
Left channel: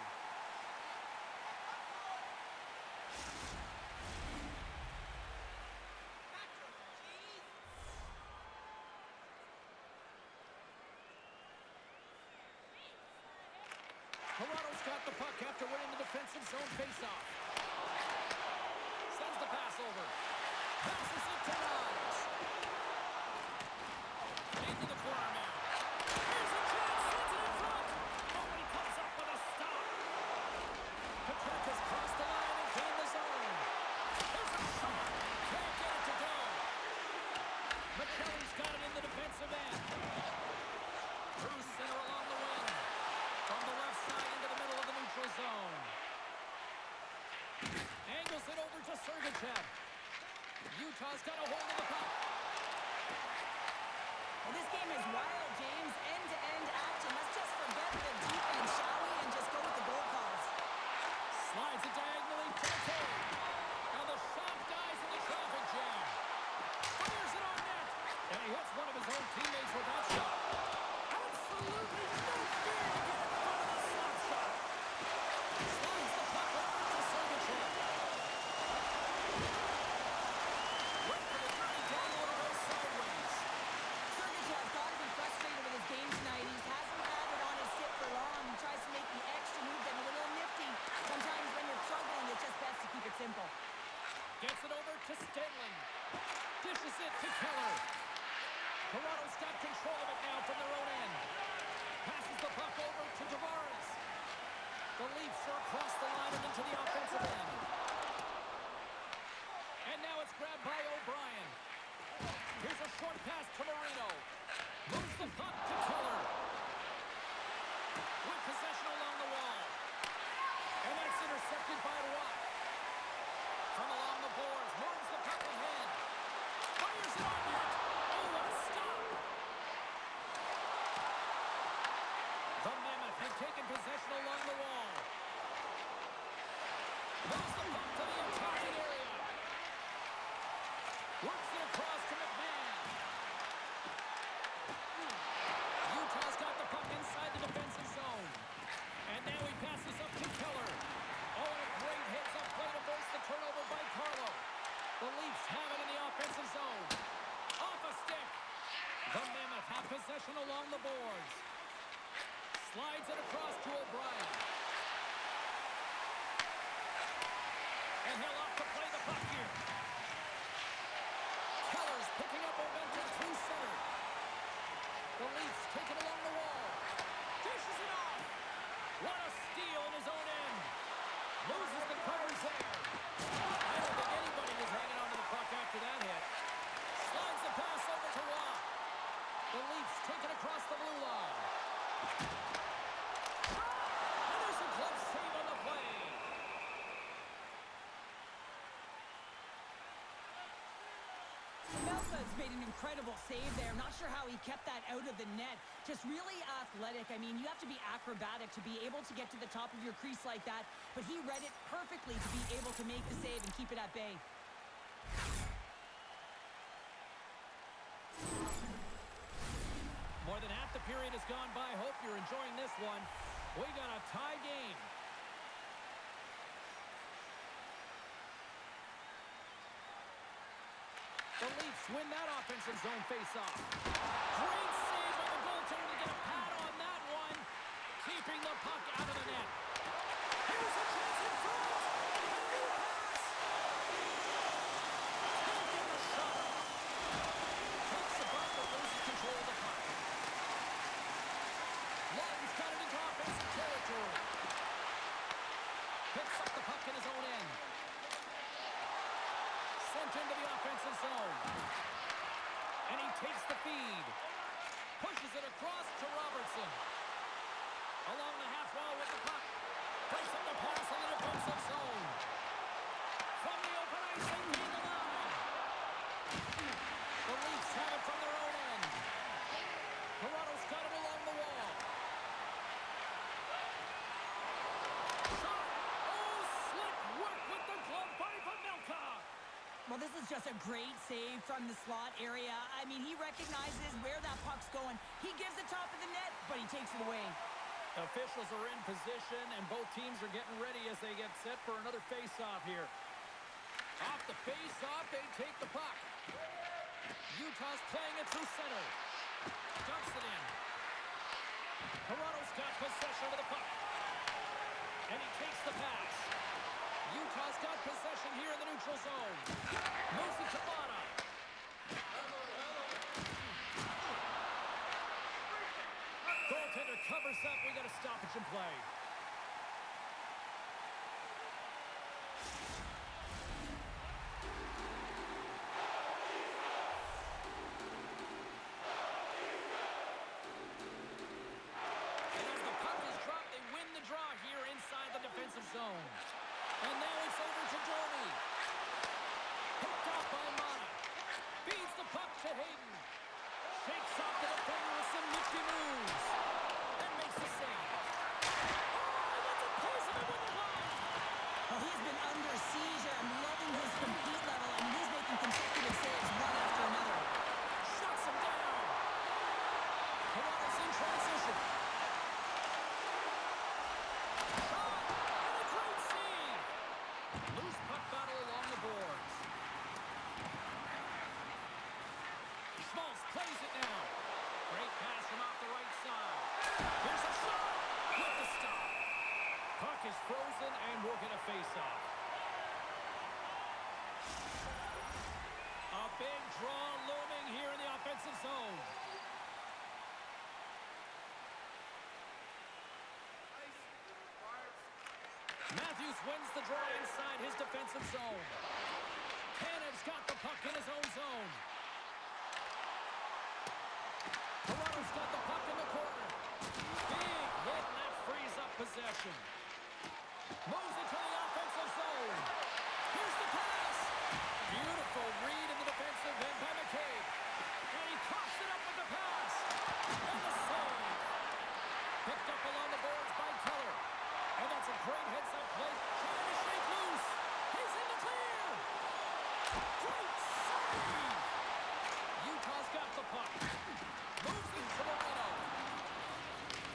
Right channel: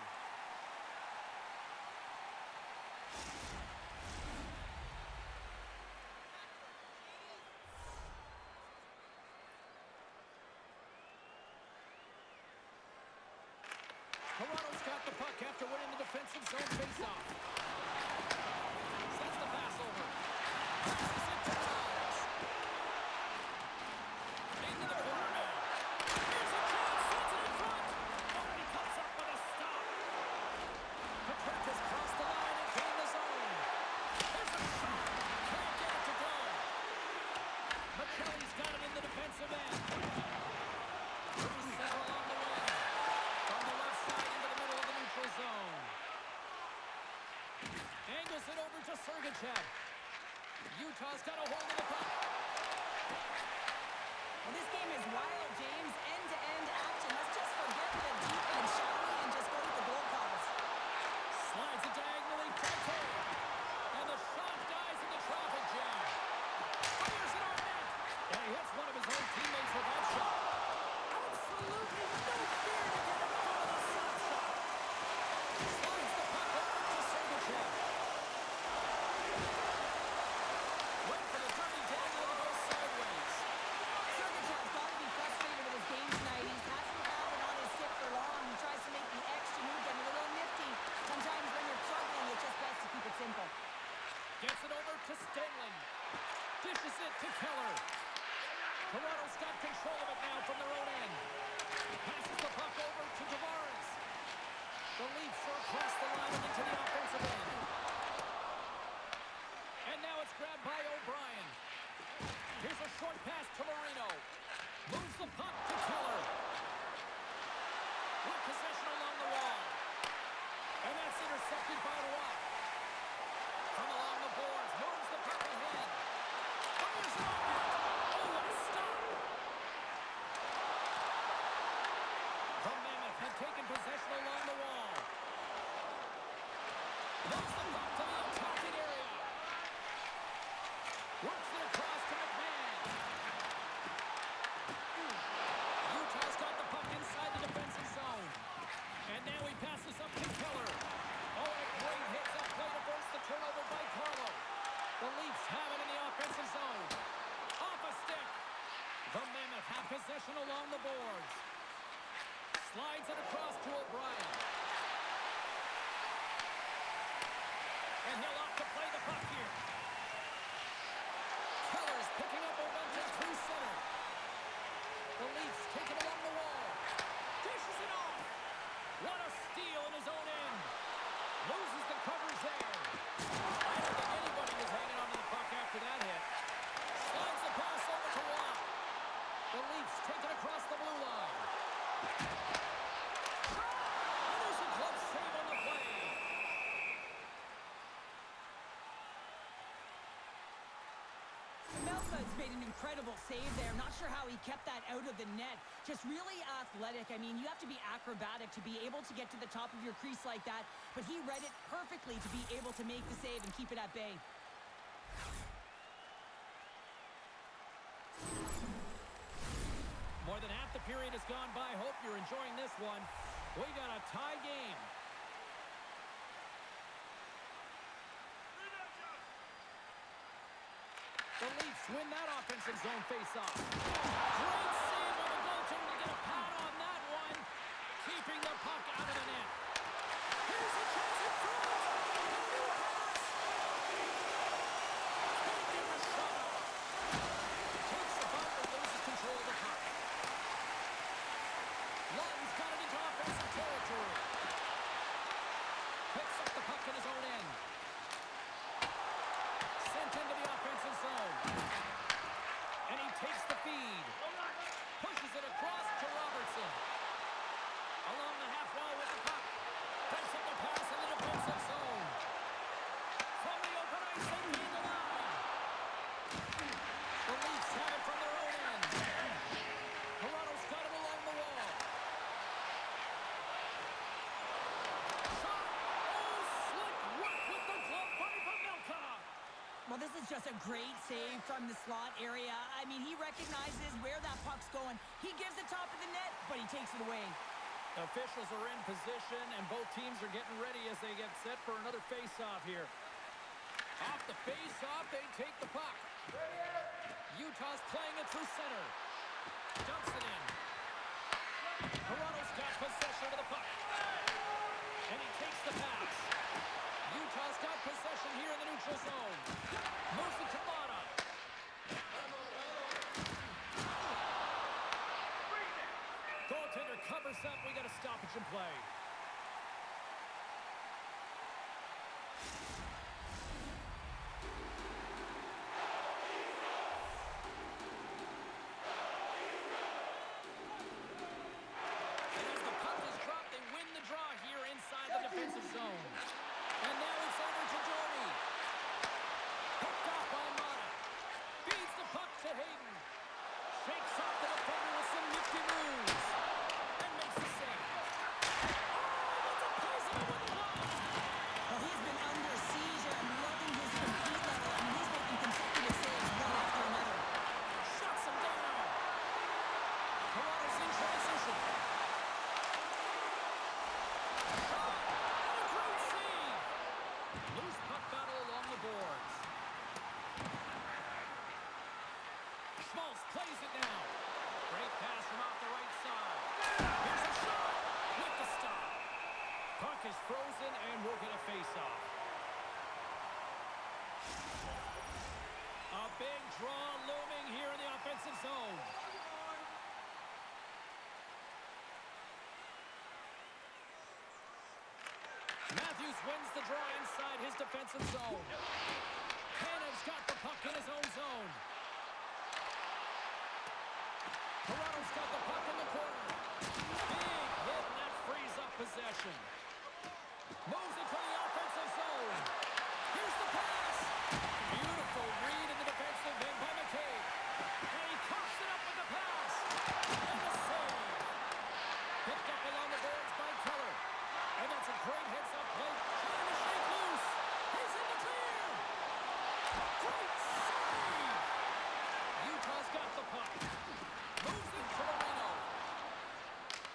Toronto's got the puck after winning the defensive zone faceoff. Sends the pass over. Passes it to Rise. Into the corner now. Here's a chance. Sends it in front. Oh, and he comes up with a stop. Patrick crossed the line and gained the zone. There's a shot. Can't get it to go. McKelly's got it in the defensive end. Through center along the wing. From the left side into the middle of the neutral zone. Angles it over to Sergachev. Utah's got a hold of the puck. Well, this game is wild, James. End-to-end action. Let's just forget the defense, shall we, and just go with the goal calls. Slides it diagonally to the cage. And the shot dies in the traffic jam. Fires it on net. And he hits one of his own teammates with that shot. Absolutely no fear to get in front of the slap shot. Slides the puck over to Sergachev. Wait for the dirty dangle to go sideways. Sergachev's got to be frustrated with his game tonight. He hasn't had it on his stick for long. He tries to make the extra move, getting a little nifty. Sometimes when you're struggling, it's just best to keep it simple. Gets it over to Stenling. Dishes it to Keller. Toronto's got control of it now from their own end. Passes the puck over to Tavares. The Leafs are across the line and into the offensive end. And now it's grabbed by O'Brien. Here's a short pass to Marino. Moves the puck to Keller. With possession along the wall. And that's intercepted by Roy. From along the boards, moves the puck ahead. Fires it on net. Oh, what a stop. The Mammoth had taken possession along the wall. Moves the puck to the attacking area. Works it across to McMahon. Utah's got the puck inside the defensive zone. And now he passes up to Keller. Oh, and a great hits up play to force the turnover by Carlo. The Leafs have it in the offensive zone. Off a stick. The Mammoth have possession along the boards. Slides it across to O'Brien. And he'll opt to play the puck here. Keller's picking up momentum through center. The Leafs take it along the wall. Dishes it off. What a steal in his own end. Loses the coverage there. I don't think anybody was hanging on to the puck after that hit. Slides the pass over to Watt. The Leafs take it across the blue line. And there's a glove save on the play. Melka's made an incredible save there. I'm not sure how he kept that out of the net. Just really athletic. I mean, you have to be acrobatic to be able to get to the top of your crease like that. But he read it perfectly to be able to make the save and keep it at bay. More than half the period has gone by. Hope you're enjoying this one. We got a tie game. The Leafs win that offensive zone face-off. Great save by the goaltender to get a pad on that one. Keeping the puck out of the net. Here's a chance in front. A new pass. Can't get the shot off. Takes the bump and loses control of the puck. Lawton's got it into offensive territory. Picks up the puck in his own end. Sent into the offensive zone. And he takes the feed. Pushes it across to Robertson. Along the half wall with the puck. Plays up the pass in the defensive zone. From the open ice, they gain the line. The Leafs have it from their own end. Toronto's got it along the wall. Shot! This is just a great save from the slot area. I mean, he recognizes where that puck's going. He gives the top of the net, but he takes it away. Officials are in position, and both teams are getting ready as they get set for another face-off here. Off the face-off, they take the puck. Utah's playing it through center. Dumps it in. Toronto's got possession of the puck. And he takes the pass. Utah's got possession here in the neutral zone. Moves it to Mata. Goaltender covers up. We got a stoppage in play. And as the puck is dropped, they win the draw here inside the defensive zone. And now it's over to Domi. Picked off by Mata. Feeds the puck to Hayden. Shakes off the defender with some nifty moves. And makes the save. Oh, he gets a piece of it with the glove. Well, he's been under siege. I'm loving his compete level. I mean, he's making consecutive saves one after another. Shuts him down. Toronto's in transition. Shot. And a great save. Loose puck battle along the boards. Schmaltz plays it now. Great pass from off the right side. Here's a shot with the stop. Puck is frozen and we'll get a face-off. A big draw looming here in the offensive zone. Matthews wins the draw inside his defensive zone. Tanev's got the puck in his own zone. Toronto's got the puck in the corner. Big hit, and that frees up possession. Moves it to the offensive zone. Here's the pass. Beautiful read in the defensive end by McCabe. And he coughs it up with the pass. And the save. Picked up along the boards by Keller. And that's a great heads-up play. Trying to shake loose. He's in the clear. Great save. Utah's got the puck. Moves it to Marino.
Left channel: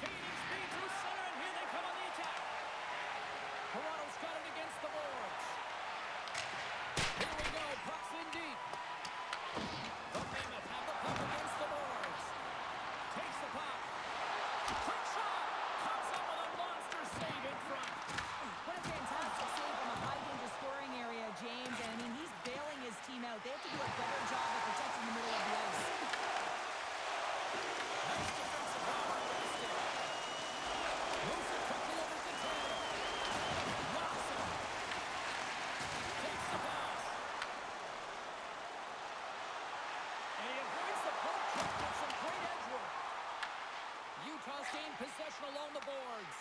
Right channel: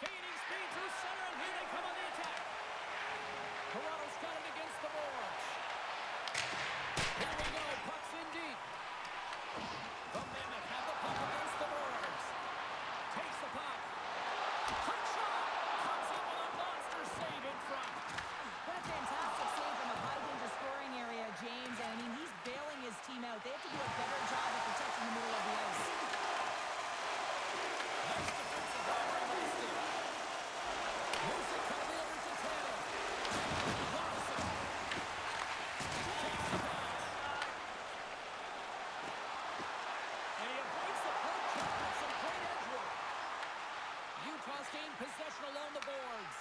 Gaining speed through center, and here they come on the attack. Toronto's got it against the boards. Here we go. Puck's in deep. The Mammoth have the puck against the boards. Takes the puck. Quick shot. Comes up with a monster save in front. What a fantastic save from a high-danger scoring area, James. And, I mean, he's bailing his team out. They have to do a better job of protecting the middle of the ice. Nice defensive robbery with the stick. Moves it quickly over to Tanev. Locks him. Takes the pass. And he avoids the poke check with some great edge work. Utah's gained possession along the boards.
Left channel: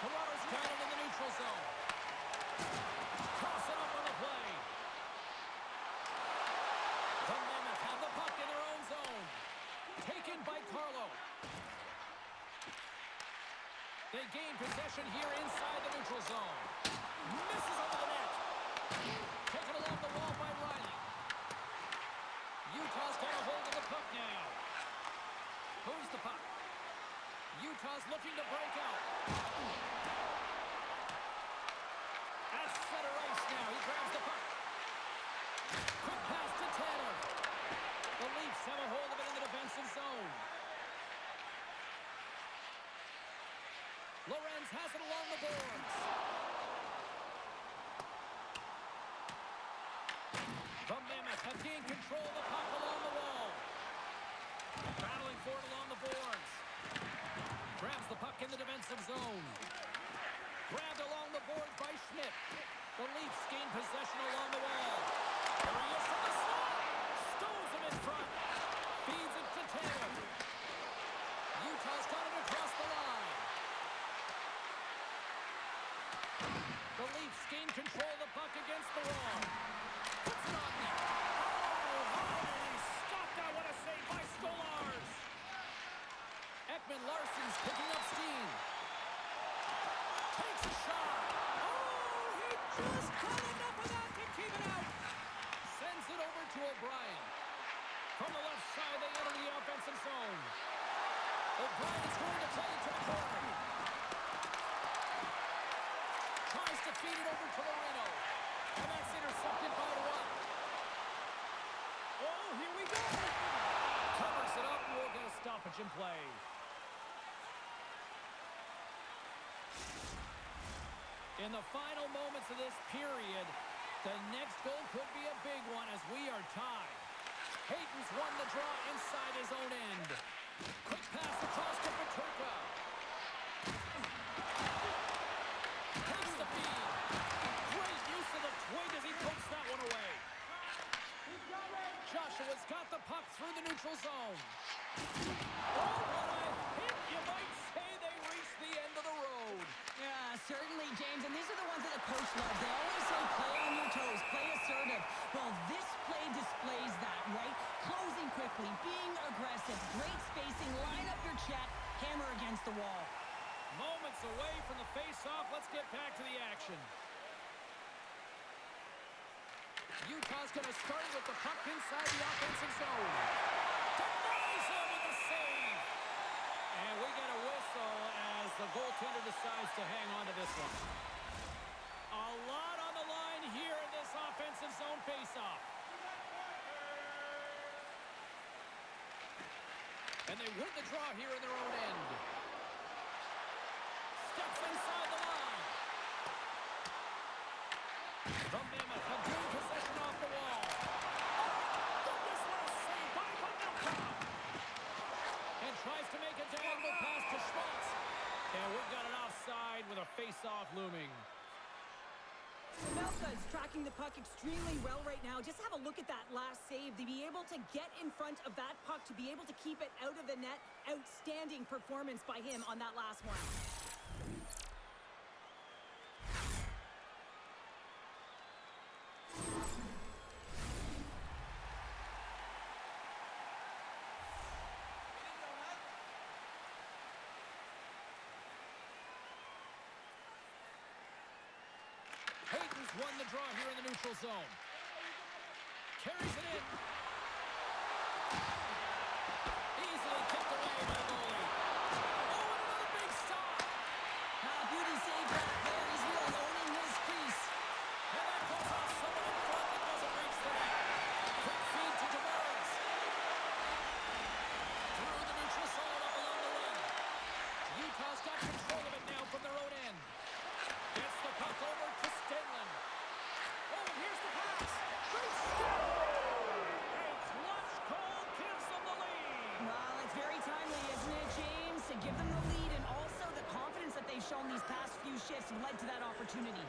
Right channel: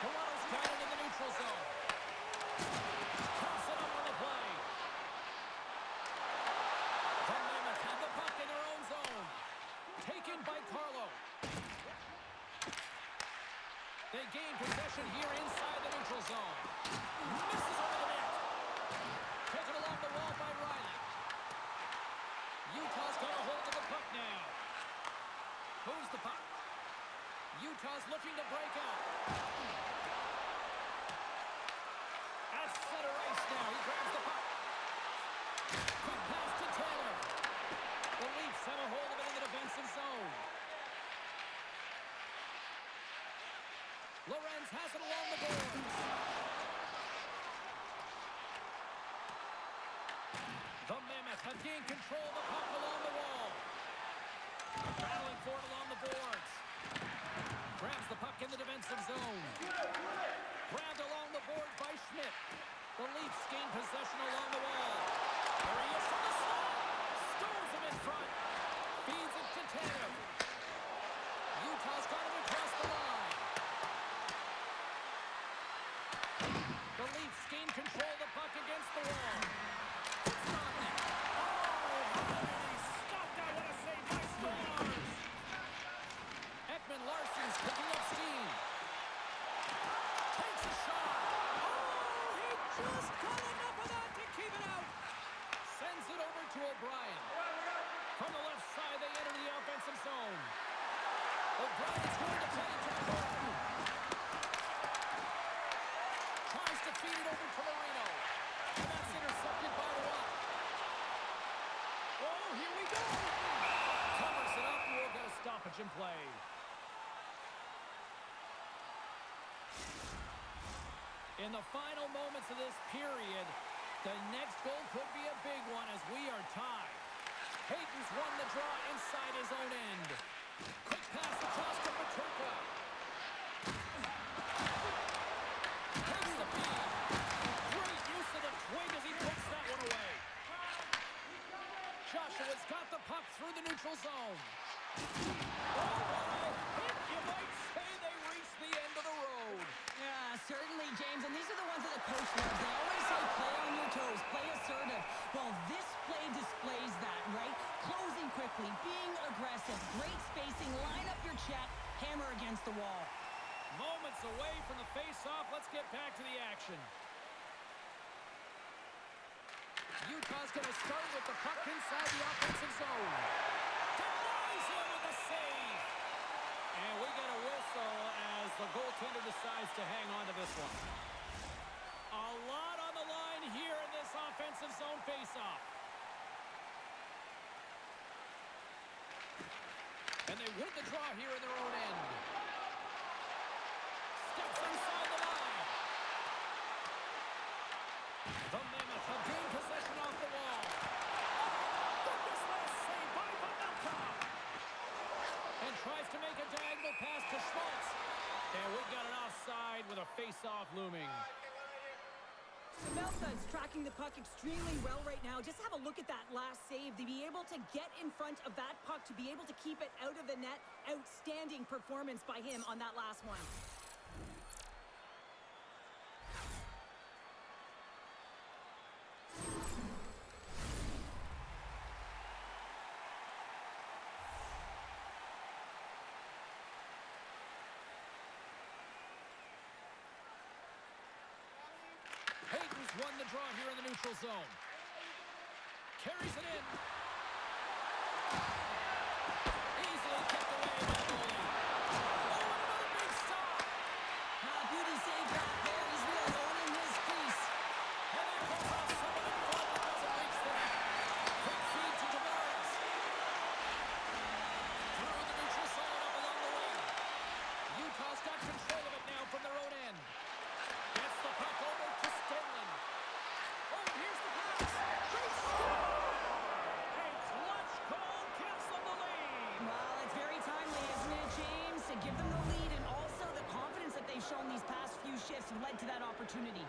Toronto's got it in the neutral zone. Toss it up on the play. The Mammoth have the puck in their own zone. Taken by Carlo. They gain possession here inside the neutral zone. Misses over the net. Taken along the wall by Riley. Utah's got a hold of the puck now. Moves the puck. Utah's looking to break out. At center ice now. He grabs the puck. Quick pass to Tanev. The Leafs have a hold of it in the defensive zone. Lorenz has it along the boards. The Mammoth have gained control of the puck along the wall. Battling for it along the boards. Grabs the puck in the defensive zone. Grabbed along the boards by Schmidt. The Leafs gain possession along the wall. There he is from the slot. Stones him in front. Feeds it to Tanev. Utah's got it across the line. The Leafs gain control of the puck against the wall. Puts it on there. Oh, how did he stop that? What a save by Stolarz. Ekman Larsson's picking up steam. Takes a shot. Oh, he just got enough of that stoppage in play. In the final moments of this period, the next goal could be a big one as we are tied. Hayton's won the draw inside his own end. Quick pass across to Paterka. Takes the feed. Great use of the twig as he puts that one away. Joshua's got the puck through the neutral zone. Oh, what a hit! You might say they reached the end of the road. Yeah, certainly, James. And these are the ones that the coach loves. They always say play on your toes, play assertive. Well, this play displays that, right? Closing quickly, being aggressive, great spacing, line up your check, hammer against the wall. Moments away from the face-off. Let's get back to the action. Utah's going to start with the puck inside the offensive zone. Denies him with a save. And we get a whistle as the goaltender decides to hang on to this one. A lot on the line here in this offensive zone face-off. And they win the draw here in their own end. Steps inside the line. The Mammoth have gained possession off the wall. Oh, goodness, what a save by Mammoth! And tries to make a diagonal pass to Schmaltz. And we've got an offside with a face-off looming. Pavelka is tracking the puck extremely well right now. Just have a look at that last save. To be able to get in front of that puck, to be able to keep it out of the net. Outstanding performance by him on that last one. Hayton's won the draw here in the neutral zone. Carries it in. Easily kicked away by the goalie. Oh, and another big stop. Beauty save back there. He's really owning his crease. And that goes off someone in front that doesn't reach the net. Quick feed to Tavares. Through the neutral zone up along the wing. Utah's got control of it now from their own end. Gets the puck over to Stenlund. Oh, and here's the pass. They score! A clutch goal gives them the lead. Well, it's very timely, isn't it, James? To give them the lead, and also the confidence that they've shown these past few shifts have led to that opportunity.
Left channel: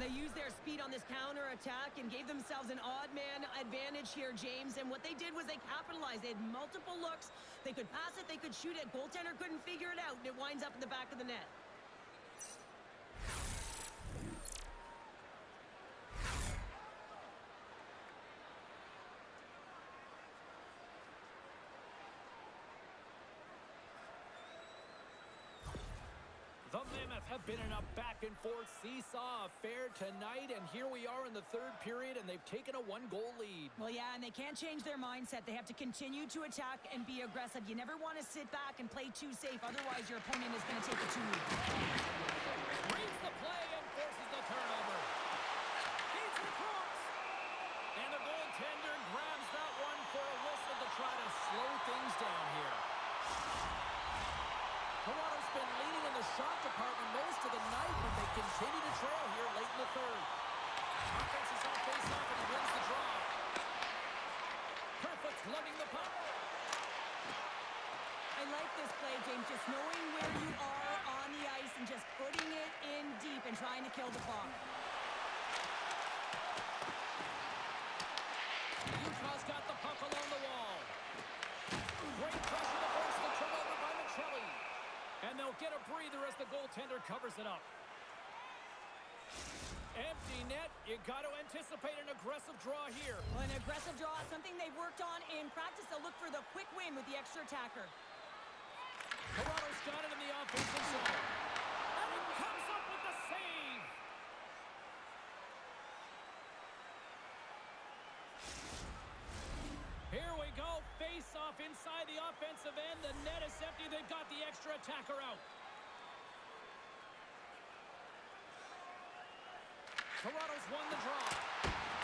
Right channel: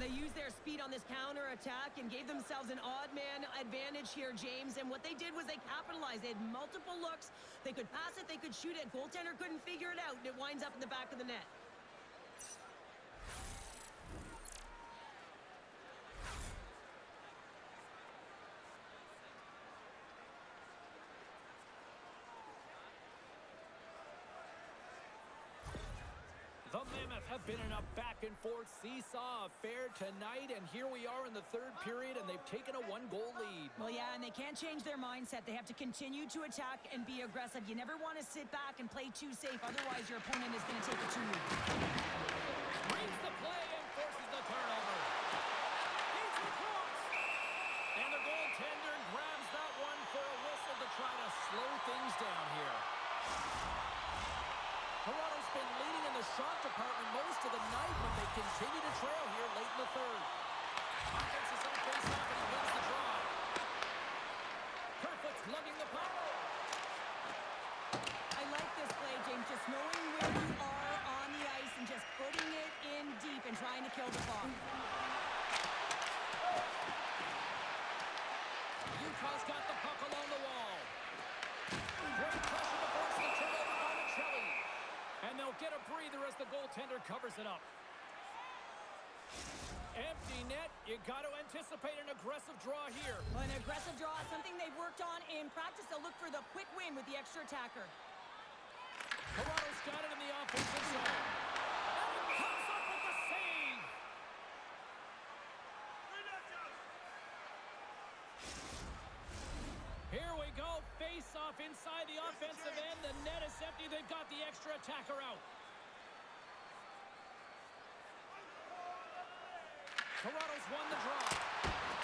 They used their speed on this counter-attack and gave themselves an odd-man advantage here, James. And what they did was they capitalized. They had multiple looks. They could pass it, they could shoot it. Goaltender couldn't figure it out, and it winds up in the back of the net. The Mammoth have been in a back-and-forth seesaw affair tonight, and here we are in the third period, and they've taken a one-goal lead. Well, yeah, and they can't change their mindset. They have to continue to attack and be aggressive. You never want to sit back and play too safe. Otherwise, your opponent is going to take it to you. Reads the play and forces the turnover. Feeds it across. And the goaltender grabs that one for a whistle to try to slow things down here. Toronto's been leading in the shot department most of the night, but they continue to trail here late in the third. Offense is on face-off, and he wins the draw. Kerfoot's lugging the puck. I like this play, James, just knowing where you are on the ice and just putting it in deep and trying to kill the clock. Utah's got the puck along the wall. Great pressure to force the turnover by Michelli. And they'll get a breather as the goaltender covers it up. Empty net. You got to anticipate an aggressive draw here. Well, an aggressive draw is something they've worked on in practice. They'll look for the quick win with the extra attacker. Toronto's got it in the offensive zone. And he comes up with the save. Here we go. Face off inside the offensive end. The net is empty. They've got the extra attacker out. Toronto's won the draw.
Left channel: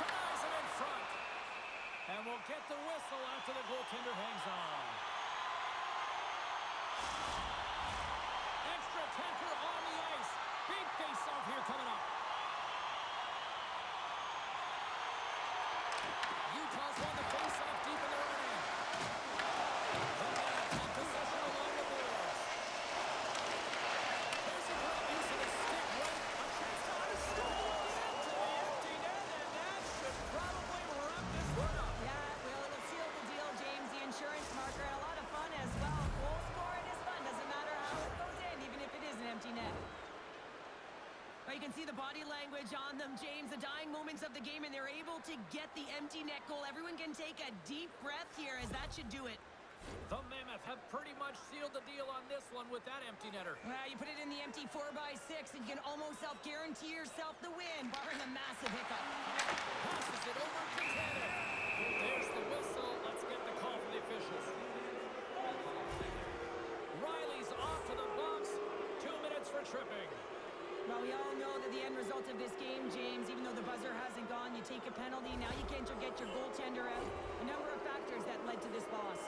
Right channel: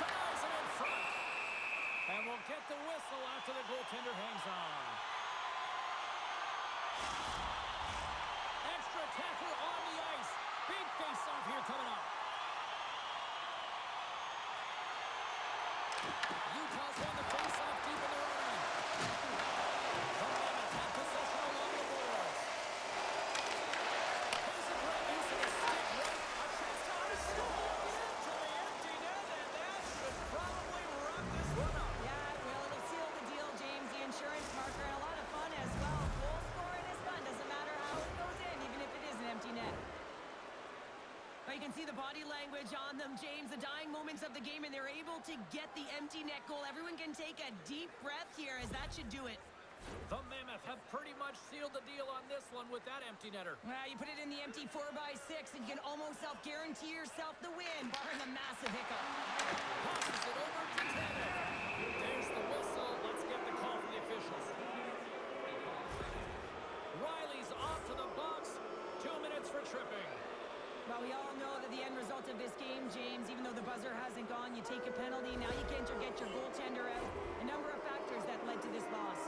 Denies him in front. And we'll get the whistle after the goaltender hangs on. Extra attacker on the ice. Big face-off here coming up. Utah's won the face-off deep in their own end. The Mammoth have possession along the boards. Here's a great use of the stick right. A chance to score into the empty net, and that should probably wrap this one up. Yeah, well, it'll seal the deal, James. The insurance marker, and a lot of fun as well. Goal scoring is fun. Doesn't matter how it goes in, even if it is an empty net. But you can see the body language on them, James. The dying moments of the game, and they're able to get the empty net goal. Everyone can take a deep breath here, as that should do it. The Mammoth have pretty much sealed the deal on this one with that empty netter. Well, you put it in the empty 4x6, and you can almost self-guarantee yourself the win, barring a massive hiccup. Passes it over to Tanev. There's the whistle. Let's get the call from the officials. Riley's off to the box. 2 minutes for tripping. Well, we all know that the end result of this game, James, even though the buzzer hasn't gone, you take a penalty. Now you can't get your goaltender out. A number of factors that led to this loss.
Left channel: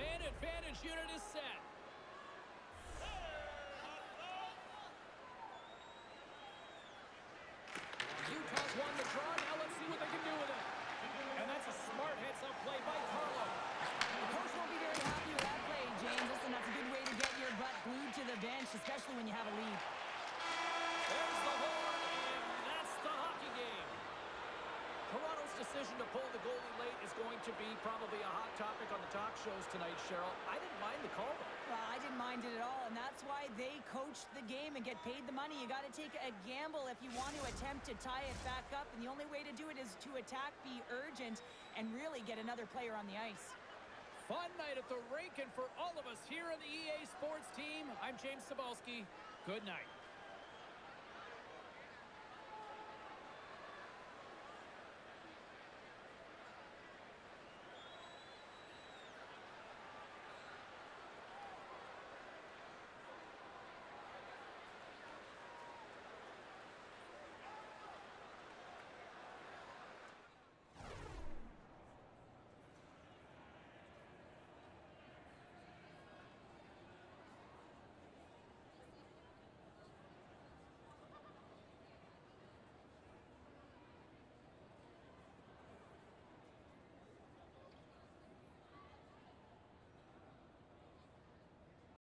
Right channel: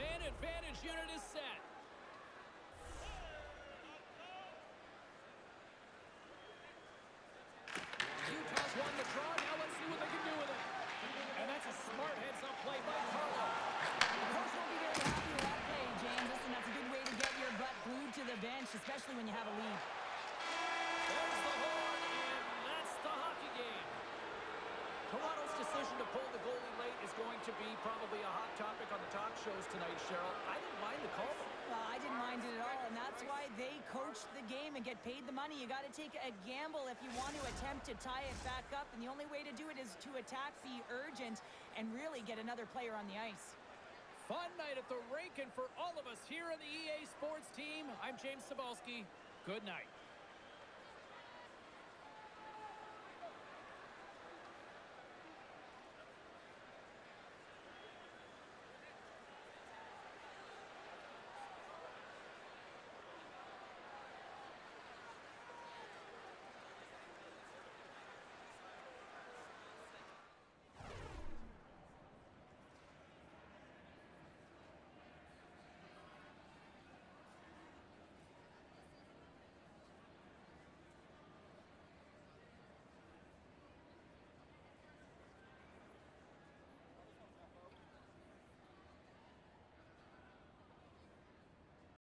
Man advantage unit is set. Utah's won the draw. Now let's see what they can do with it. And that's a smart heads-up play by Carlo. The coach won't be very happy with that play, James. Listen, that's a good way to get your butt glued to the bench, especially when you have a lead. There's the horn, and that's the hockey game. Toronto's decision to pull the goalie late is going to be probably a hot topic on the talk shows tonight, Cheryl. I didn't mind the call, though. Well, I didn't mind it at all, and that's why they coached the game and get paid the money. You got to take a gamble if you want to attempt to tie it back up, and the only way to do it is to attack, be urgent, and really get another player on the ice. Fun night at the rink, and for all of us here on the EA Sports team, I'm James Cebulski. Good night.